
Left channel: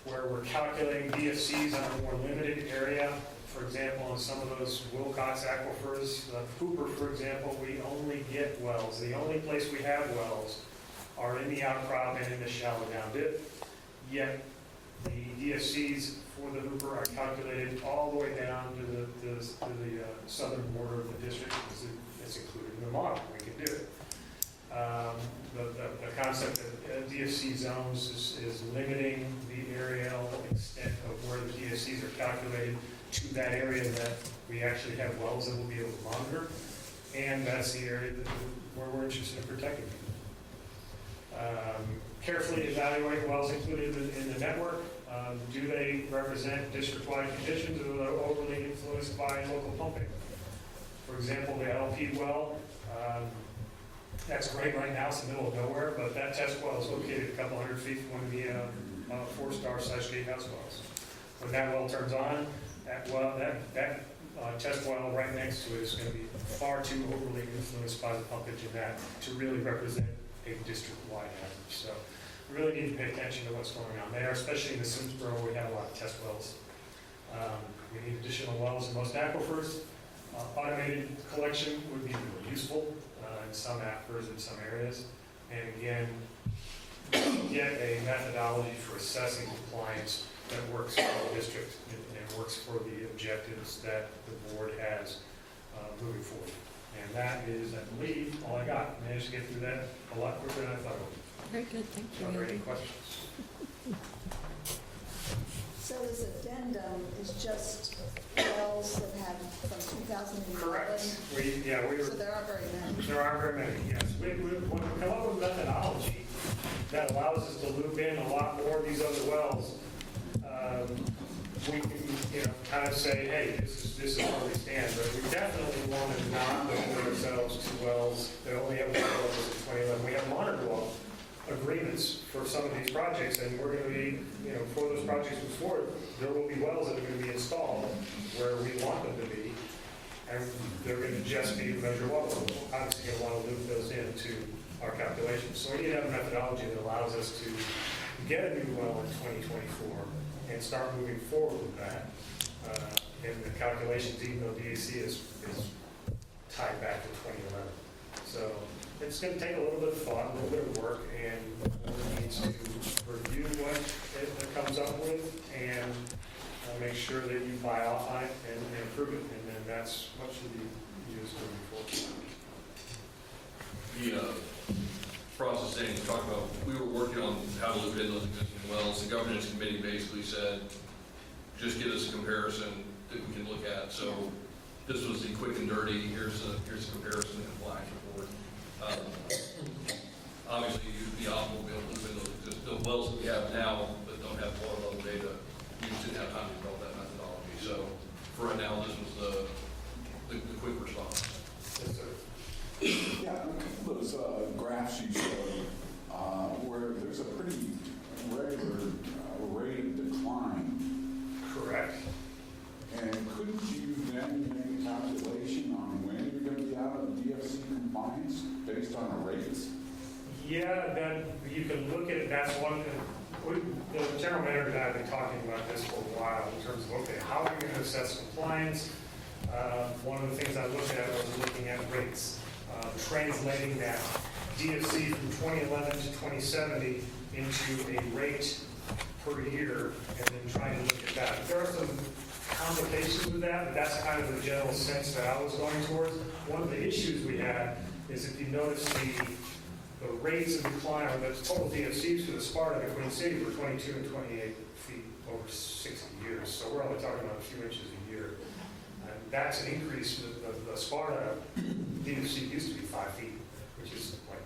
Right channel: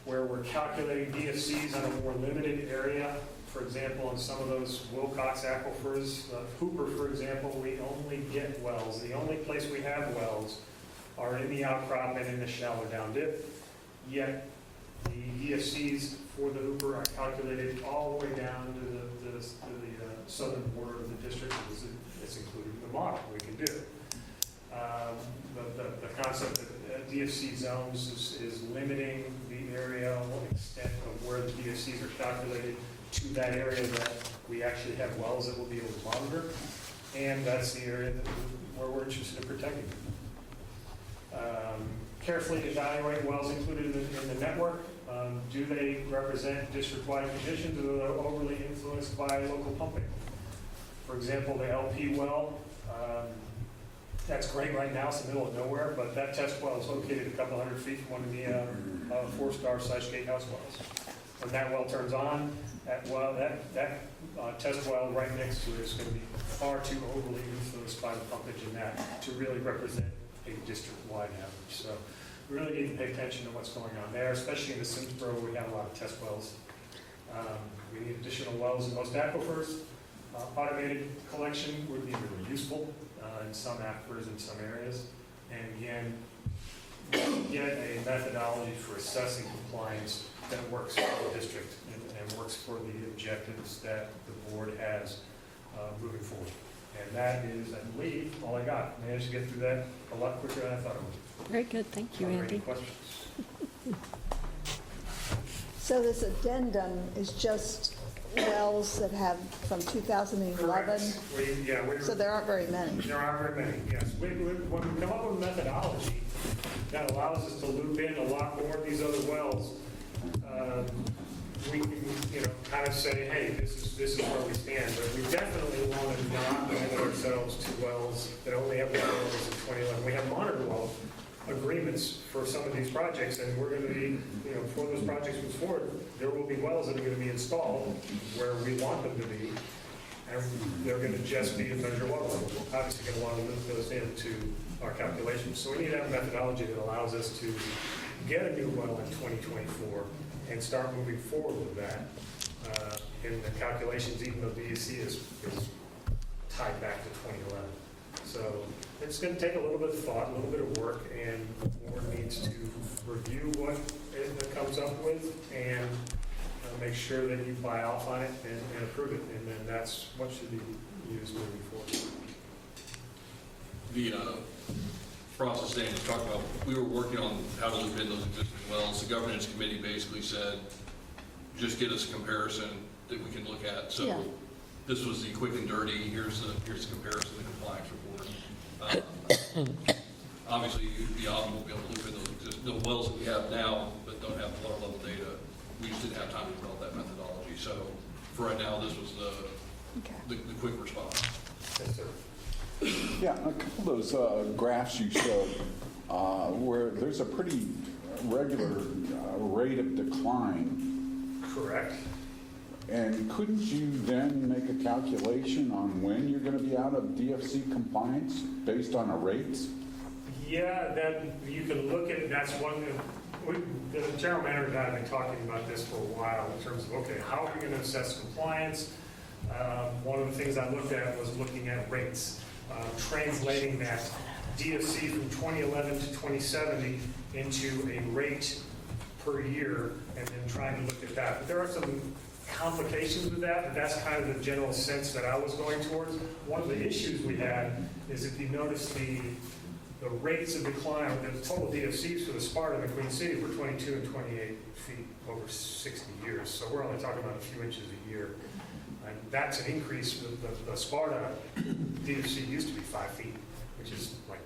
where we're calculating DFCs on a more limited area. For example, in some of those Wilcox aquifers, Hooper, for example, we only get wells. The only place we have wells are in the outcrop and in the shallow down dip. Yet the DFCs for the Hooper are calculated all the way down to the southern border of the district. It's included in the model. We can do it. The concept of DFC zones is limiting the areal extent of where the DFCs are calculated to that area that we actually have wells that we'll be able to monitor, and that's the area where we're interested in protecting them. Carefully evaluate wells included in the network. Do they represent district-wide conditions, or are they overly influenced by local pumping? For example, the LP well, that's great right now, it's in the middle of nowhere, but that test well is located a couple hundred feet from one of the 4-star gatehouse wells. When that well turns on, that test well right next to it is going to be far too overly influenced by the pumpage in that to really represent a district-wide average. So we really need to pay attention to what's going on there, especially in the Simsboro where we have a lot of test wells. We need additional wells in most aquifers. Automated collection would be really useful in some aquifers in some areas. And again, get a methodology for assessing compliance that works for the district and works for the objectives that the board has moving forward. And that is, I believe, all I got. Managed to get through that a lot quicker than I thought I would. Very good, thank you, Are there Andy. any questions? So this addendum is just wells that have from 2011? Correct. So there aren't very many. There aren't very many, yes. When we come up with a methodology that allows us to loop in a lot more of these other wells, we can, kind of say, hey, this is where we stand. But we definitely want to not limit ourselves to wells that only have water levels in 2011. We have monitor well agreements for some of these projects, and we're going to be, for those projects move forward, there will be wells that are going to be installed where we want them to be, and they're going to just be to measure water level. We're obviously going to want to loop those into our calculations. So we need to have a methodology that allows us to get a new well in 2024 and start moving forward with that in the calculations, even though DEC is tied back to 2011. So it's going to take a little bit of thought, a little bit of work, and the board needs to review what it comes up with and make sure that you buy off on it and approve it, and then that's what should be used moving forward. The process Dan was talking about, we were working on how to look at those existing wells. The governance committee basically said, just get us a comparison that we can look at. So this was the quick and dirty, here's the comparison, the compliance report. Obviously, you'd be optimal to be able to look at the wells that we have now that don't have water level data. We just didn't have time to develop that methodology. So for right now, this was the quick response. Yes, sir. Yeah, a couple of those graphs you showed where there's a pretty regular rate of decline. Correct. And couldn't you then make a calculation on when you're going to be out of DFC compliance based on the rates? Yeah, that you can look at, that's one, the general manager and I have been talking about this for a while in terms of, okay, how are we going to assess compliance? One of the things I looked at was looking at rates, translating that DFC from 2011 to 2070 into a rate per year, and then trying to look at that. But there are some complications with that, but that's kind of the general sense that I was going towards. One of the issues we had is if you notice the rates of decline, or the total DFCs for the Sparta and the Queen City were 22 and 28 feet over 60 years. So we're only talking about a few inches a year. And that's an increase. The Sparta DFC used to be 5 feet, which is like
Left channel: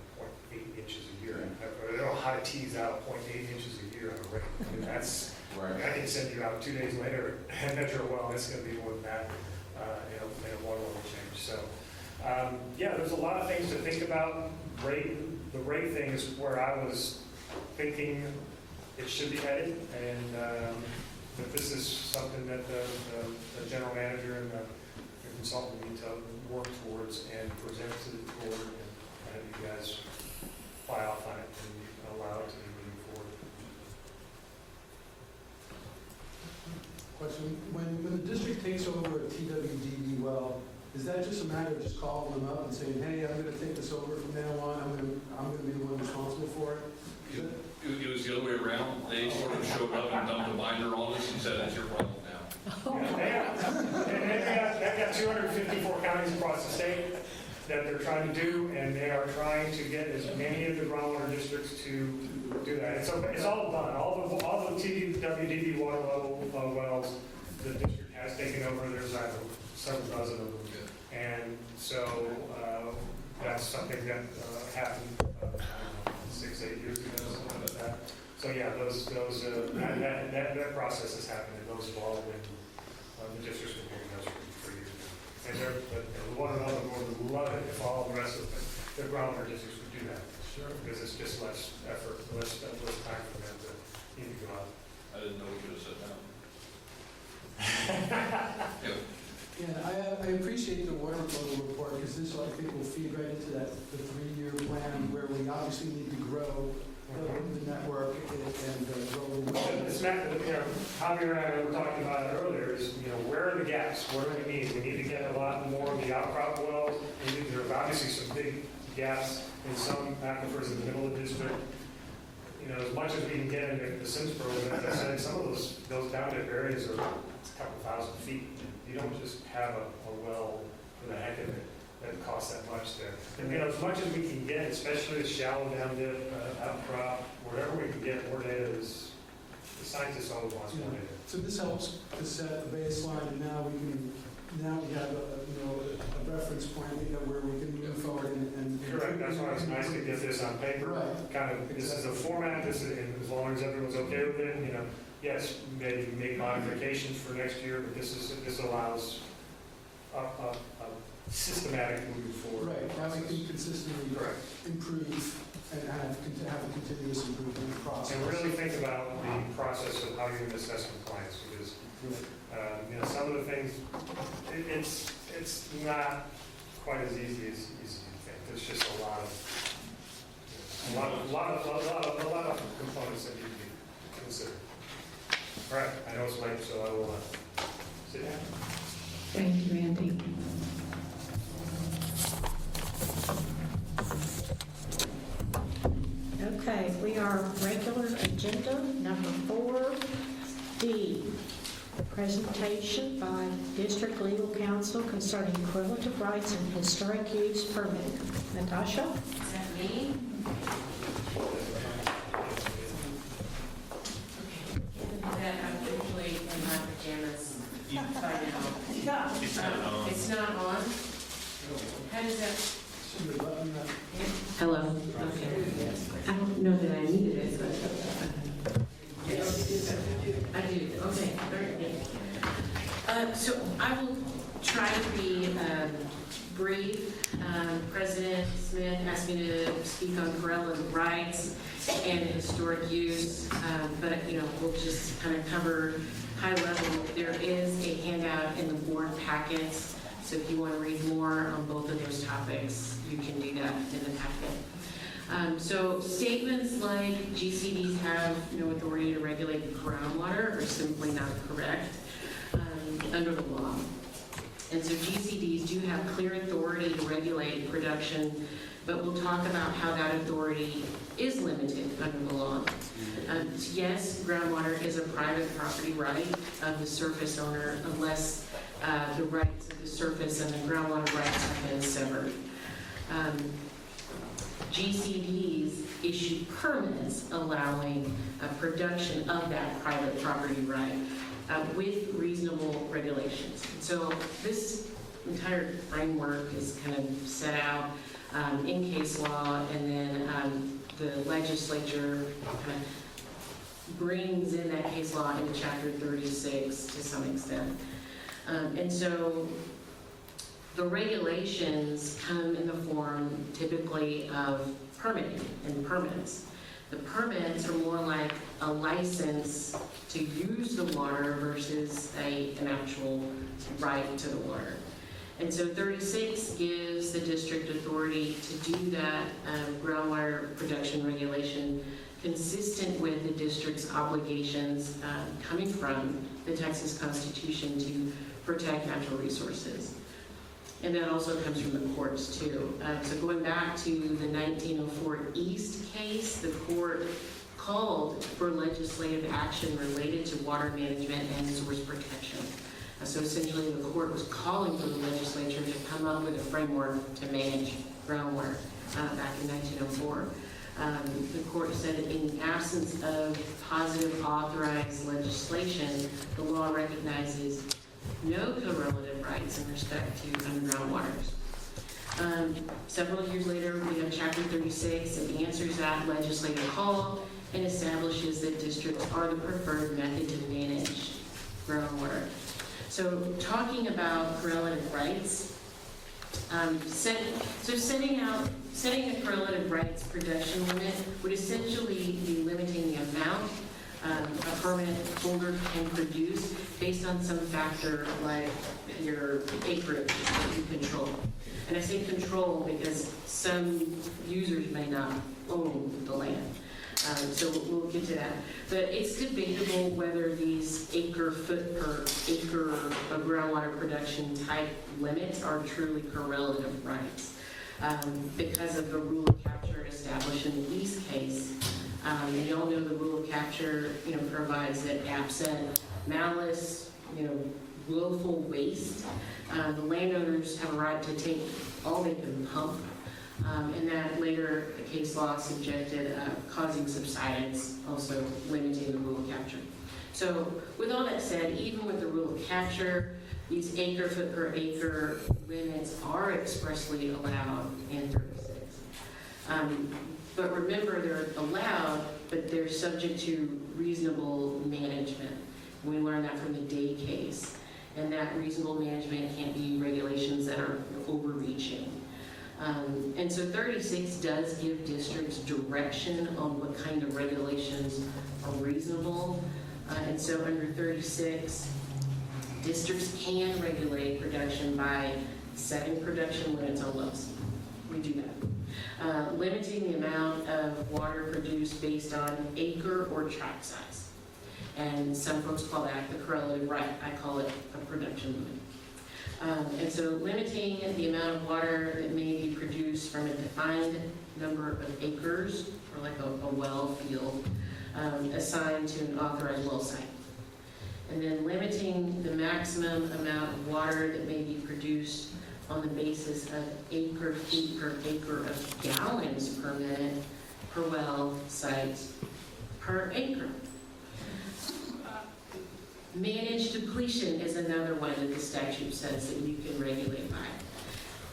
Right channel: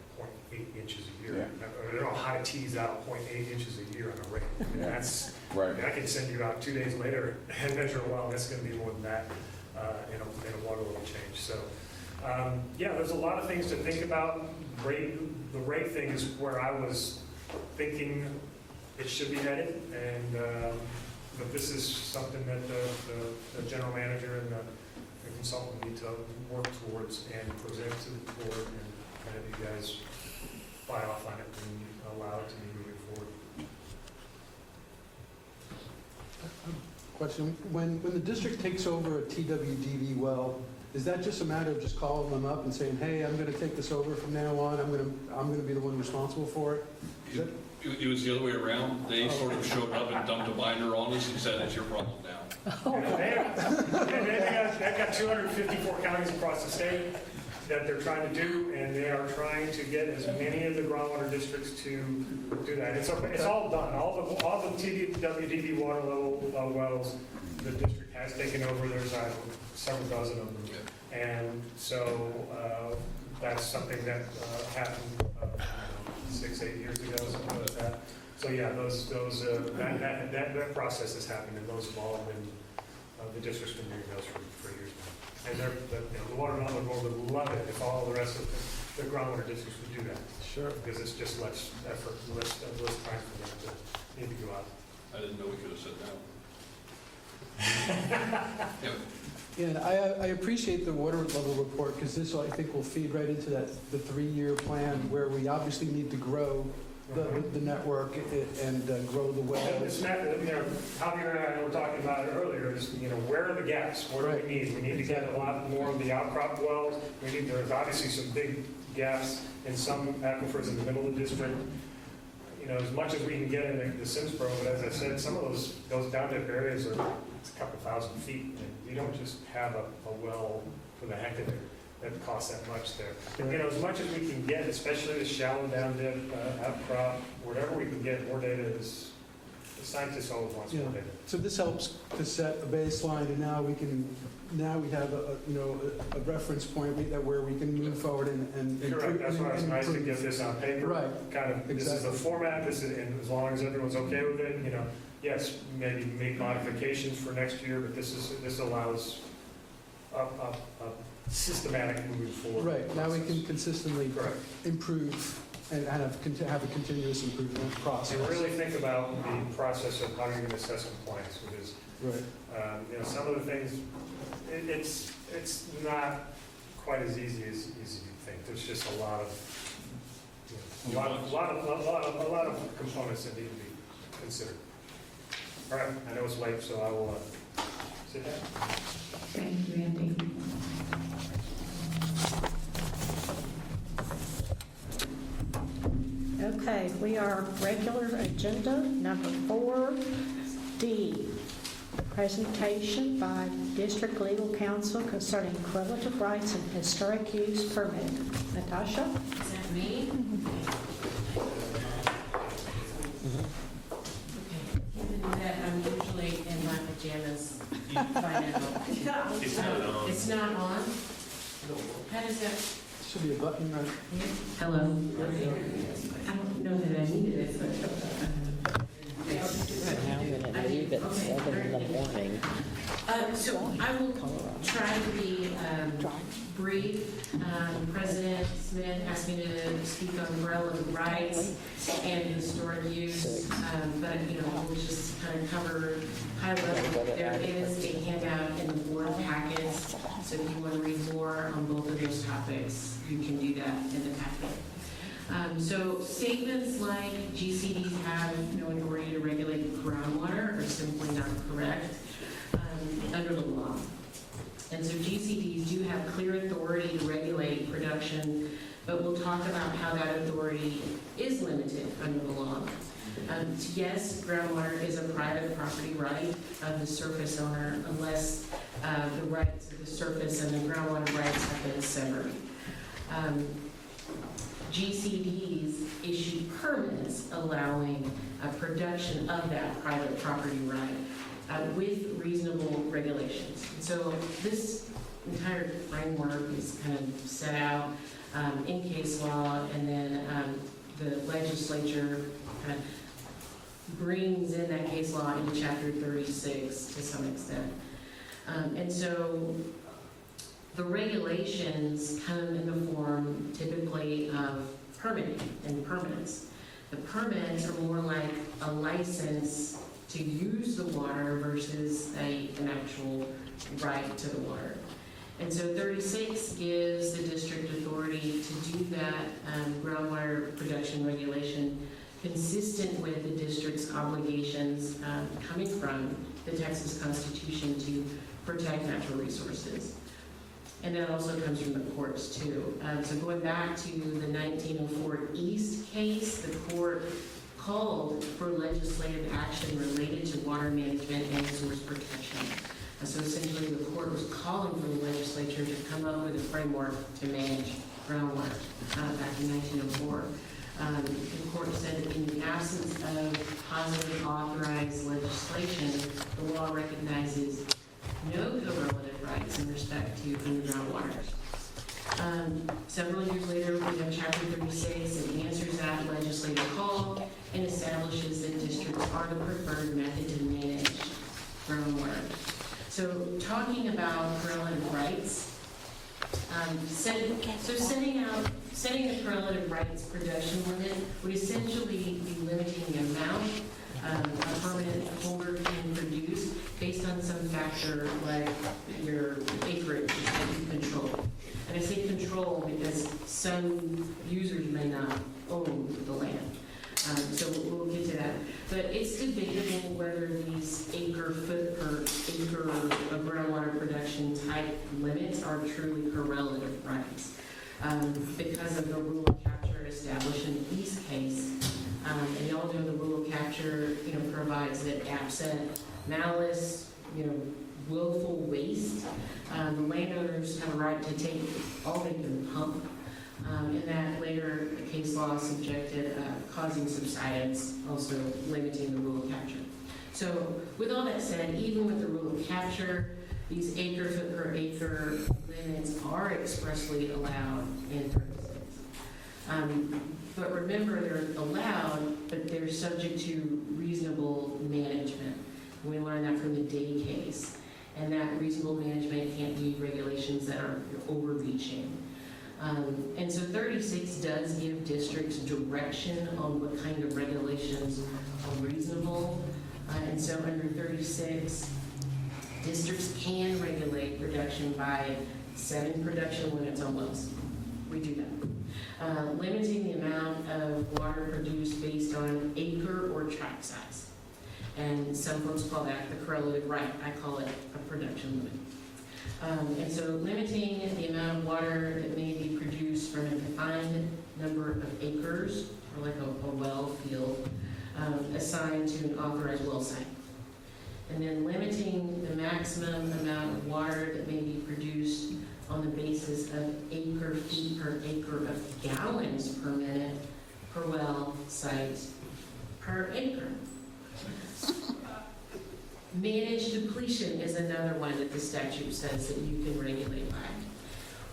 0.8 inches a year. I don't know how to tease out 0.8 inches a year on a rate. I mean, that's, right. I can send you out 2 days later and measure, well, it's going to be more than that in a water level change. So, yeah, there's a lot of things to think about. The rate thing is where I was thinking it should be headed, and but this is something that the general manager and the consultant need to work towards and present to the board, and have you guys buy off on it and allow it to be moving forward. Question, when the district takes over a TWDB well, is that just a matter of just calling them up and saying, hey, I'm going to take this over from now on, I'm going to be the one responsible for it? It was the other way around. They sort of showed up and dumped a binder on us and said, that's your problem now. They've got 254 counties across the state that they're trying to do, and they are trying to get as many of the groundwater districts to do that. It's all done. All the TWDB water level wells the district has taken over. There's several dozen of them, and so that's something that happened 6-8 years ago, something like that. So yeah, that process has happened, and those have all been the district's been doing those for years now. And the water level board would love it if all the rest of the groundwater districts would do that. Sure. Because it's just less effort, less time for them to need to go out. I didn't know we could have said that. Yeah. Yeah, I appreciate the water level report, because this, I think, will feed right into the 3-year plan where we obviously need to grow the network and grow the well. It's not, Javier and I were talking about it earlier, is, where are the gaps? What do we need? We need to get a lot more of the outcrop wells. There's obviously some big gaps in some aquifers in the middle of the district. As much as we can get in the Simsboro, but as I said, some of those down dip areas are a couple thousand feet. And you don't just have a well for the heck of it that costs that much there. As much as we can get, especially the shallow down dip, outcrop, wherever we can get more data, the scientists always want more data. So this helps to set a baseline, and now we have a reference point that where we can move forward and correct. That's why it's nice to get this on paper. Right. Kind of, this is a format. And as long as everyone's okay with it, yes, maybe make modifications for next year, but this allows a systematic moving forward. Right. Now we can consistently improve and have a continuous improvement process. And really think about the process of how you're going to assess compliance, because some of the things, it's not quite as easy as you think. There's just a lot of components that need to be considered. All right, I know it's late, so I will sit down. Thank you, Randy. Okay, we are regular agenda number 4D. Presentation by District Legal Counsel concerning correlative rights and historic use permitting. Natasha? Is that me? Okay. Given that I'm usually in my pajamas by now. It's not on? How does that? Should be a button there. Yeah. Hello. I don't know that I needed it, but. I do. Okay. So I will try to be brief. President Smith asked me to speak on relative rights and historic use, but we'll just kind of cover high level. There is a handout So statements like GCDs have no authority to regulate groundwater are simply not correct under the law. And so GCDs do have clear authority to regulate production, but we'll talk about how that authority is limited under the law. So yes, groundwater is a private property right of the surface owner unless the rights of the surface and the groundwater rights have been severed. GCDs issue permits allowing production of that private property right with reasonable regulations. And so this entire framework is kind of set out in case law, and then the legislature kind of brings in that case law in Chapter 36 to some extent. And so the regulations come in the form typically of permitting and permits. The permits are more like a license to use the water versus an actual right to the water. And so 36 gives the district authority to do that groundwater production regulation consistent with the district's obligations coming from the Texas Constitution to protect natural resources. And that also comes from the courts too. So going back to the 1904 East case, the court called for legislative action related to water management and resource protection. So essentially the court was calling for the legislature to come up with a framework to manage groundwater back in 1904. The court said that in the absence of positive authorized legislation, the law recognizes no co-relative rights in respect to underground waters. Several years later, we have Chapter 36 that answers that legislative call and establishes that districts are the preferred method to manage groundwater. So talking about relative rights, setting a correlative rights production limit would essentially be limiting the amount a permanent holder can produce based on some factor like your acreage you control. And I say control because some users may not own the land. So we'll get to that. But it's debatable whether these acre-foot per acre of groundwater production type limits are truly correlative rights. Because of the rule of capture established in the East case, and you all know the rule of capture, provides that absent malice, willful waste, landowners have a right to take all they can pump. And that later case law subjected causing subsidence, also limiting the rule of capture. So with all that said, even with the rule of capture, these acre-foot per acre limits are expressly allowed in 36. But remember, they're allowed, but they're subject to reasonable management. We learned that from the Day case. And that reasonable management can't be regulations that are overreaching. And so 36 does give districts direction on what kind of regulations are reasonable. And so under 36, districts can regulate production by setting production limits on wells. We do that. Limiting the amount of water produced based on acre or tract size. And some folks call that the correlative right. I call it a production limit. And so limiting the amount of water that may be produced from a defined number of acres, or like a well field, assigned to an authorized well site. And then limiting the maximum amount of water that may be produced on the basis of acre feet per acre of gallons per minute per well site per acre. Managed depletion is another one that the statute says that you can regulate by.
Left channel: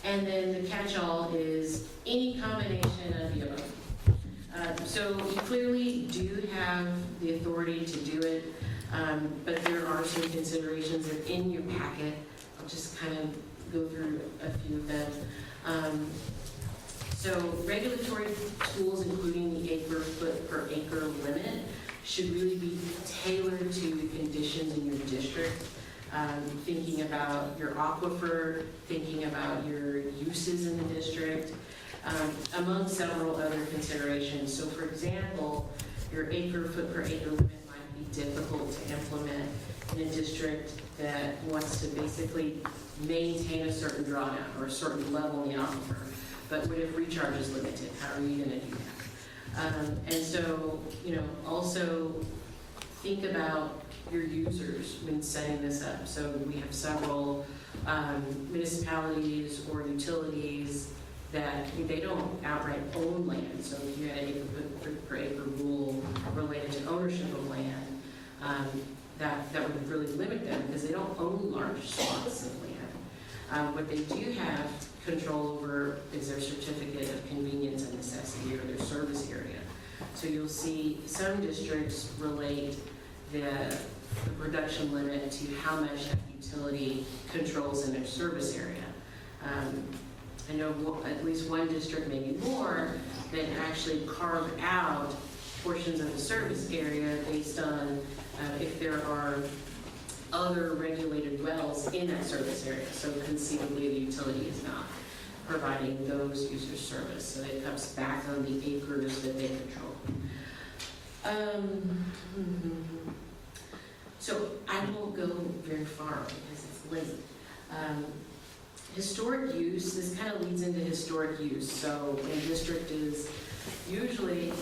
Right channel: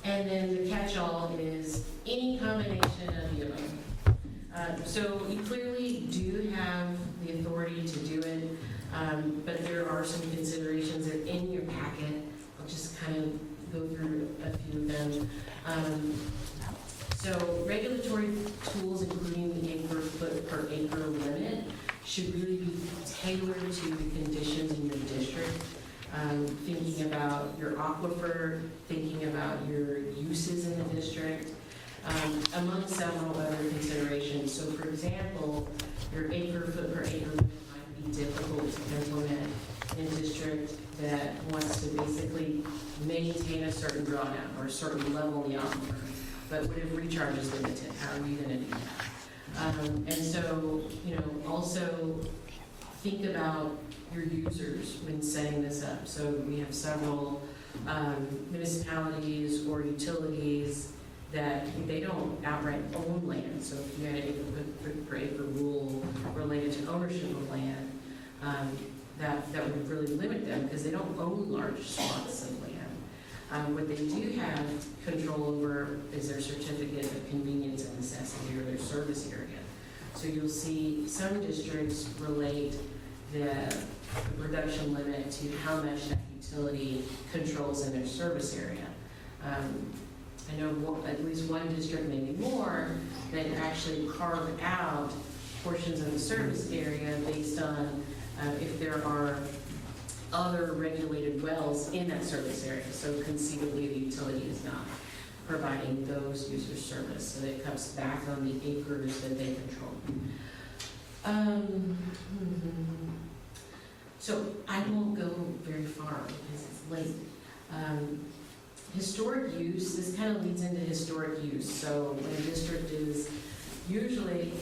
And then the catch-all is any combination of the other. So you clearly do have the authority to do it, but there are some considerations that in your packet. I'll just kind of go through a few of them. So regulatory tools, including the acre-foot per acre limit, should really be tailored to the conditions in your district. Thinking about your aquifer, thinking about your uses in the district. among several other considerations. So for example, your foot per acre limit might be difficult to implement in a district that wants to basically maintain a certain drawdown or a certain level in the aquifer. But what if recharge is limited? How are you going to do that? And so, also think about your users when setting this up. So we have several municipalities or utilities that they don't outright own land. So if you had a foot per acre rule related to ownership of land, that would really limit them because they don't own large swaths of land. What they do have control over is their certificate of convenience and necessity or their service area. So you'll see some districts relate the reduction limit to how much that utility controls in their service area. I know at least one district, maybe more, that actually carved out portions of the service area based on if there are other regulated wells in that service area. So conceivably the utility is not providing those users service. So it comes back on the acres that they control. So I won't go very far because it's late. Historic use, this kind of leads into historic use. So when a district is usually,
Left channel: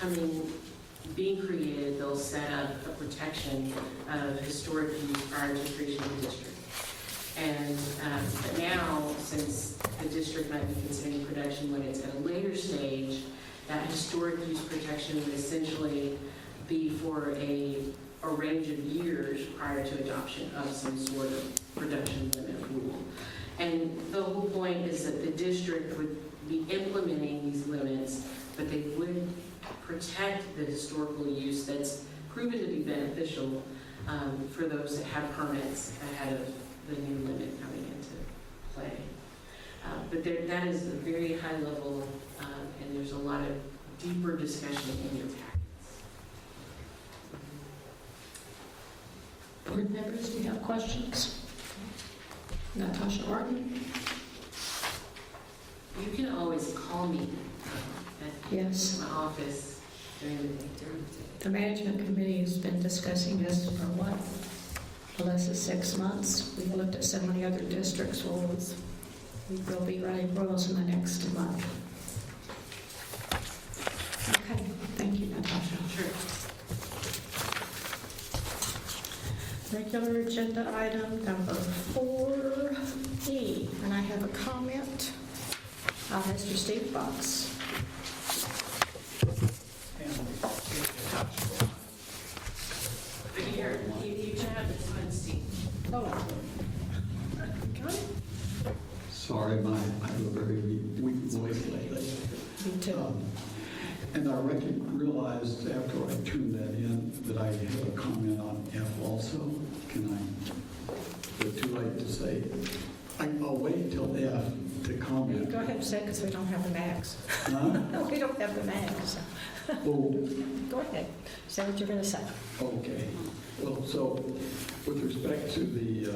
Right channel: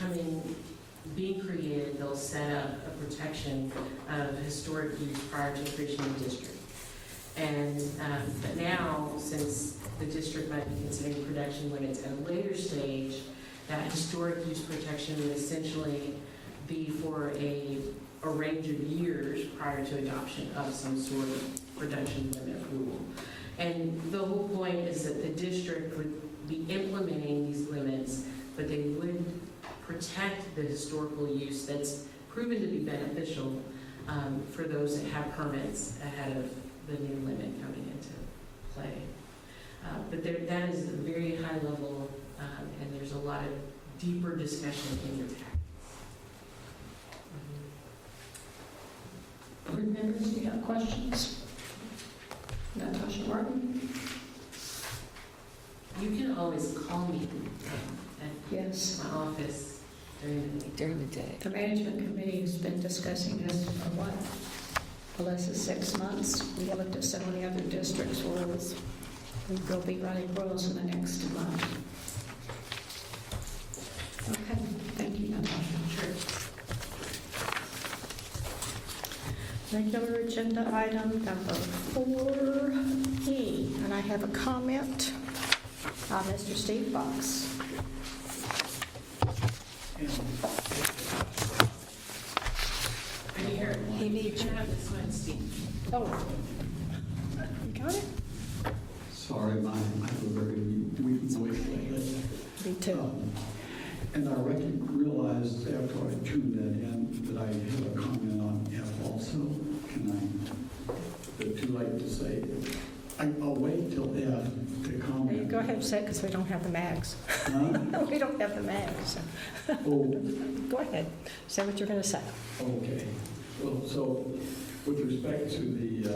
kind of being created, they'll set up a protection of historic use prior to creation of the district. And but now, since the district might be considering production limits at a later stage, that historic use protection would essentially be for a range of years prior to adoption of some sort of production limit rule. And the whole point is that the district would be implementing these limits, but they would protect the historical use that's proven to be beneficial for those that have permits ahead of the new limit coming into play. But that is a very high level, and there's a lot of deeper discussion in your tax. Board members, do you have questions? Natasha Martin? You can always call me at Yes. my office during the day. The management committee has been discussing this for what? Less than 6 months. We've looked at so many other districts' rules. We will be writing rules in the next month. Okay, thank you, Natasha. Regular agenda item number 4E, and I have a comment. Mr. Steve Fox. Oh, you got it? Sorry, I have a very weak voice. Me too. And I realized after I tuned that in that I had a comment on F also. And it's too late to say. I'll wait till F to comment. You go ahead and say it because we don't have the mags. We don't have the mags. So. Go ahead. Say what you're going to say. Okay. Well, so with respect to the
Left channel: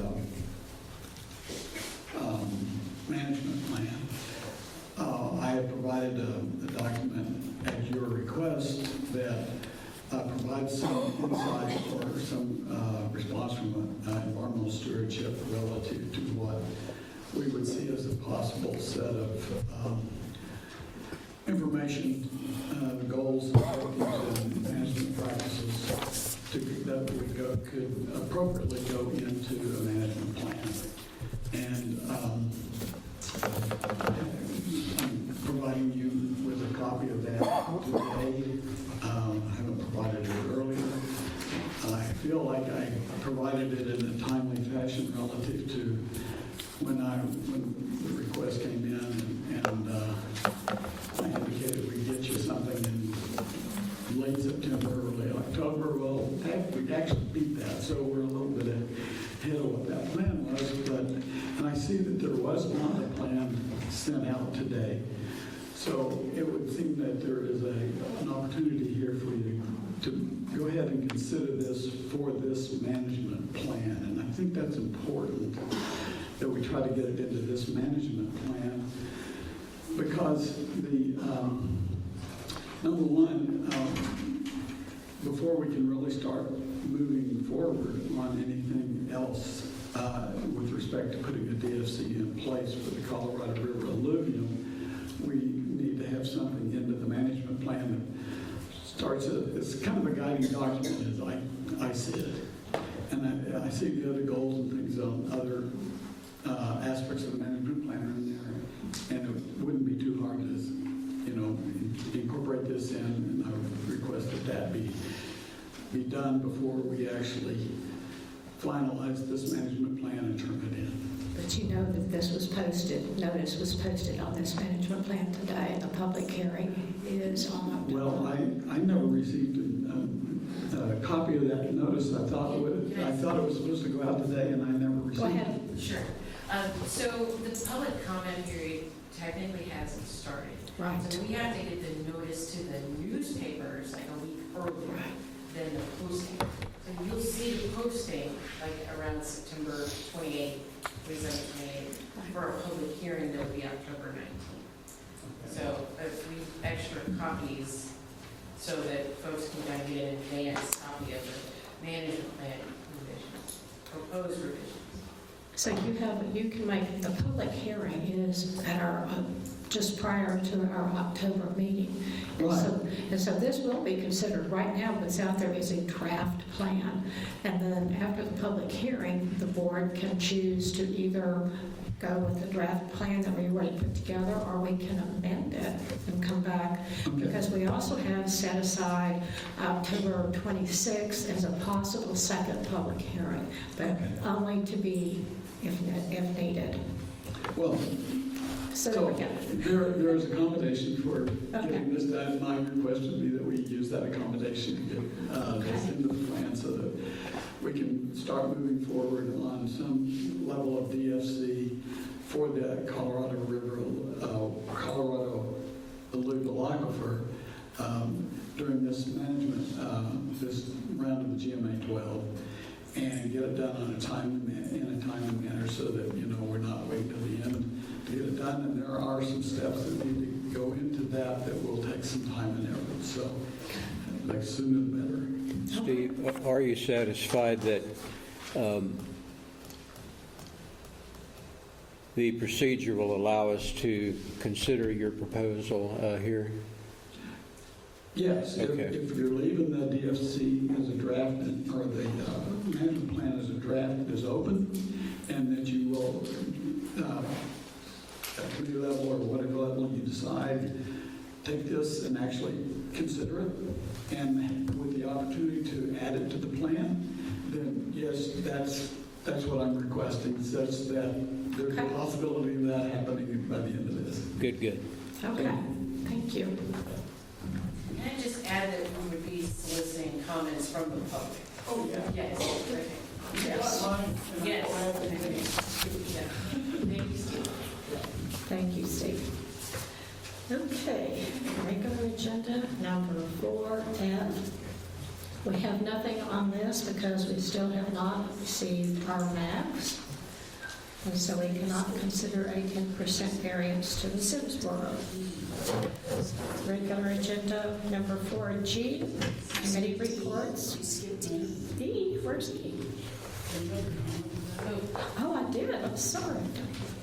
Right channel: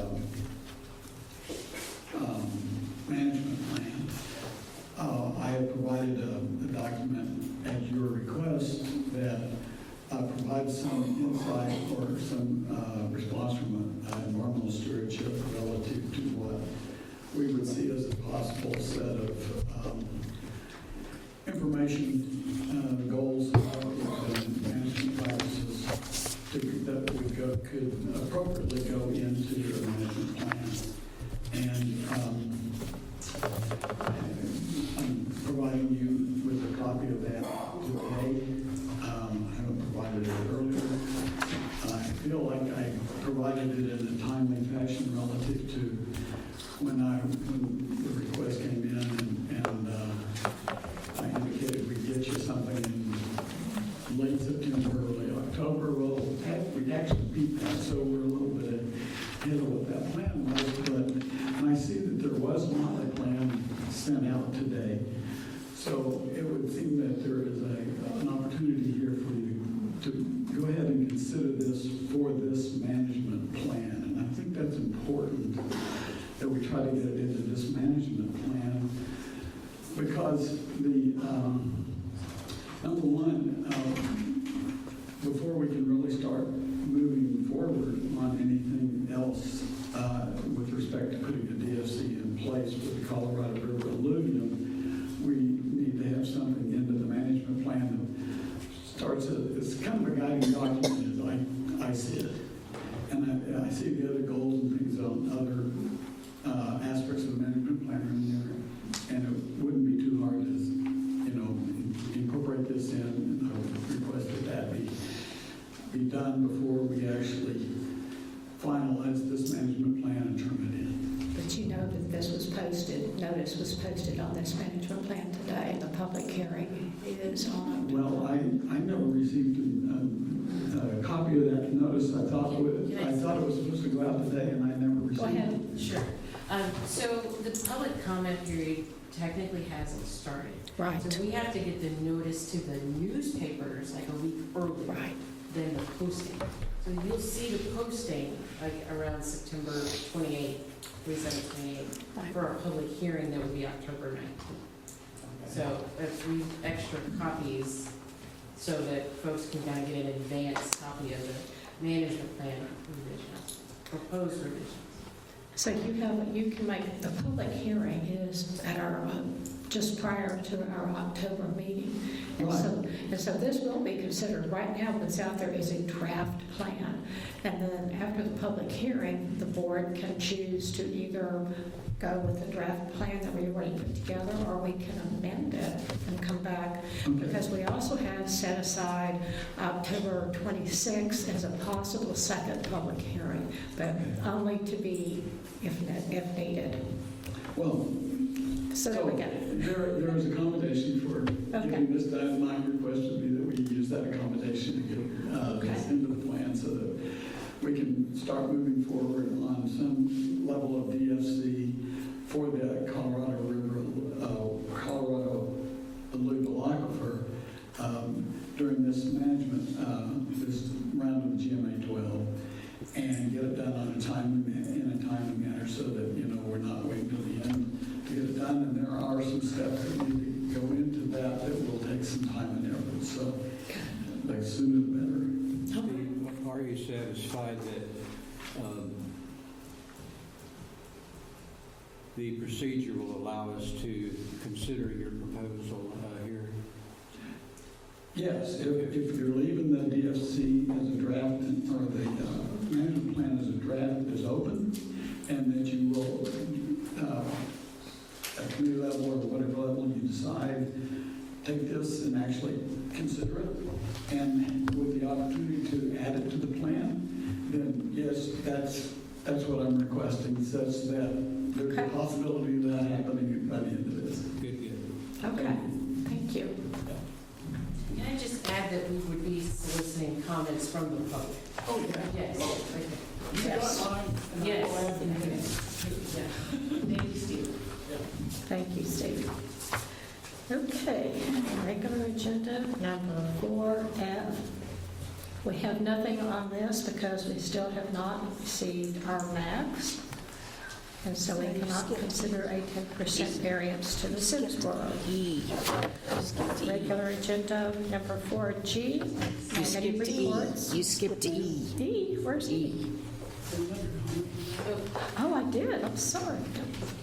management plan, I have provided a document at your request that provides some insight or some response from environmental stewardship relative to what we would see as a possible set of information, goals, and management practices that we could appropriately go into the management plan. And I'm providing you with a copy of that today. I haven't provided it earlier. I feel like I provided it in a timely fashion relative to when the request came in, and I indicated we get you something in late September, early October. Well, we actually beat that, so we're a little bit ahead of what that plan was. And I see that there was not a plan sent out today. So it would seem that there is an opportunity here for you to go ahead and consider this for this management plan. And I think that's important that we try to get into this management plan because number one, before we can really start moving forward on anything else with respect to putting the DFC in place for the Colorado River alluvium, we need to have something into the management plan that starts, it's kind of a guiding document as I see it. And I see the other goals and things on other aspects of the management plan in there, and it wouldn't be too hard to, incorporate this in, and I would request that be done before we actually finalize this management plan and turn it in. But you know that this was posted, notice was posted on this management plan today, and the public hearing is on October. Well, I never received a copy of that notice. I thought it was supposed to go out today, and I never received it. Go ahead. Sure. So the public comment period technically hasn't started. Right. So we have to get the notice to the newspapers like a week early. Right. Than the posting. So you'll see the posting like around September 28th, 28th. Right. For a public hearing, that will be October 19th. So if we extra copies so that folks can kind of get an advance copy of the management plan revisions, proposed revisions. So you can make, the public hearing is at our, just prior to our October meeting. And so this will be considered. Right now, what's out there is a draft plan. And then after the public hearing, the board can choose to either go with the draft plan that we already put together, or we can amend it and come back. Because we also have set aside October 26th as a possible second public hearing, but only to be if needed. Well, so there we go. There's accommodation for getting this done. My request would be that we use that accommodation to get into the plan so that we can start moving forward on some level of DFC for the Colorado River, Colorado alluvial aquifer during this management, this round of GMA 12, and get it done on a in a timely manner so that we're not waiting till the end to get it done. And there are some steps that we can go into that will take some time and effort. So, the sooner the better. Steve, are you satisfied that the procedure will allow us to consider your proposal here? Yes, okay. if you're leaving the DFC as a draft, or the management plan as a draft is open, and that you will, at committee level or whatever level you decide, take this and actually consider it, and with the opportunity to add it to the plan, then yes, that's what I'm requesting, such that there's a possibility of that happening by the end of this. Good. Okay, thank you. Can I just add that we would be soliciting comments from the public? Oh, yeah. Yes. Okay. Yes. Yes. Thank you, Steve. Okay, regular agenda number 4F. We have nothing on this because we still have not received our maps, and so we cannot consider a 10% variance to the Simsboro. Regular agenda number 4G, committee reports. You skipped E. E, where's E? Oh, I did, I'm sorry.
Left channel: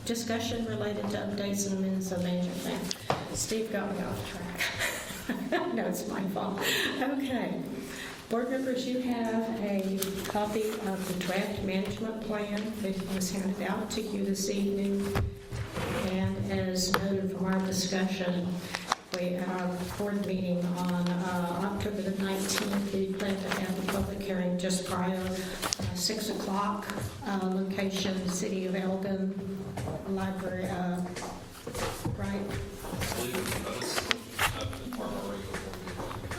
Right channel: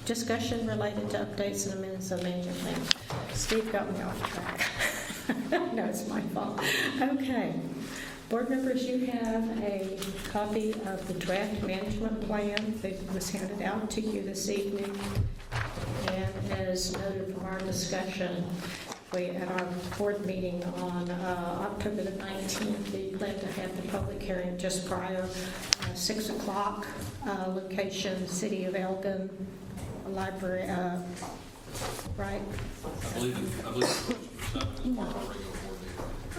Discussion related to updates and amendments of management plan. Steve got me off track. No, it's my fault. Okay. Board members, you have a copy of the draft management plan that was handed out to you this evening. And as noted from our discussion, we, at our board meeting on October the 19th, we plan to have the public hearing just prior, 6 o'clock, location, City of Elgin, library, right? I believe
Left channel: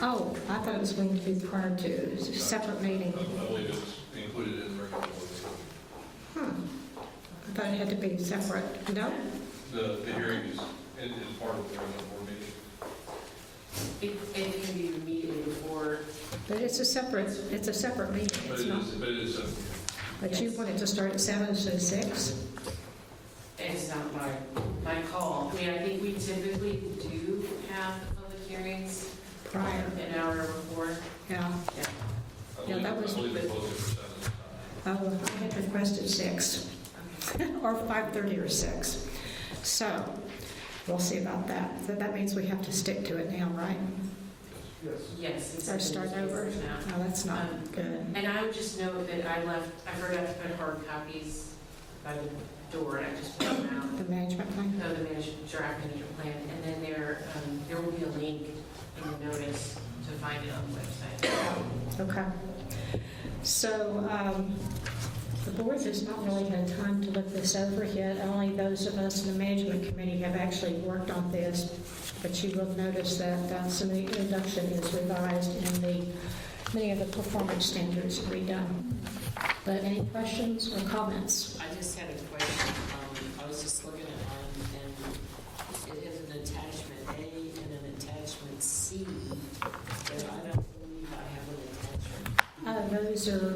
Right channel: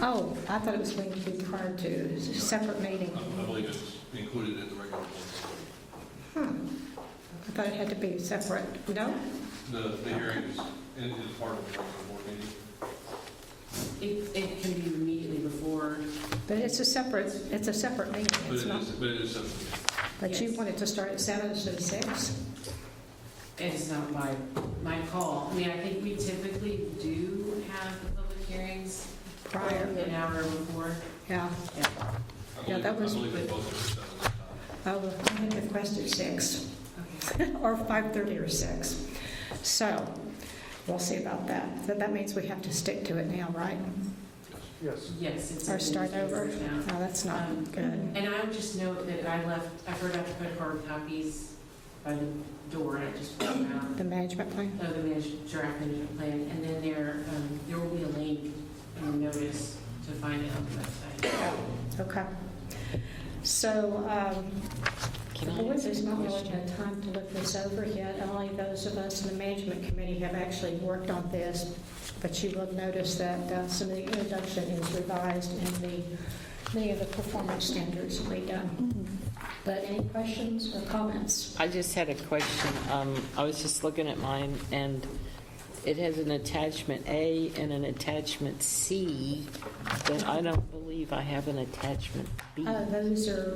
Oh, I thought it was going to be prior to, it's a separate meeting. I believe it's included in the regular board. I thought it had to be separate. No? The hearing is part of the regular board meeting. It can be immediately before. But it's a separate meeting. It's not. But But you want it to start at 7 instead of 6? It's not by my call. I mean, I think we typically do have the public hearings Prior. an hour before. Yeah. Yeah, that was, I believe it's posted for 7. I had requested 6, or 5:30 or 6. So, we'll see about that. So that means we have to stick to it now, right? Yes. Yes. it's Or in start the over? newspaper now. No, that's not good. And I would just note that I forgot to put hard copies by the door, and I just put them out. The management plan? No, the draft management plan, and then there will be a link in the notice to find it on the website. Yeah, okay. So, the board has not really had time to look this over yet. Only those of us in the management committee have actually worked on this, but you will notice that some of the introduction is revised and many of the performance standards are redone. But any questions or comments? I just had a question. I was just looking at mine, and it has an attachment A and an attachment C, but I don't believe I have an attachment B. Those are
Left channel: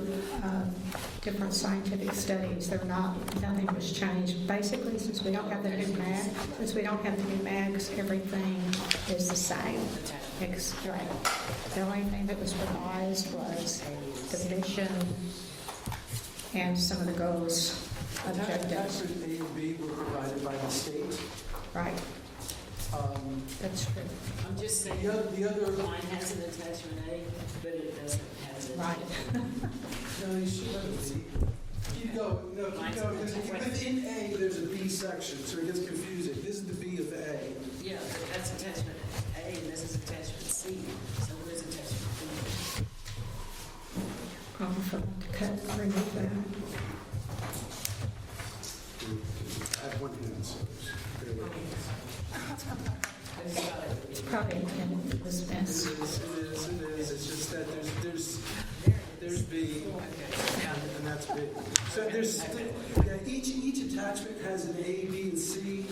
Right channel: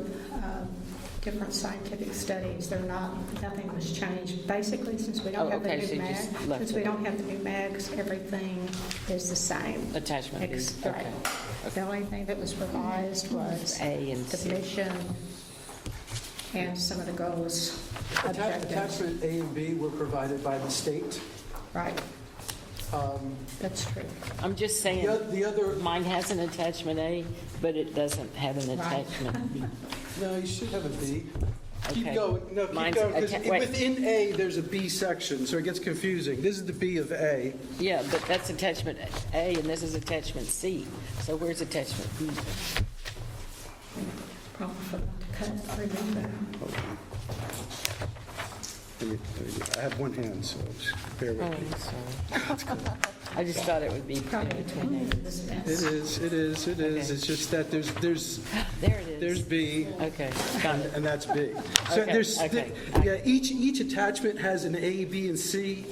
different scientific studies. They're not, nothing was changed. Basically, since we don't have the new mag, mags, everything is the same. Attachment B. Right. The only thing that was revised was A and the C. mission and some of the goals, objectives. Attachment A and B were provided by the state. Right. That's true. I'm just saying, The other, mine has an attachment A, but it doesn't have an Right. attachment B. no, you should have a B. Keep Okay. going, no, keep Mine's going, 'cause wait. within A, there's a B section, so it gets confusing. This is the B of A. Yeah, but that's attachment A, and this is attachment C. So where's attachment B? Probably forgot to remove that. I have one hand, so bear with Oh, me. sorry. I just thought it would be. Probably intended it was best. It is. It's just that there's There it there's is. B, Okay, got it. and that's B. So Okay, there's, okay. yeah, each attachment has an A, B, and C,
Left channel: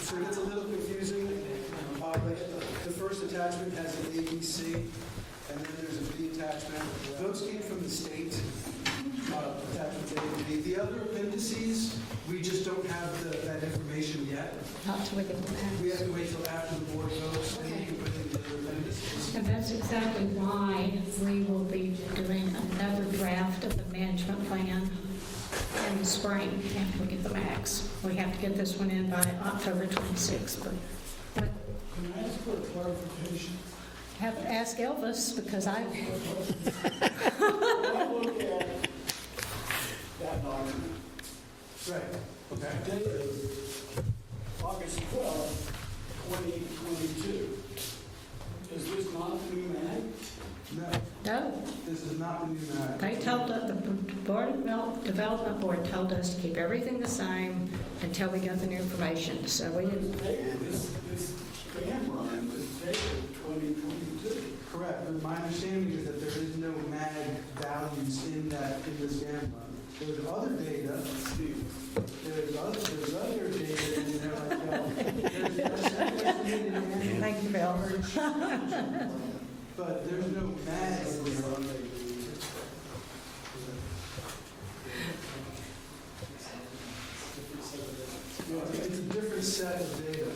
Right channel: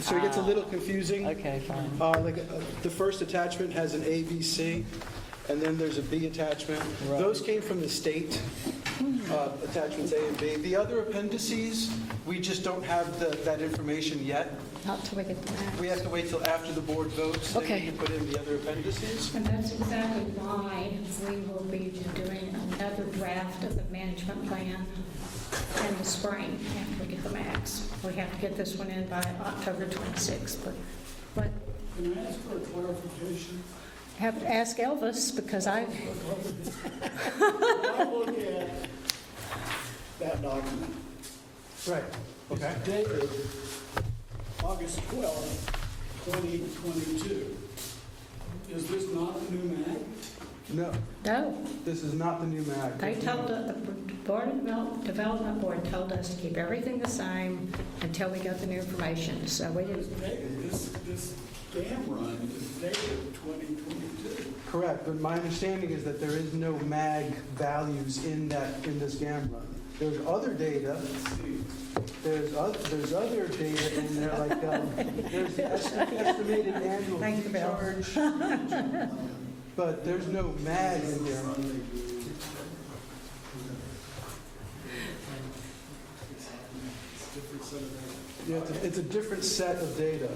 so it gets a little confusing. Okay, fine. The first attachment has an A, B, C, and then there's a B attachment. Those came from the state, attachments A and B. The other appendices, we just don't have that information yet. Not till we get the mags. We have to wait till after the board votes, then we Okay. can put in the other appendices. And that's exactly why we will be doing another draft of the management plan in the spring after we get the mags. We have to get this one in by October 26th, but Can I ask for a clarification? I have to ask Elvis because I, When I look at that document, Right, okay. it's dated August 12th, 2022. Is this not the new mag? No, no, this is not the new map. they told, the Board of Development Board told us to keep everything the same until we got the new information, so we didn't, This dam run is dated 2022. Correct, but my understanding is that there is no mag values in this GAM run. There's other data, there's other data in there, like, there's estimated annual Thank you, Bill. charge, but there's no mag in there. Yeah, it's a different set of data.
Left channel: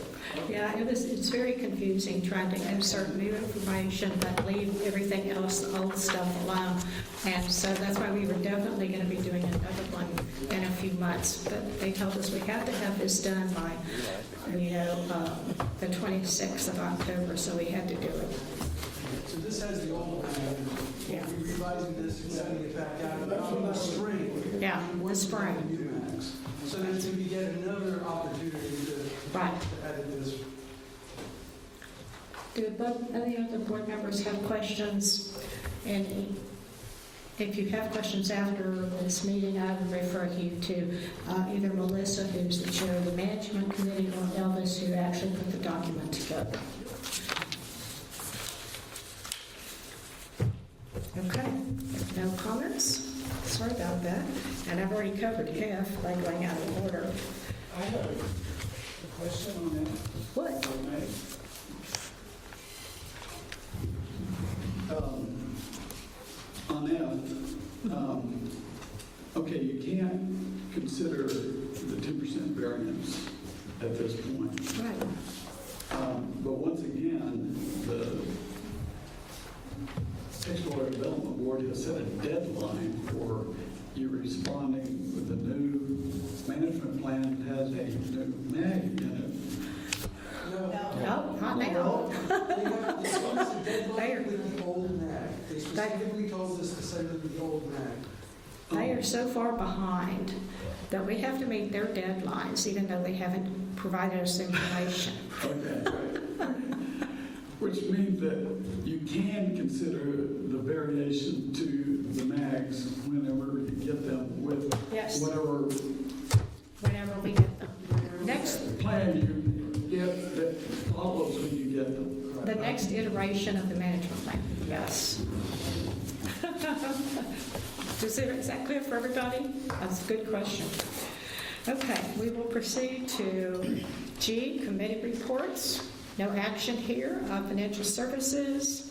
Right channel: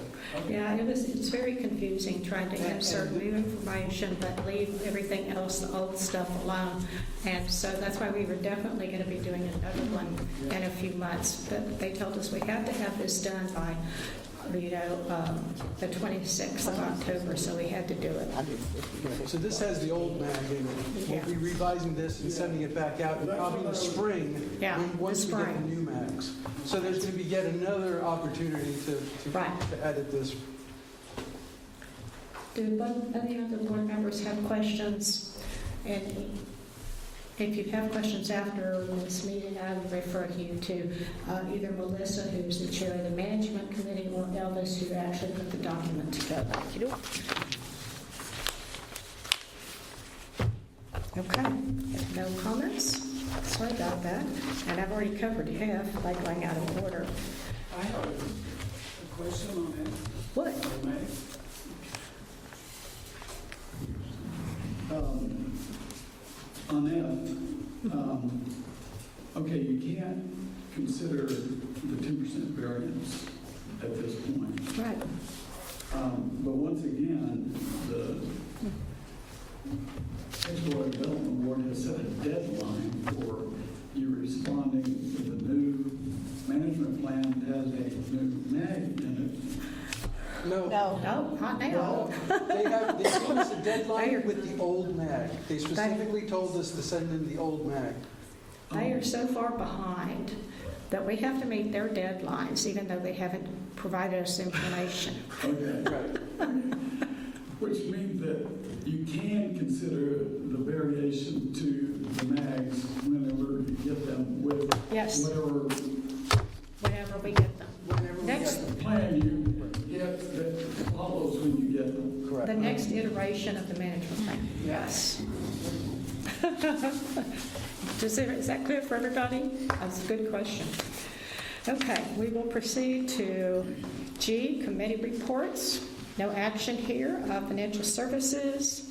yeah, it's very confusing trying to insert new information but leave everything else, the old stuff alone. And so that's why we were definitely going to be doing another one in a few months. But they told us we had to have this done by, the 26th of October, so we had to do it. So this has the old mag in it. Yeah. We'll be revising this and sending it back out in the spring. Yeah, once the we get spring. the new mags. So there's going to be yet another opportunity to Right. edit this. Do any other board members have questions? And if you have questions after this meeting, I would refer you to either Melissa, who's the chair of the management committee, or Elvis, who actually put the document together. Okay, if no comments, sorry about that. And I've already covered half by going out of order. I have a question on that. What? if I may. On F, okay, you can't consider the 2% variance at this point. Right. But once again, the Explorer Development Board has set a deadline for you responding to the new management plan that has a new name in it. No. No, not now. They gave us a They are- deadline with the old MAG. They specifically told us to send in the old MAG. They are so far behind that we have to meet their deadlines, even though they haven't provided us information. Which means that you can consider the variation to the mags whenever you get them with Yes. Whenever we get them. Next, plan you get that follows when you get them. the next iteration of the management plan, yes. Is that clear for everybody? That's a good question. Okay, we will proceed to G, committee reports. No action here. Financial services.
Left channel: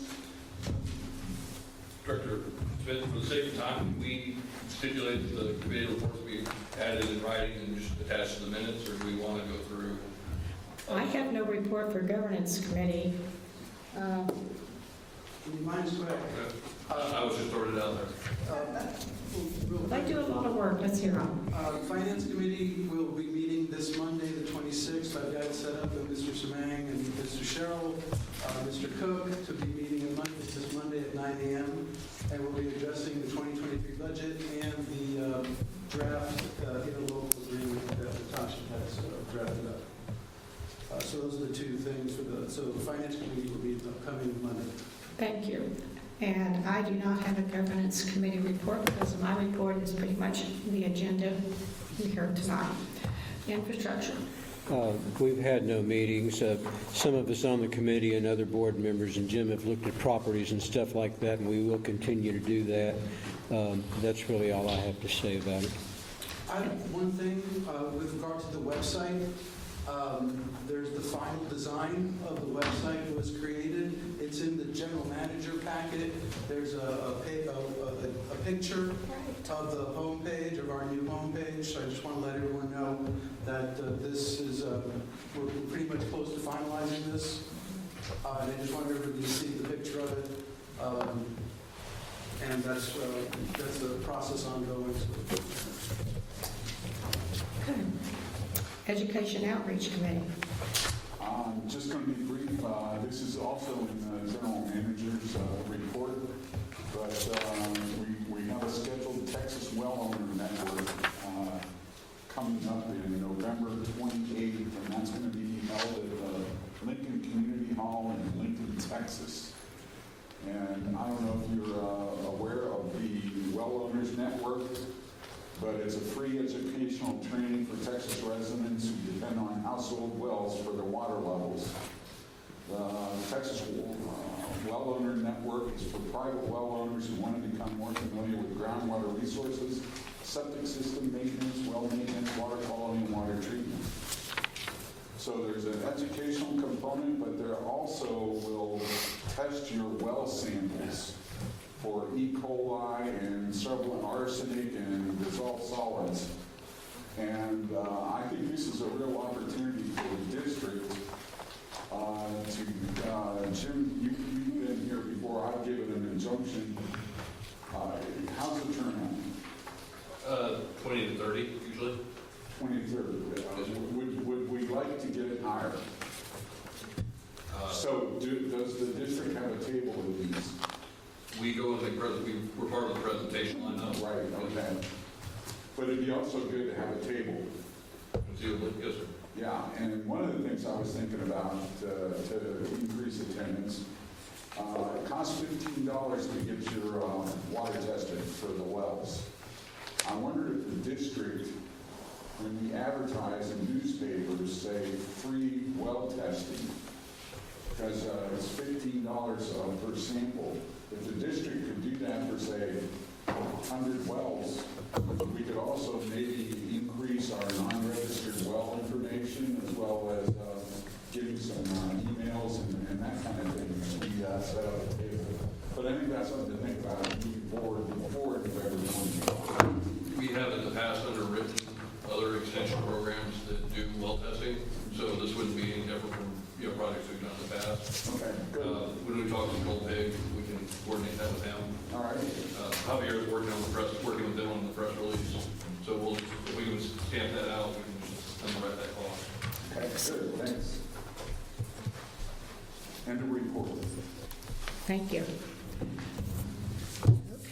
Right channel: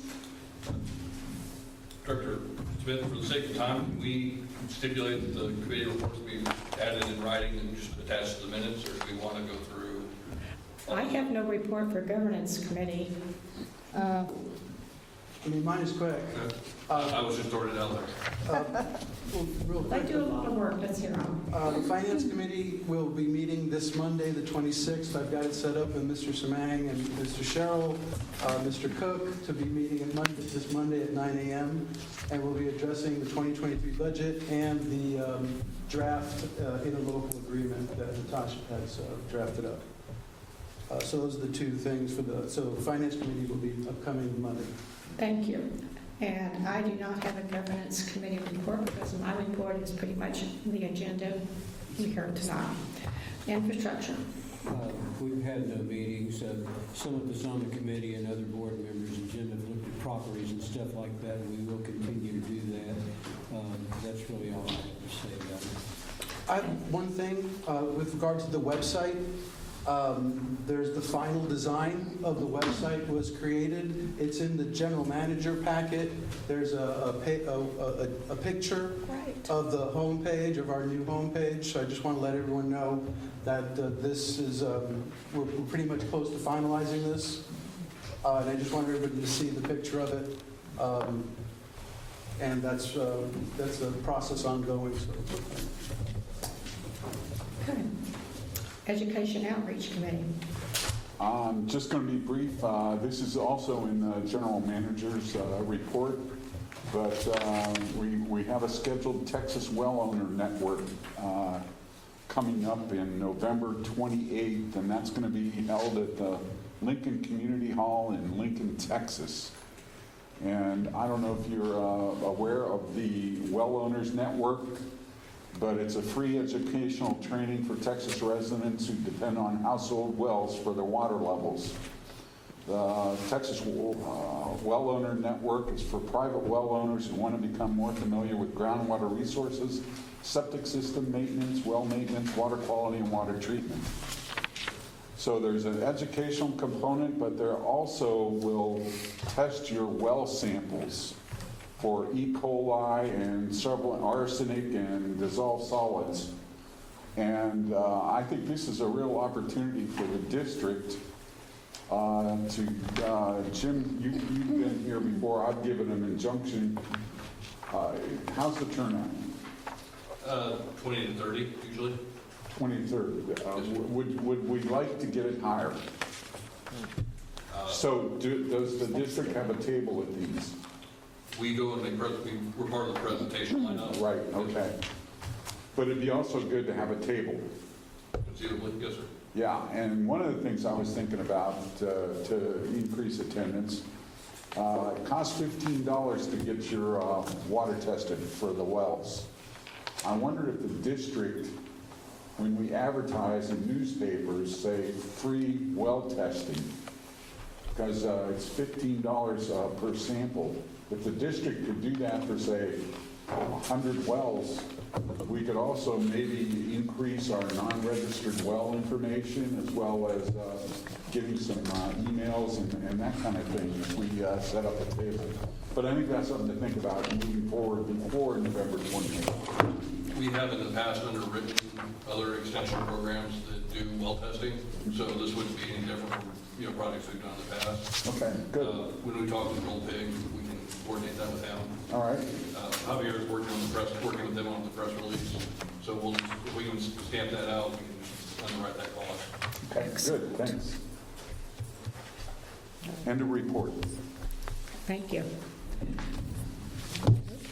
Director Smith, for the sake of time, can we stipulate that the committee reports be added in writing and just attached to the minutes, or do we want to go through? I have no report for governance committee. Mine's correct. I was just throwing it out there. They do a lot of work. Let's hear them. Finance Committee will be meeting this Monday, the 26th. I've got it set up with Mr. Samang and Mr. Sherrill, Mr. Koch to be meeting this Monday at 9 a.m. And we'll be addressing the 2023 budget and the draft interlocal agreement that the township has drafted up. So those are the two things so the Finance Committee will be coming Monday. Thank you. And I do not have a governance committee report because my report is pretty much the agenda you heard tonight. Infrastructure. We've had no meetings. Some of us on the committee and other board members and Jim have looked at properties and stuff like that, and we will continue to do that. That's really all I have to say about it. I have one thing with regard to the website. There's the final design of the website was created. It's in the general manager packet. There's a picture of the homepage, of our new homepage. So I just want to let everyone know that this is, we're pretty much close to finalizing this. And I just want everybody to see the picture of it. And that's a process ongoing. Okay. Education Outreach Committee. I'm just going to be brief. This is also in the general manager's report, but we have a scheduled Texas Well Owner Network coming up in November 28th, and that's going to be held at the Lincoln Community Hall in Lincoln, Texas. And I don't know if you're aware of the Well Owners Network, but it's a free educational training for Texas residents who depend on household wells for their water levels. The Texas Well Owner Network is for private well owners who want to become more familiar with groundwater resources, septic system maintenance, well maintenance, water quality, and water treatment. So there's an educational component, but there also will test your well samples for E. coli and several arsenic and dissolved solids. And I think this is a real opportunity for the district Jim, you've been here before. I've given an injunction. How's the turnout? 20 to 30, usually. 20 to 30. Would we like to get it higher? So does the district have a table at these? We go and we're part of the presentation lineup. Right, okay. But it'd be also good to have a table. Conceivably, yes, sir. Yeah, and one of the things I was thinking about to increase attendance, it costs $15 to get your water tested for the wells. I wondered if the district, when we advertise in newspapers, say free well testing, because it's $15 per sample. If the district could do that for, say, 100 wells, we could also maybe increase our non-registered well information as well as giving some emails and that kind of thing as we set up the table. But I think that's something to think about moving forward before November 20th. We have in the past underwritten other extension programs that do well testing. so this wouldn't be any different from, projects we've done in the past. Okay, good. When we talk to Gold Pig, we can coordinate that with them. All right. Javier is working with them on the press release, so if we can stamp that out, we can just underwrite that cost. Okay, good, thanks. And a report. Thank you.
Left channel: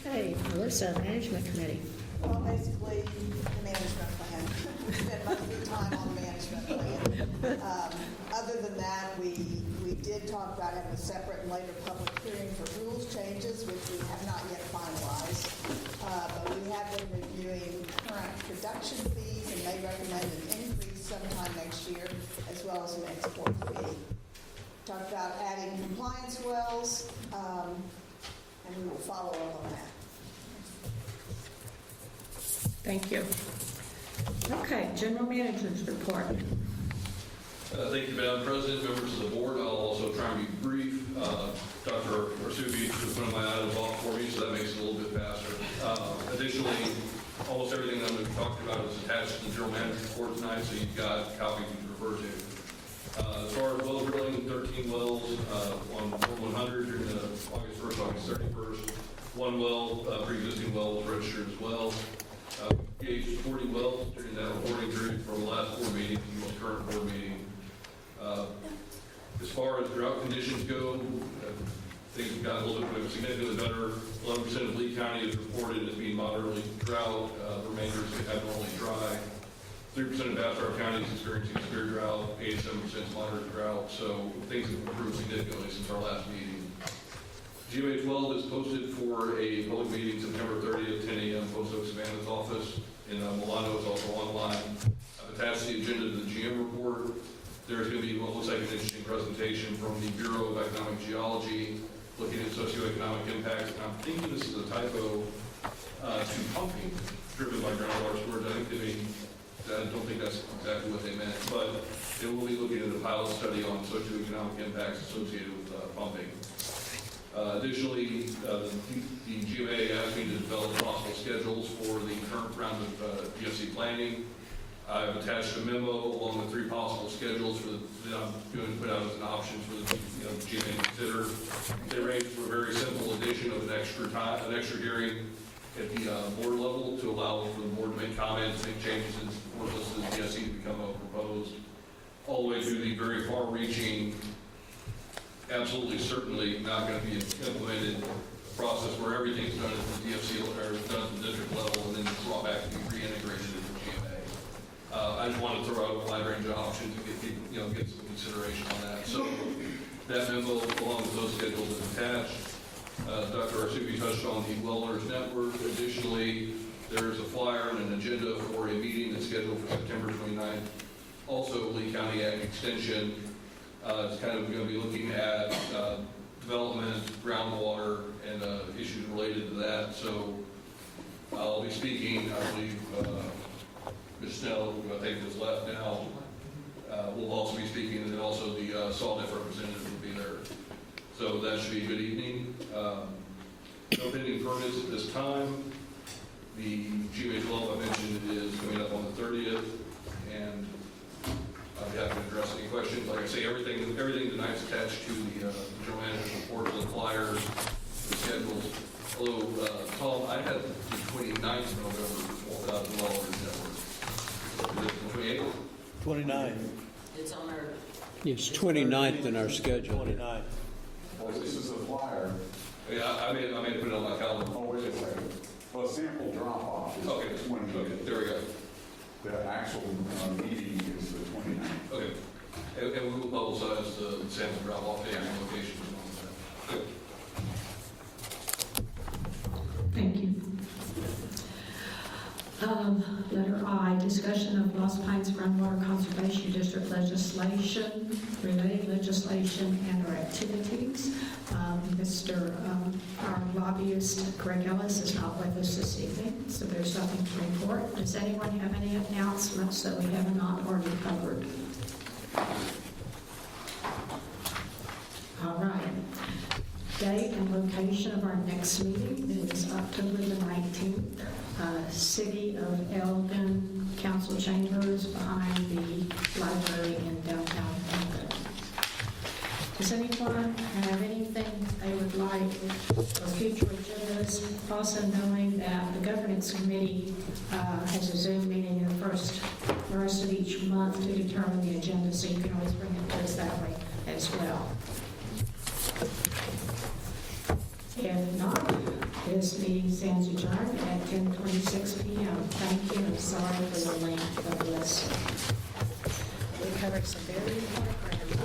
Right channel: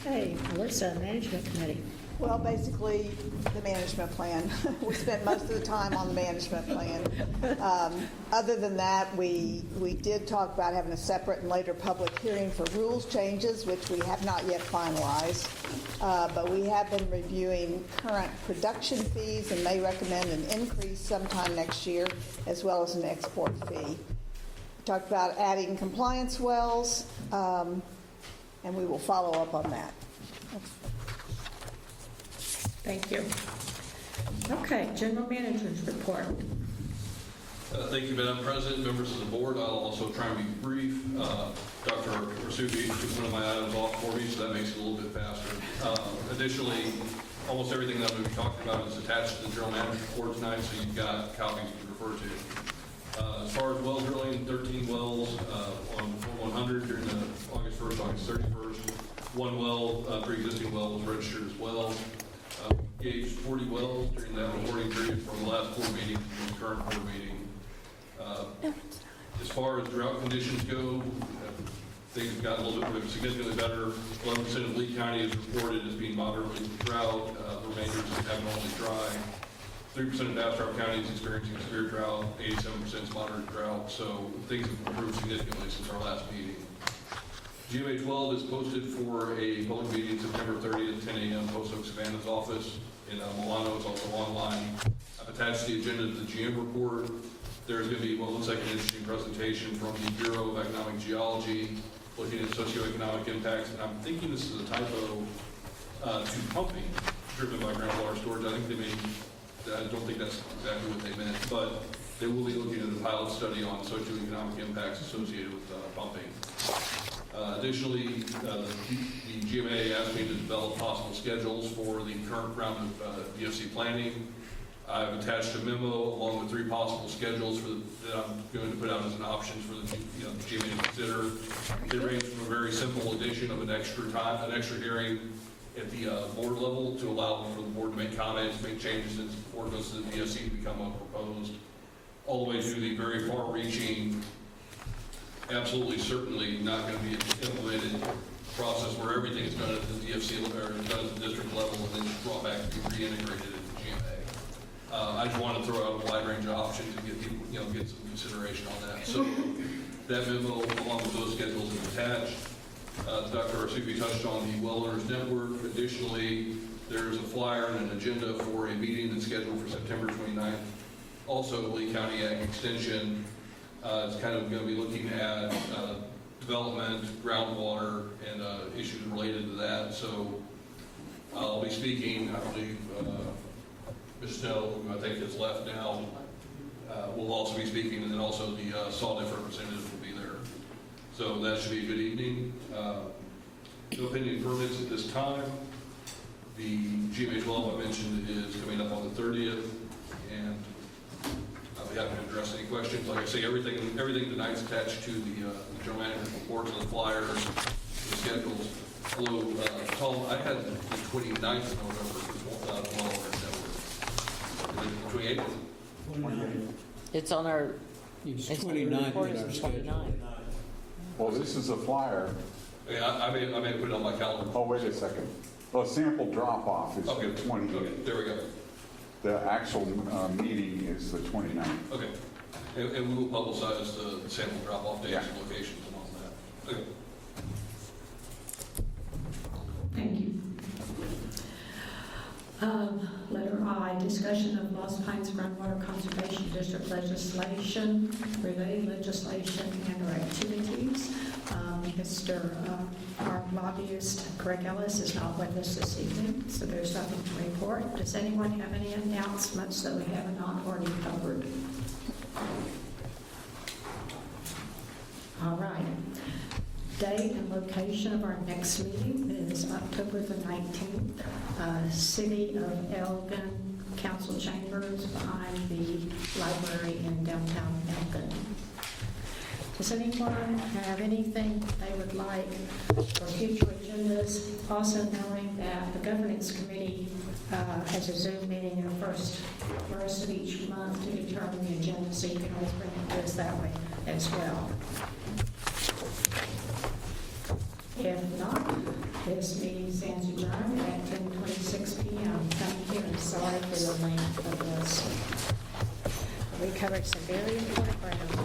Okay, Melissa, Management Committee. Well, basically, the management plan. We spent most of the time on the management plan. Other than that, we did talk about having a separate and later public hearing for rules changes, which we have not yet finalized. But we have been reviewing current production fees and may recommend an increase sometime next year, as well as an export fee. Talked about adding compliance wells, and we will follow up on that. Thank you. Okay, General Manager's report. Thank you, Madam President, members of the board. I'll also try and be brief. Dr. Arsubi took some of my items off for me, so that makes it a little bit faster. Additionally, almost everything that I'm going to be talking about is attached to the General Manager's report tonight, so you've got copies you can refer to. As far as well drilling, 13 wells on 100 during the August 1st, August 31st. One well, pre-existing well, was registered as well. Engaged 40 wells during that reporting period for the last 4 meetings and the current board meeting. As far as drought conditions go, things have got a little bit significantly better. 11% of Lee County is reported as being moderately drought. The remainder is abnormally dry. 3% of Bastrop County is experiencing severe drought. 87% is moderate drought. So things have improved significantly since our last meeting. GMA 12 is posted for a public meeting September 30th, 10 a.m. Post Oak Savannah's office in Milano. It's also online. I've attached the agenda to the GM report. There's going to be what looks like an interesting presentation from the Bureau of Economic Geology looking at socioeconomic impacts. I'm thinking this is a typo to pumping driven by groundwater storage. I don't think that's exactly what they meant, but they will be looking at the pilot study on socioeconomic impacts associated with pumping. Additionally, the GMA asked me to develop possible schedules for the current round of DFC planning. I've attached a memo along with 3 possible schedules that I'm going to put out as an option for the GMA to consider. They range from a very simple addition of an extra hearing at the board level to allow for the board to make comments, make changes in support list of the DFC to become proposed, all the way through the very far-reaching, absolutely certainly not going to be an implemented process where everything's done at the DFC or done at the district level and then just brought back to be reintegrated into the GMA. I just want to throw out a wide range of options to get people, get some consideration on that. So that memo, along with those schedules, is attached. Dr. Arsubi touched on the Well Owners Network. Additionally, there is a flyer and an agenda for a meeting that's scheduled for September 29th. Also, Lee County Ag Extension. It's kind of going to be looking at development, groundwater, and issues related to that. So I'll be speaking, I believe, Ms. Snow, who I think is left now, will also be speaking, and then also the SAWDF representative will be there. So that should be a good evening. No pending permits at this time. The GMA 12 I mentioned is coming up on the 30th, and I'll be happy to address any questions. Like I say, everything tonight's attached to the general manager's report, the flyers, the schedules. Hello, Tom, I had the 29th of November as well. Is it 28th? 29. It's on our... It's 29th in our schedule. Well, this is a flyer. Yeah, I may put it on my calendar. Oh, wait a second. Oh, sample drop-off is Okay. the 20th. Okay, there we go. The actual meeting is the 29th. Okay. And we will publicize the sample drop-off dates and locations and all that. Okay. Thank you. Letter I, discussion of Lost Pines Groundwater Conservation District legislation, related legislation, and/or activities. Our lobbyist, Greg Ellis, is not with us this evening, so there's nothing to report. Does anyone have any announcements that we have not already covered? All right. Date and location of our next meeting is October the 19th City of Elgin Council Chambers behind the library in downtown Elgin. Does anyone have anything they would like for future agendas? Also knowing that the governance committee has a Zoom meeting in the first of each month to determine the agenda, so you can always bring it to us that way as well. If not, this meeting stands adjourned at 10:26 p.m. Thank you, and sorry for the length of this. We covered some very important ground.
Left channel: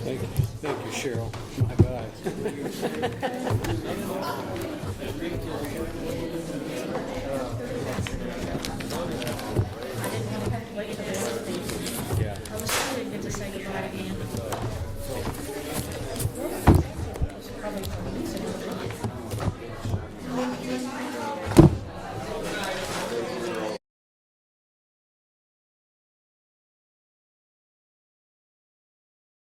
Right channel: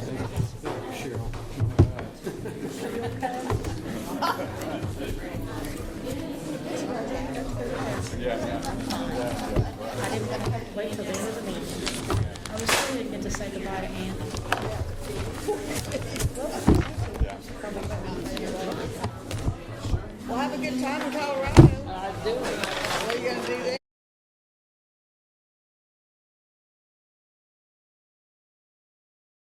Thank you, Cheryl. My bad. I didn't want to have to wait till the end of the meeting. Yeah. I was sorry I didn't get to say goodbye to Andy. Well, thank you. That was probably for me, so